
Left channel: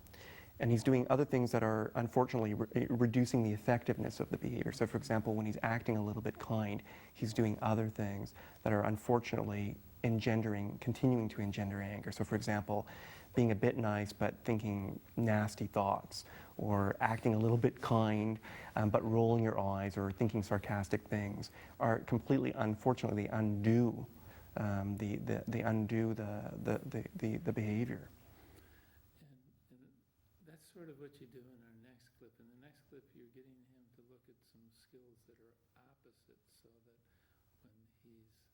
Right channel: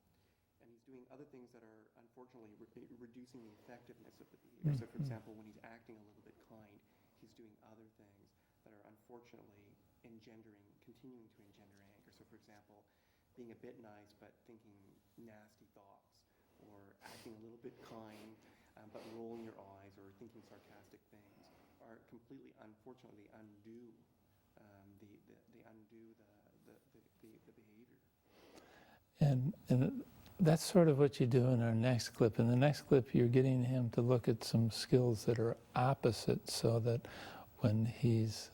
and he's doing other things that are unfortunately reducing the effectiveness of the behavior. So for example, when he's acting a little bit kind, he's doing other things that are unfortunately continuing to engender anger. So for example, being a bit nice but thinking nasty thoughts, or acting a little bit kind but rolling your eyes or thinking sarcastic things are completely, unfortunately, undo the behavior. And that's sort of what you do in our next clip. In the next clip, you're getting him to look at some skills that are opposite so that when he's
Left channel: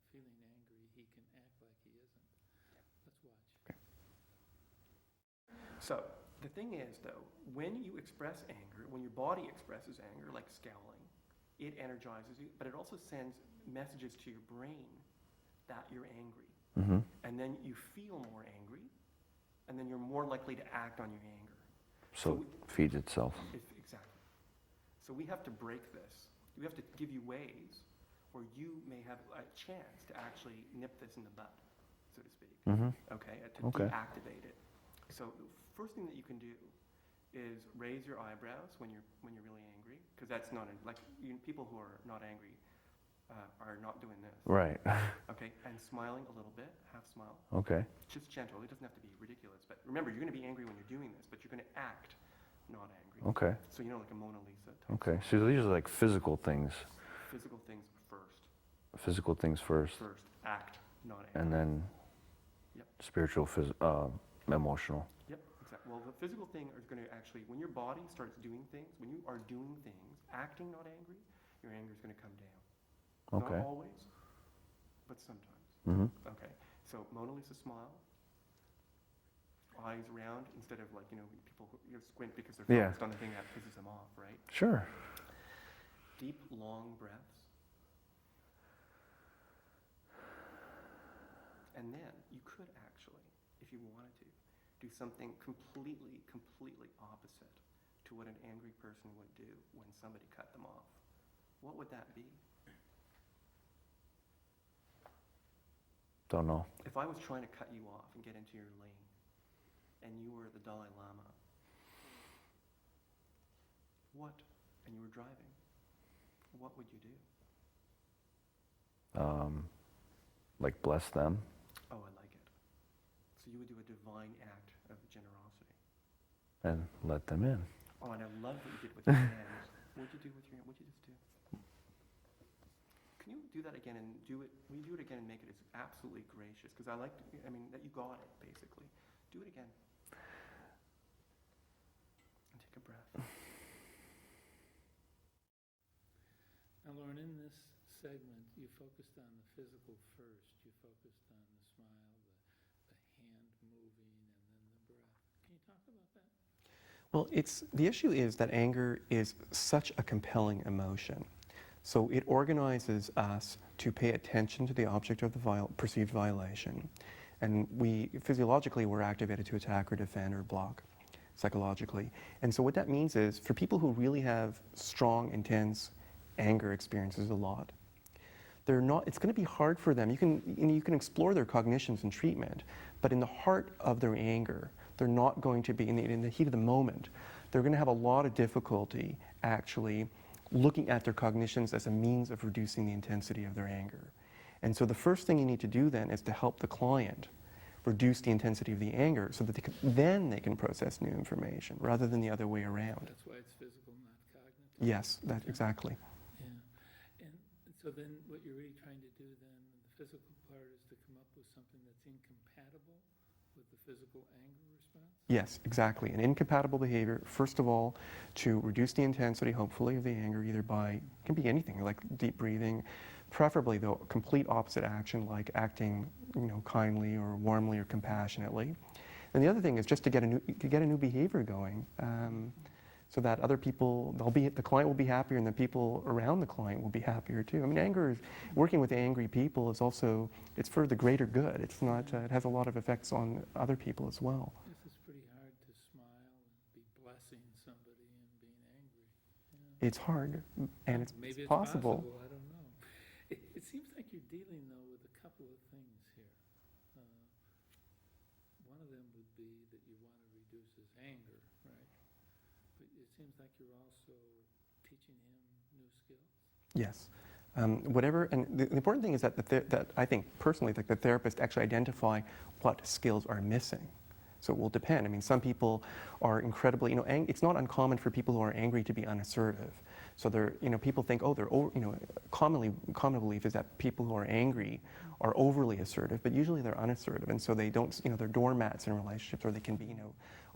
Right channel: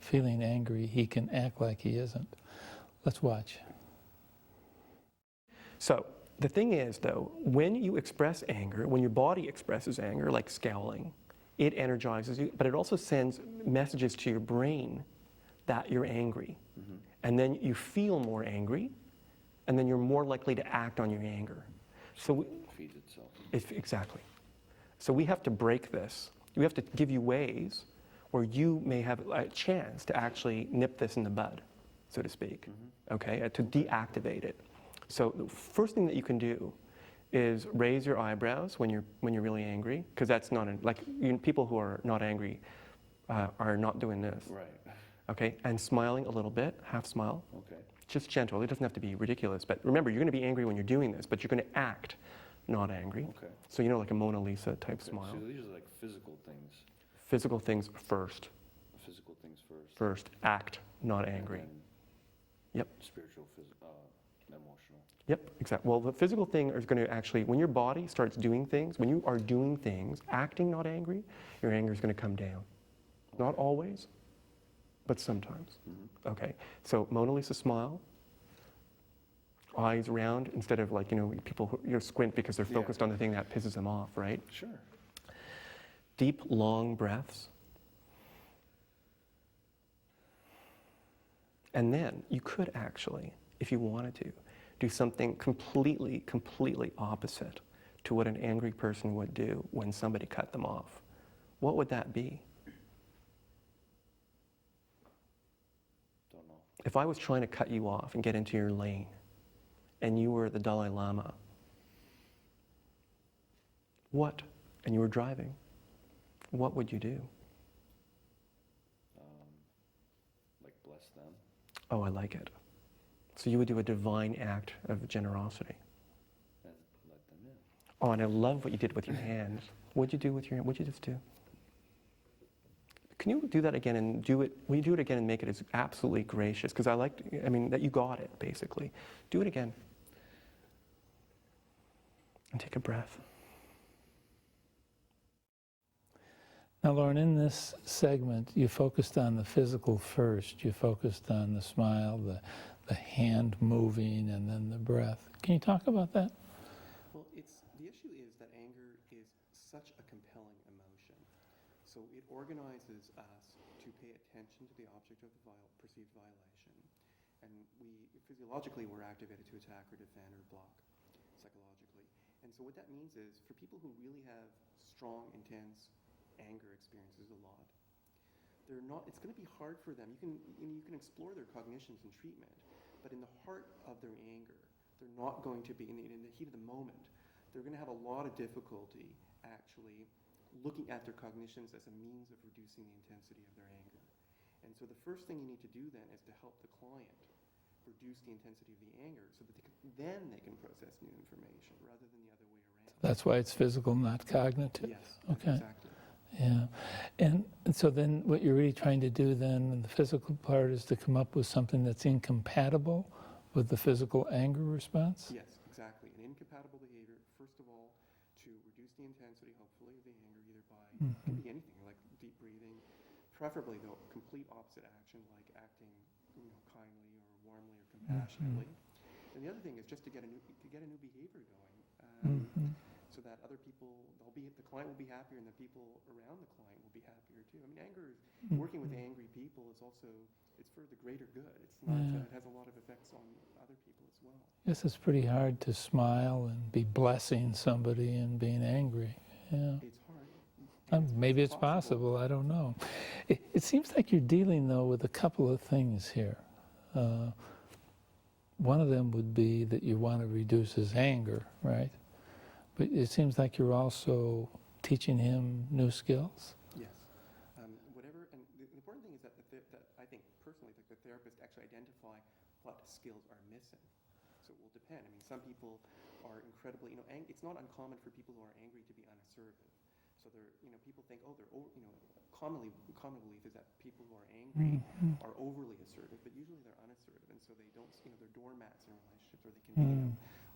feeling angry, he can act like he isn't. Let's watch. So the thing is, though, when you express anger, when your body expresses anger, like scowling, it energizes you, but it also sends messages to your brain that you're angry. And then you feel more angry, and then you're more likely to act on your anger. So we- it feeds itself. Exactly. So we have to break this. We have to give you ways where you may have a chance to actually nip this in the bud, so to speak, okay, to deactivate it. So the first thing that you can do is raise your eyebrows when you're really angry, because that's not, people who are not angry are not doing this. Right. Okay, and smiling a little bit, half smile. Okay. Just gentle, it doesn't have to be ridiculous, but remember, you're gonna be angry when you're doing this, but you're gonna act not angry. Okay. So like a Mona Lisa type Okay. smile. So these are like physical things. Physical things first. Physical things first. First, act, not angry. And then Yep. spiritual, emotional. Yep, exactly. Well, the physical thing is going to actually, when your body starts doing things, when you are doing things, acting not angry, your anger is going to come down. Not Okay. always, but sometimes. Mm-hmm. Okay, so Mona Lisa smile, eyes round instead of people who squint because they're focused on the thing that pisses them off, right? Sure. Deep, long breaths. And then you could actually, if you wanted to, do something completely opposite to what an angry person would do when somebody cut them off. What would that be? Don't know. If I was trying to cut you off and get into your lane, and you were the Dalai Lama, and you were driving, what would you do? Like bless them. Oh, I like it. So you would do a divine act of generosity. And let them in. Oh, and I love what you did with your hands. What'd you do with your hand? What'd you just do? Can you do that again and do it? Will you do it again and make it as absolutely gracious? Because that you got it, basically. Do it again. And take a breath. Now, Lorne, in this segment, you focused on the physical first. You focused on the smile, the hand moving, and then the breath. Can you talk about that? Well, the issue is that anger is such a compelling emotion. So it organizes us to pay attention to the object of the perceived violation. And physiologically, we're activated to attack or defend or block psychologically. And so what that means is, for people who really have strong, intense anger experiences a lot, it's going to be hard for them. You can explore their cognitions in treatment, but in the heart of their anger, they're not going to be, in the heat of the moment, they're going to have a lot of difficulty actually looking at their cognitions as a means of reducing the intensity of their anger. And so the first thing you need to do then is to help the client reduce the intensity of the anger so that they can process new information rather than the other way around. That's why it's physical, not cognitive? Yes, exactly. Yeah. And so then what you're really trying to do then in the physical part is to come up with something that's incompatible with the physical anger response? Yes, exactly. An incompatible behavior, first of all, to reduce the intensity, hopefully, of the anger, either by, it can be anything, like deep breathing, preferably, though, complete opposite action, like acting, kindly or warmly or compassionately. And the other thing is just to get a new behavior going, so that other people, the client will be happier, and the people around the client will be happier too. I mean, working with angry people is also, it's for the greater good. It's not, it has a lot of effects on other people as well. I guess it's pretty hard to smile and be blessing somebody and being angry. Yeah. It's hard. And maybe it's possible, I don't know. It seems like you're dealing, though, with a couple of things here. One of them would be that you want to reduce his anger, right? But it seems like you're also teaching him new skills. Yes. And the important thing is that I think personally, that the therapist actually identify what skills are missing. So it will depend. I mean, some people are incredibly, it's not uncommon for people who are angry to be unassertive. So people think, common belief is that people who are angry are overly assertive, but usually they're unassertive, and so they don't, they're doormats in relationships, or they can be,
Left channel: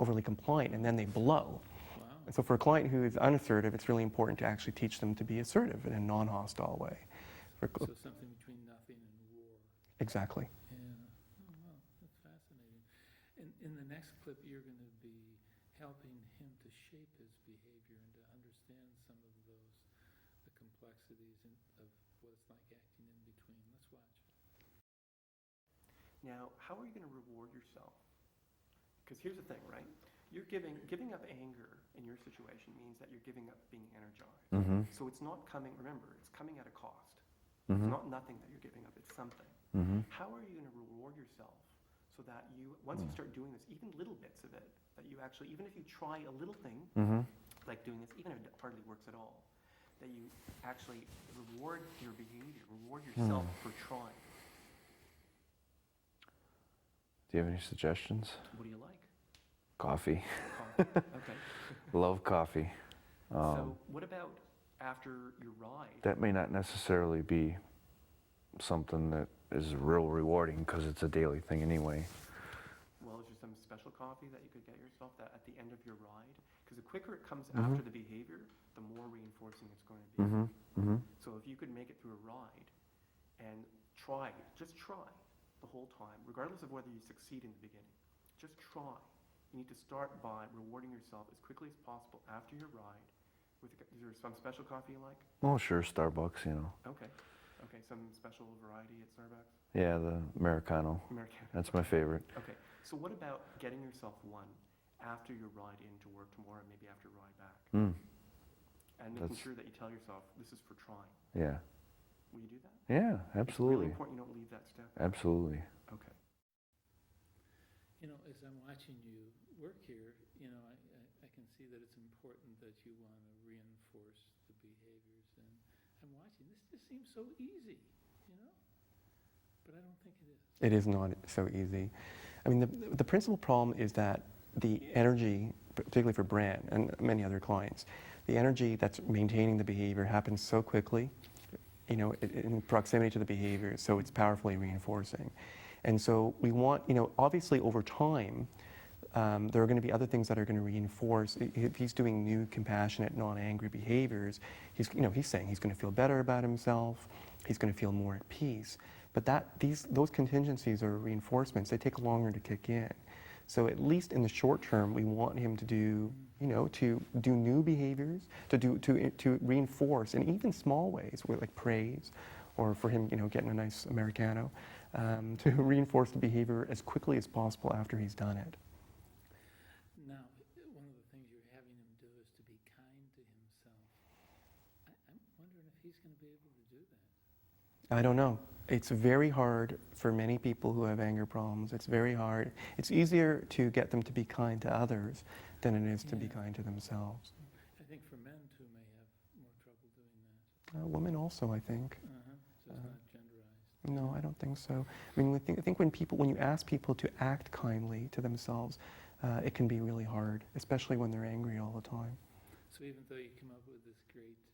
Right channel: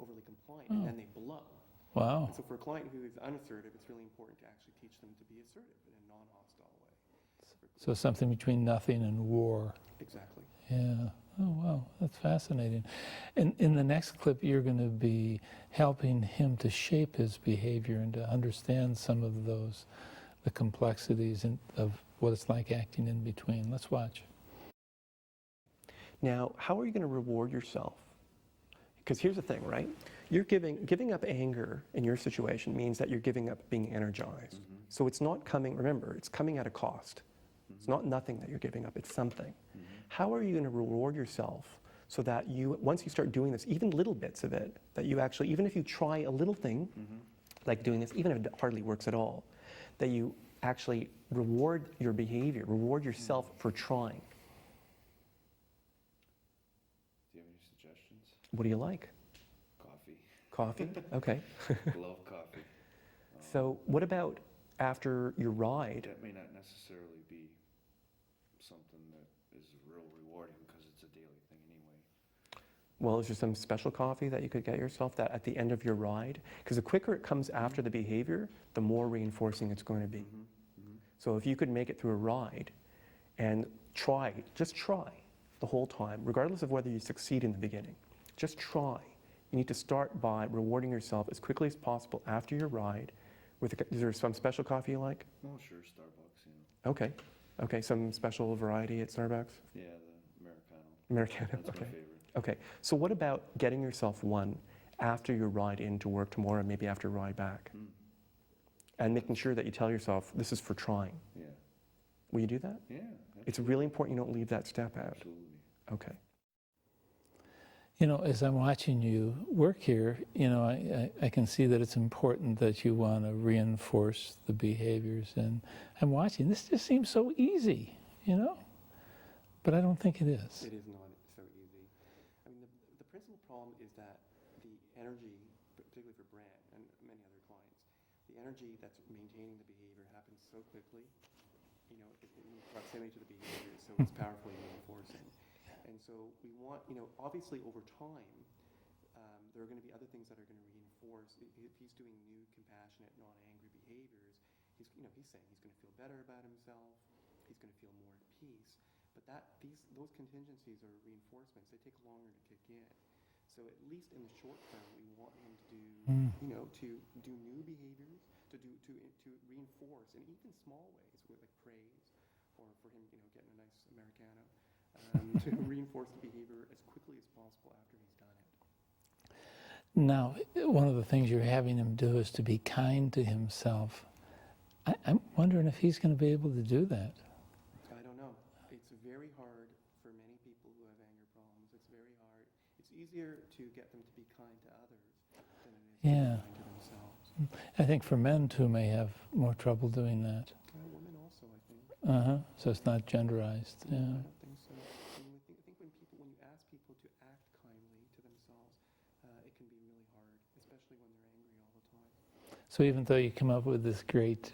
overly compliant, and then they blow. Wow. And so for a client who is unassertive, it's really important to actually teach them to be assertive in a non-hostile way. So something between nothing and war. Exactly. Yeah. Oh, wow. That's fascinating. And in the next clip, you're going to be helping him to shape his behavior and to understand some of the complexities of what it's like acting in between. Let's watch. Now, how are you going to reward yourself? Because here's the thing, right? You're giving up anger in your situation means that you're giving up being energized. So it's not coming, remember, it's coming at a cost. It's not nothing that you're giving up, it's something. How are you going to reward yourself so that you, once you start doing this, even little bits of it, that you actually, even if you try a little thing, like doing this, even if it hardly works at all, that you actually reward your behavior, reward yourself for trying. Do you have any suggestions? What do you like? Coffee. Coffee? Okay. Love coffee. So what about after your ride? That may not necessarily be something that is real rewarding because it's a daily thing anyway. Well, is there some special coffee that you could get yourself that at the end of your ride? Because the quicker it comes after the behavior, the more reinforcing it's going to be. So if you could make it through a ride and try, just try the whole time, regardless of whether you succeed in the beginning, just try. You need to start by rewarding yourself as quickly as possible after your ride. Is there some special coffee you like? Oh, sure, Starbucks, you know. Okay. Okay, some special variety at Starbucks? Yeah, the Americano. Americano. That's my favorite. Okay, so what about getting yourself one after your ride into work tomorrow, maybe after your ride back? And making sure that you tell yourself, this is for trying. Yeah. Will you do that? Yeah, absolutely. It's really important you don't leave that step out. Absolutely. Okay. You know, as I'm watching you work here, you know, I can see that it's important that you want to reinforce the behaviors. And I'm watching, this just seems so easy, you know? But I don't think it is. It is not so easy. I mean, the principal problem is that the energy, particularly for Bran and many other clients, the energy that's maintaining the behavior happens so quickly, you know, in proximity to the behavior, so it's powerfully reinforcing. And so we want, you know, obviously over time, there are going to be other things that are going to reinforce. If he's doing new, compassionate, non-angry behaviors, he's saying he's going to feel better about himself, he's going to feel more at peace. But those contingencies or reinforcements, they take longer to kick in. So at least in the short term, we want him to do, you know, to do new behaviors, to reinforce in even small ways, with like praise, or for him, you know, getting a nice Americano, to reinforce the behavior as quickly as possible after he's done it. Now, one of the things you're having him do is to be kind to himself. I'm wondering if he's going to be able to do that. I don't know. It's very hard for many people who have anger problems. It's very hard. It's easier to get them to be kind to others than it is to be kind to themselves. I think for men, too, may have more trouble doing that. Women also, I think. So it's not genderized. No, I don't think so. I mean, I think when you ask people to act kindly to themselves, it can be really hard, especially when they're angry all the time. So even though you come up with this great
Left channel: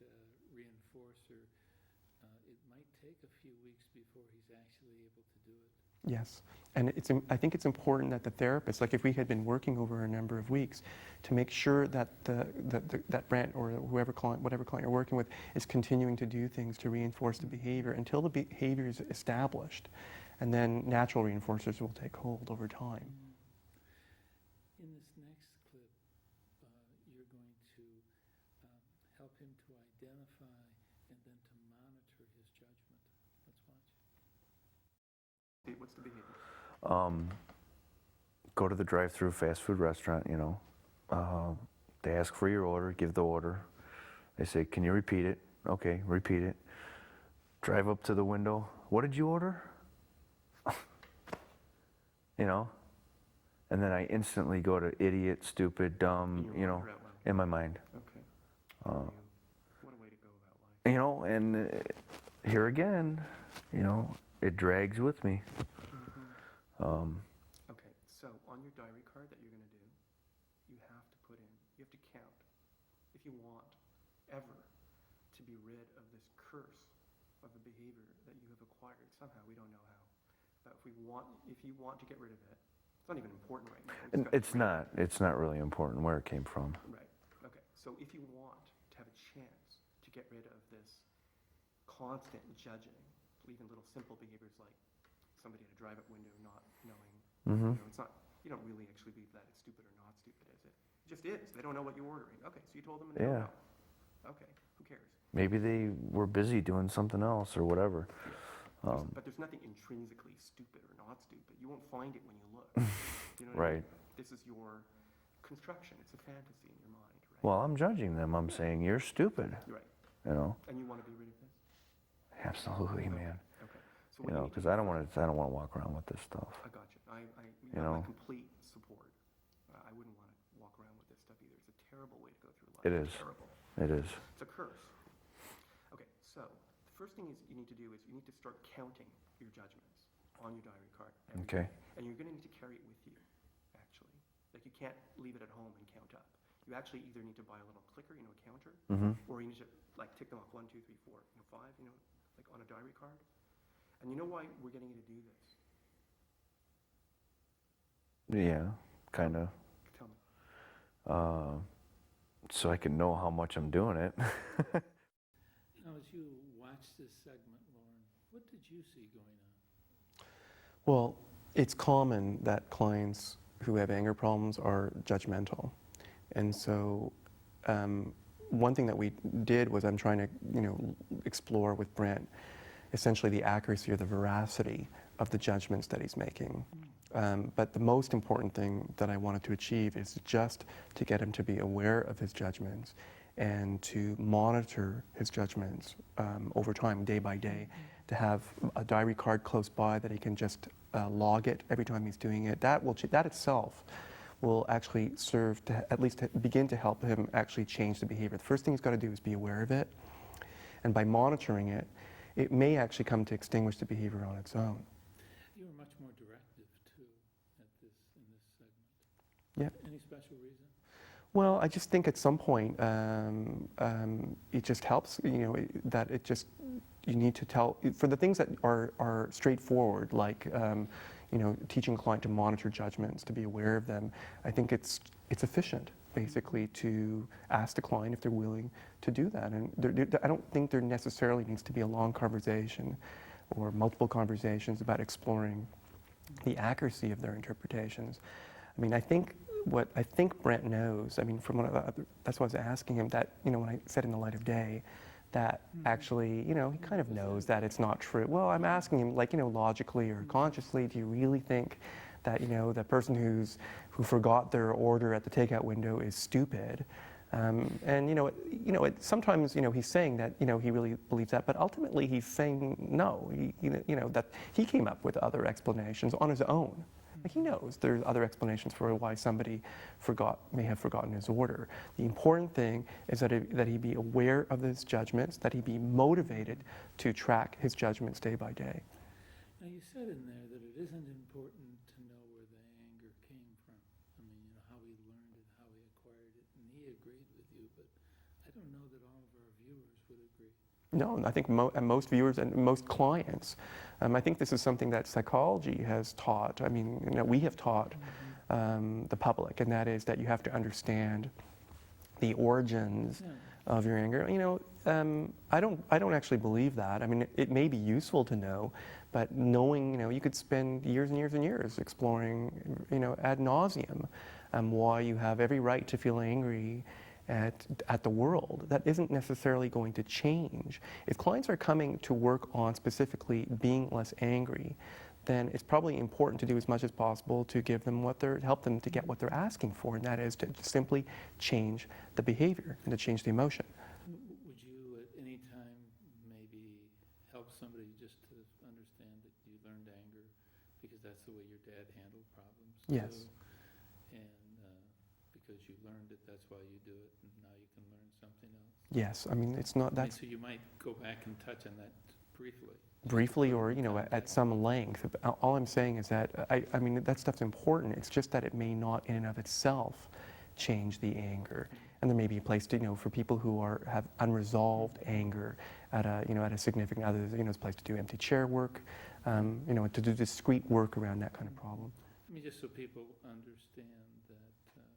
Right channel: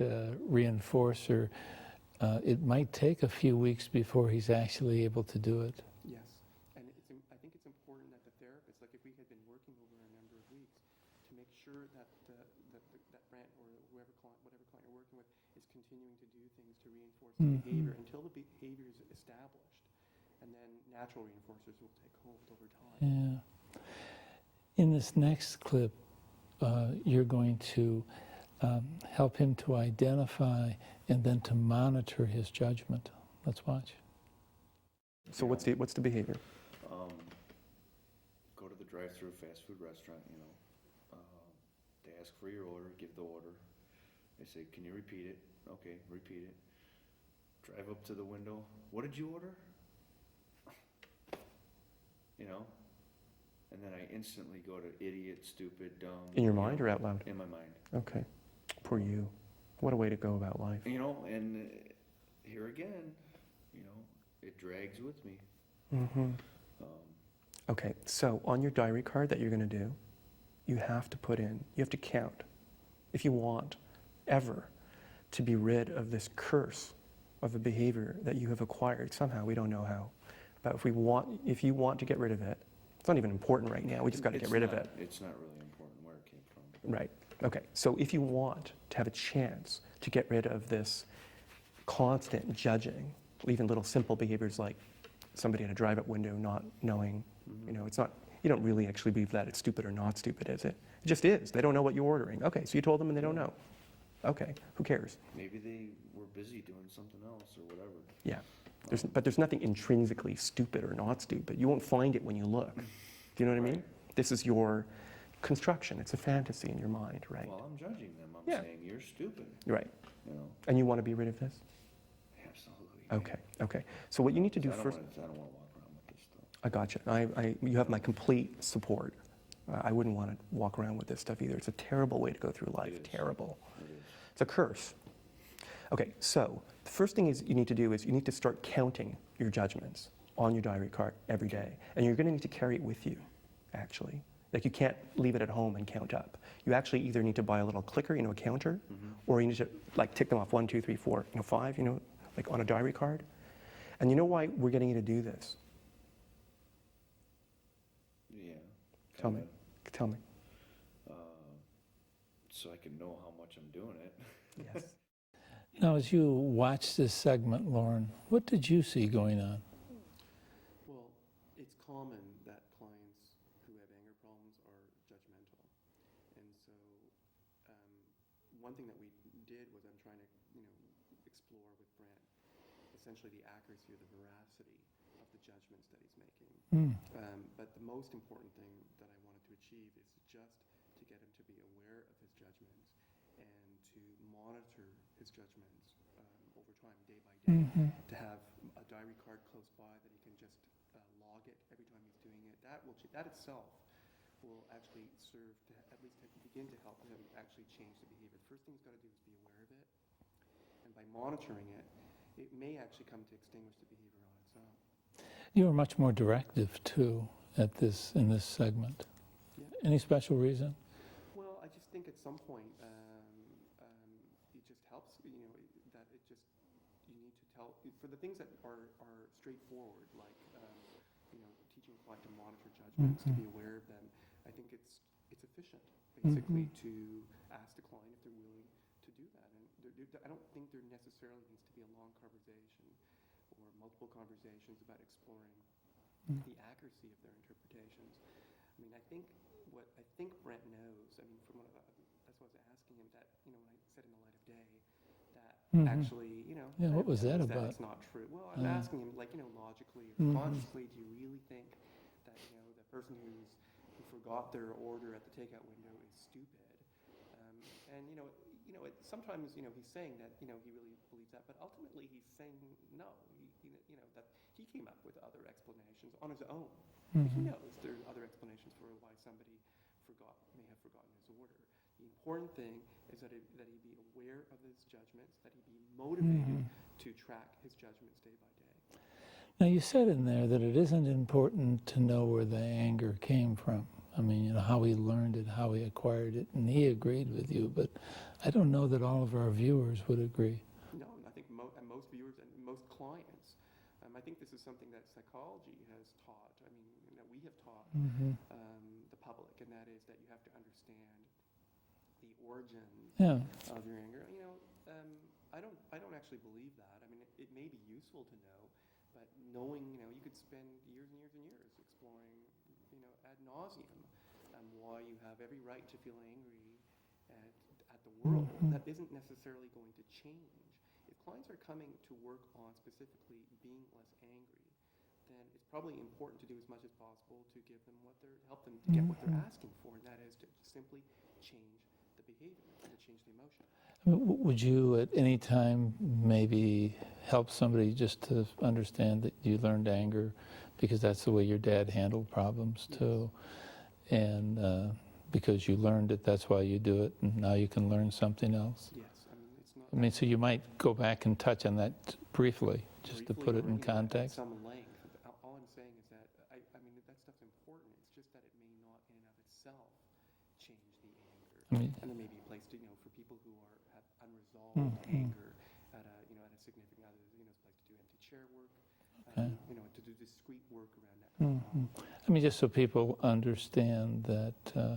reinforcer, it might take a few weeks before he's actually able to do it. Yes. And I think it's important that the therapist, like if we had been working over a number of weeks, to make sure that that Brent or whatever client you're working with is continuing to do things to reinforce the behavior until the behavior is established. And then natural reinforcers will take hold over time. Yeah. In this next clip, you're going to help him to identify and then to monitor his judgment. Let's watch. So what's the behavior? Go to the drive-through fast food restaurant, you know. They ask for your order, give the order. They say, can you repeat it? Okay, repeat it. Drive up to the window. What did you order? You know? And then I instantly go to idiot, stupid, dumb. In your mind or out loud? In my mind. Okay. For you. What a way to go about life. You know, and here again, you know, it drags with me. Okay, so on your diary card that you're going to do, you have to put in, you have to count, if you want ever to be rid of this curse of a behavior that you have acquired somehow, we don't know how, but if you want to get rid of it, it's not even important right now, we just got to get rid of it. It's not really important where it came from. Right, okay, so if you want to have a chance to get rid of this constant judging, even little simple behaviors like somebody at a drive-up window not knowing, you know, it's not, you don't really actually believe that it's stupid or not stupid, is it? It just is. They don't know what you're ordering. Okay, so you told them and they don't know. Okay, who cares? Maybe they were busy doing something else or whatever. Yeah, but there's nothing intrinsically stupid or not stupid. You won't find it when you look. Do you know what I mean? This is your construction. It's a fantasy in your mind, right? Well, I'm judging them. I'm saying you're stupid. Right. You know. And you want to be rid of this? Absolutely, man. Okay. Okay. So what you need to do 'cause first. I don't want to walk around with this stuff. I got you. You have my complete support. I wouldn't want to walk around with this stuff either. It's a terrible way to go through life. It is. Terrible. It is. It's a curse. Okay, so the first thing you need to do is you need to start counting your judgments on your diary card every day. And you're going to need to carry it with you, actually. Like you can't leave it at home and count up. You actually either need to buy a little clicker, a counter, or you need to like tick them off 1, 2, 3, 4, 5, like on a diary card. And you know why we're getting you to do this? Yeah, kind of. Tell me. So I can know how much I'm doing it. Now, as you watch this segment, Lorne, what did you see going on? Well, it's common that clients who have anger problems are judgmental. And so one thing that we did was I'm trying to, explore with Brent essentially the accuracy or the veracity of the judgments that he's making. But the most important thing that I wanted to achieve is just to get him to be aware of his judgments and to monitor his judgments over time, day by day, to have a diary card close by that he can just log it every time he's doing it. That itself will actually serve to at least begin to help him actually change the behavior. The first thing he's got to do is be aware of it, and by monitoring it, it may actually come to extinguish the behavior on its own. You were much more directive too in this segment. Yeah. Any special reason? Well, I just think at some point it just helps, that it just, you need to tell, for the things that are straightforward, like, teaching a client to monitor judgments, to be aware of them, I think it's efficient, basically, to ask the client if they're willing to do that. And I don't think there necessarily needs to be a long conversation or multiple conversations about exploring the accuracy of their interpretations. I mean, I think Brent knows, from that's why I was asking him that, when I said in the light of day, that actually, he kind of knows that it's not true. Well, I'm asking him, like, logically or consciously, do you really think that, the person who forgot their order at the takeout window is stupid? And sometimes he's saying that he really believes that, but ultimately he's saying no. That he came up with other explanations on his own. He knows there's other explanations for why somebody may have forgotten his order. The important thing is that he be aware of his judgments, that he be motivated to track his judgments day by day. Now, you said in there that it isn't important to know where the anger came from. How he learned it, how he acquired it, and he agreed with you, but I don't know that all of our viewers would agree. No, I think most viewers and most clients, I think this is something that psychology has taught. We have taught the public, and that is that you have to understand the origins of your anger. I don't actually believe that. It may be useful to know, but knowing, you could spend years and years and years exploring, ad nauseum, why you have every right to feel angry at the world. That isn't necessarily going to change. If clients are coming to work on specifically being less angry, then it's probably important to do as much as possible to give them help them to get what they're asking for, and that is to simply change the behavior and to change the emotion. Would you at any time maybe help somebody just to understand that you learned anger because that's the way your dad handled problems too? Yes. And because you learned it, that's why you do it, and now you can learn something else? Yes, it's not that... so you might go back and touch on that briefly. Briefly or, at some length. All I'm saying is that, that stuff's important. It's just that it may not in and of itself change the anger. And there may be a place to, for people who have unresolved anger at a significant other, there's a place to do empty chair work, to do discrete work around that kind of problem. Just so people understand that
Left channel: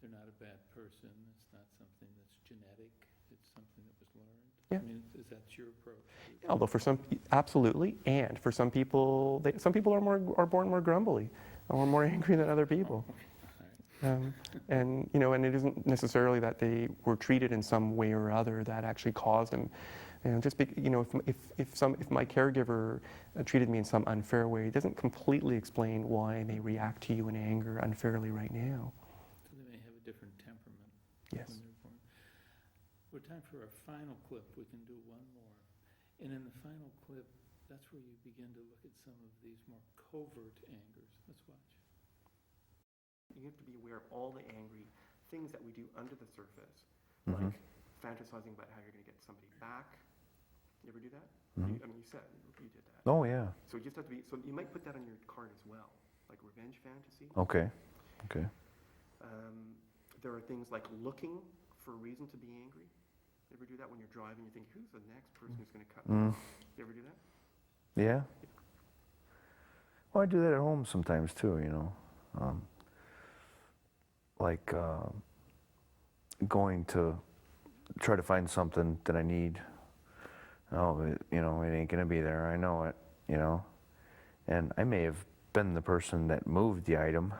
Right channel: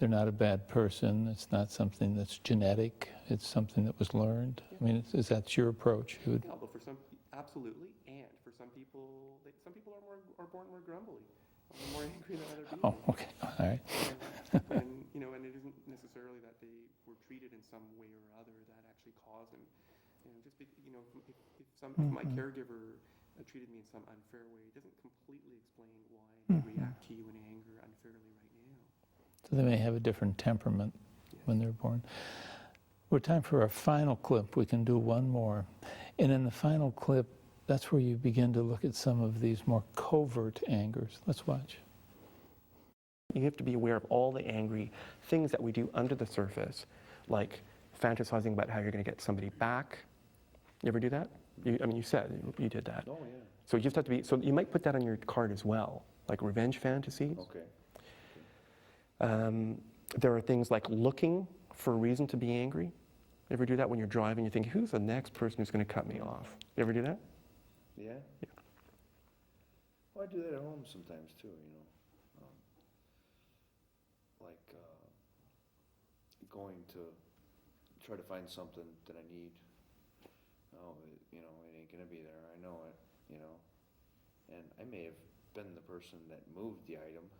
they're not a bad person. It's not something that's genetic. It's something that was learned. Yeah. Is that your approach? Although for some, absolutely, and for some people, some people are born more grumbly or more angry than other people. Oh, okay, all right. And it isn't necessarily that they were treated in some way or other that actually caused them And just if my caregiver treated me in some unfair way, it doesn't completely explain why they react to you in anger unfairly right now. So they may have a different temperament Yes. when they're born. We're time for our final clip. We can do one more. And in the final clip, that's where you begin to look at some of these more covert angers. Let's watch. You have to be aware of all the angry things that we do under the surface, like fantasizing about how you're going to get somebody back. You ever do that? You said you did that. Oh, yeah. So you just have to be, so you might put that on your card as well, like revenge fantasies. Okay. Okay. There are things like looking for a reason to be angry. You ever do that when you're driving? You think, who's the next person who's going to cut me off? You ever do that? Yeah. Well, I do that at home sometimes too, you know. Going to try to find something that I need. Oh, but, you know, it ain't gonna be there. I know it, you know. And I may have been the person that moved the item,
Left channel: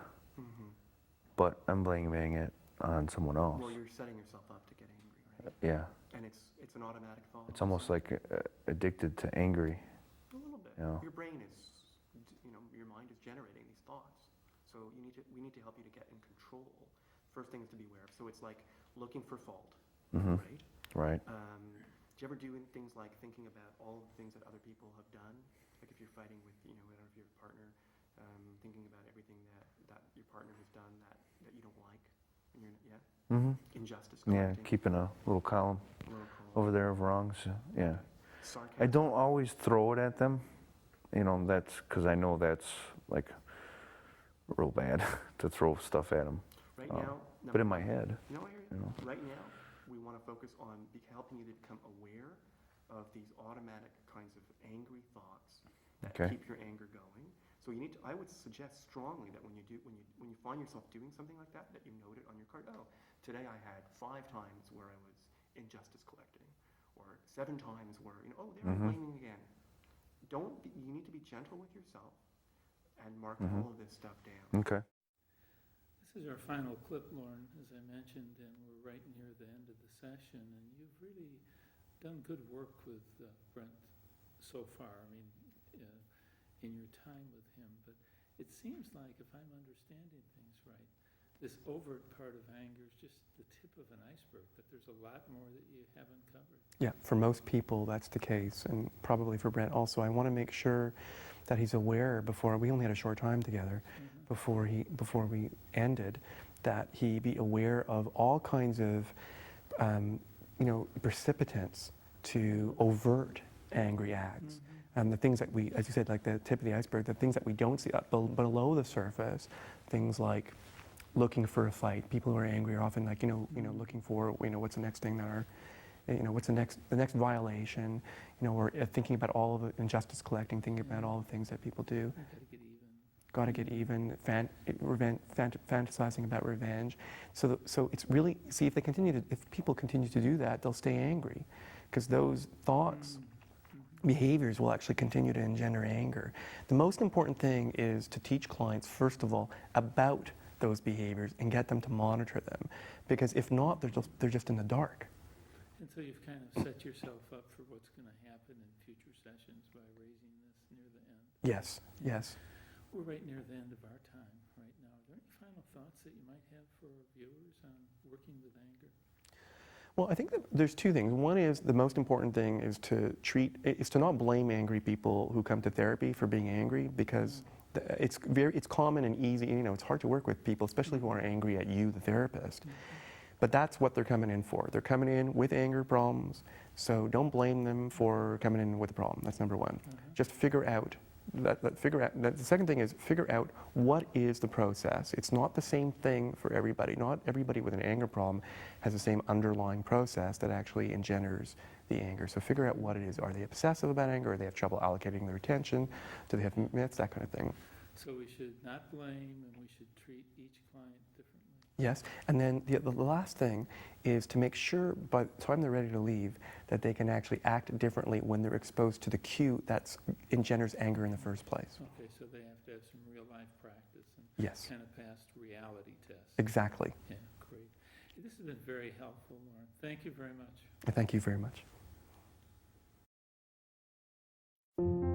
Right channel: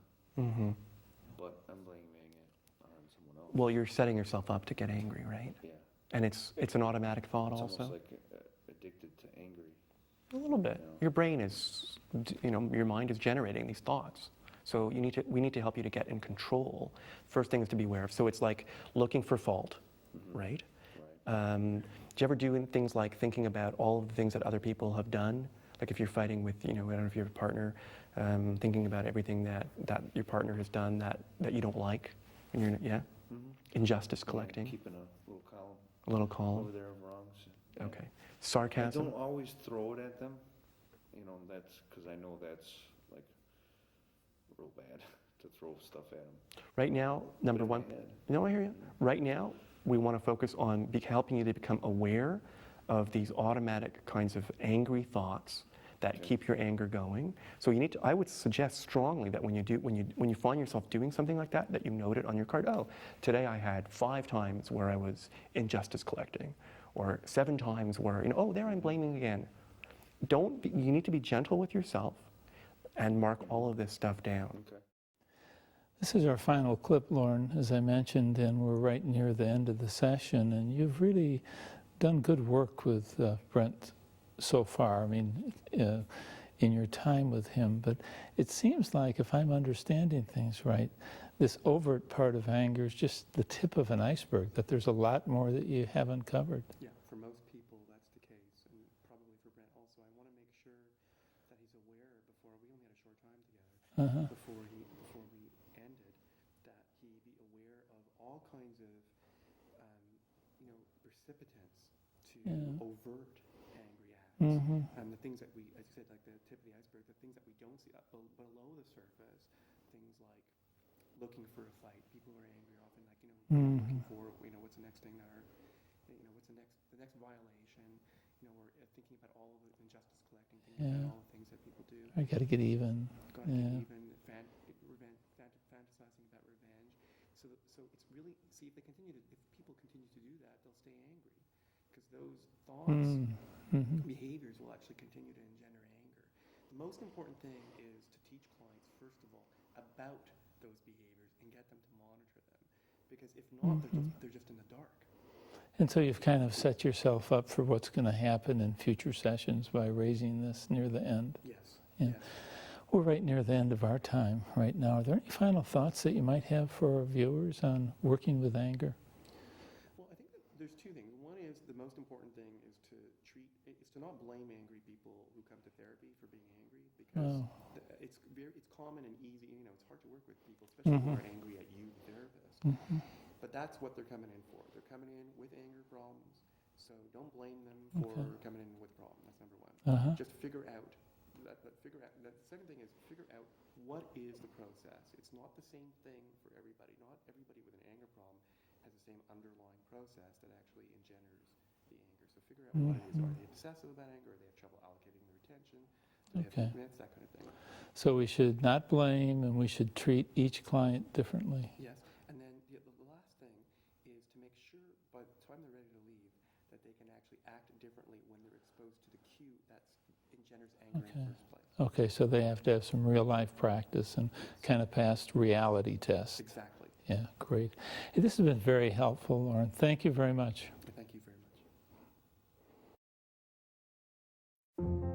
but I'm blaming it on someone else. Well, you're setting yourself up to get angry, right? Yeah. And it's an automatic thought It's also. almost like addicted to angry. A little bit. Yeah. Your brain is, you know, your mind is generating these thoughts. So we need to help you to get in control. First thing is to be aware of. So it's like looking for fault, right? Right. Do you ever do things like thinking about all of the things that other people have done? Like if you're fighting with, you know, I don't know if you have a partner, thinking about everything that your partner has done that you don't like. And you're, injustice collecting. Yeah, keeping a little column. A little column. Over there of wrongs. Yeah. Okay. Sarcasm. I don't always throw it at them. You know, that's because I know that's like real bad to throw stuff at them. Right now, but in my head. No, I hear you. Right now, we want to focus on helping you to become aware of these automatic kinds of angry thoughts that keep your anger going. So you need to, I would suggest strongly that when you find yourself doing something like that you note it on your card. Oh, today I had 5 times where I was injustice collecting, or 7 times where, you know, oh, there I'm blaming again. You need to be gentle with yourself and mark all of this stuff down. Okay. This is our final clip, Lorne, as I mentioned, and we're right near the end of the session, and you've really done good work with Brent so far, I mean, in your time with him, but it seems like, if I'm understanding things right, this overt part of anger is just the tip of an iceberg, that there's a lot more that you haven't covered. Yeah, for most people that's the case, and probably for Brent also. I want to make sure that he's aware we only had a short time together, before we ended, that he be aware of all kinds of, you know, precipitants to overt angry acts. And the things that we, as you said, like the tip of the iceberg, the things that we don't see below the surface, things like looking for a fight. People who are angry are often like, you know, looking for, you know, what's the next thing that are, you know, what's the next violation, you know, or thinking about all of the injustice collecting, thinking about all the things that people do. I got to get even. Got to get even, fantasizing about revenge. So it's really, see, if people continue to do that, they'll stay angry, because those thoughts, behaviors will actually continue to engender anger. The most important thing is to teach clients, first of all, about those behaviors and get them to monitor them, because if not, they're just in the dark. And so you've kind of set yourself up for what's going to happen in future sessions by raising this near the end. Yes, yes. We're right near the end of our time right now. Are there any final thoughts that you might have for our viewers on working with anger? Well, I think that there's 2 things. One is, the most important thing is to not blame angry people who come to therapy for being angry, because it's common and easy. You know, it's hard to work with people, especially who are angry at you, the therapist. But that's what they're coming in for. They're coming in with anger problems, so don't blame them for coming in with a problem. That's number 1. Just figure out the second thing is figure out what is the process. It's not the same thing for everybody. Not everybody with an anger problem has the same underlying process that actually engenders the anger. So figure out what it is. Are they obsessive about anger? Or do they have trouble allocating their attention? Do they have myths? That kind of thing. So we should not blame, and we should treat each client differently. Yes, and then the last thing is to make sure by the time they're ready to leave that they can actually act differently when they're exposed to the cue that engenders anger in the first place. Okay, so they have to have some real life practice and kind of pass reality tests. Exactly. Yeah, great. Hey, this has been very helpful, Lorne. Thank you very much. Thank you very much. you.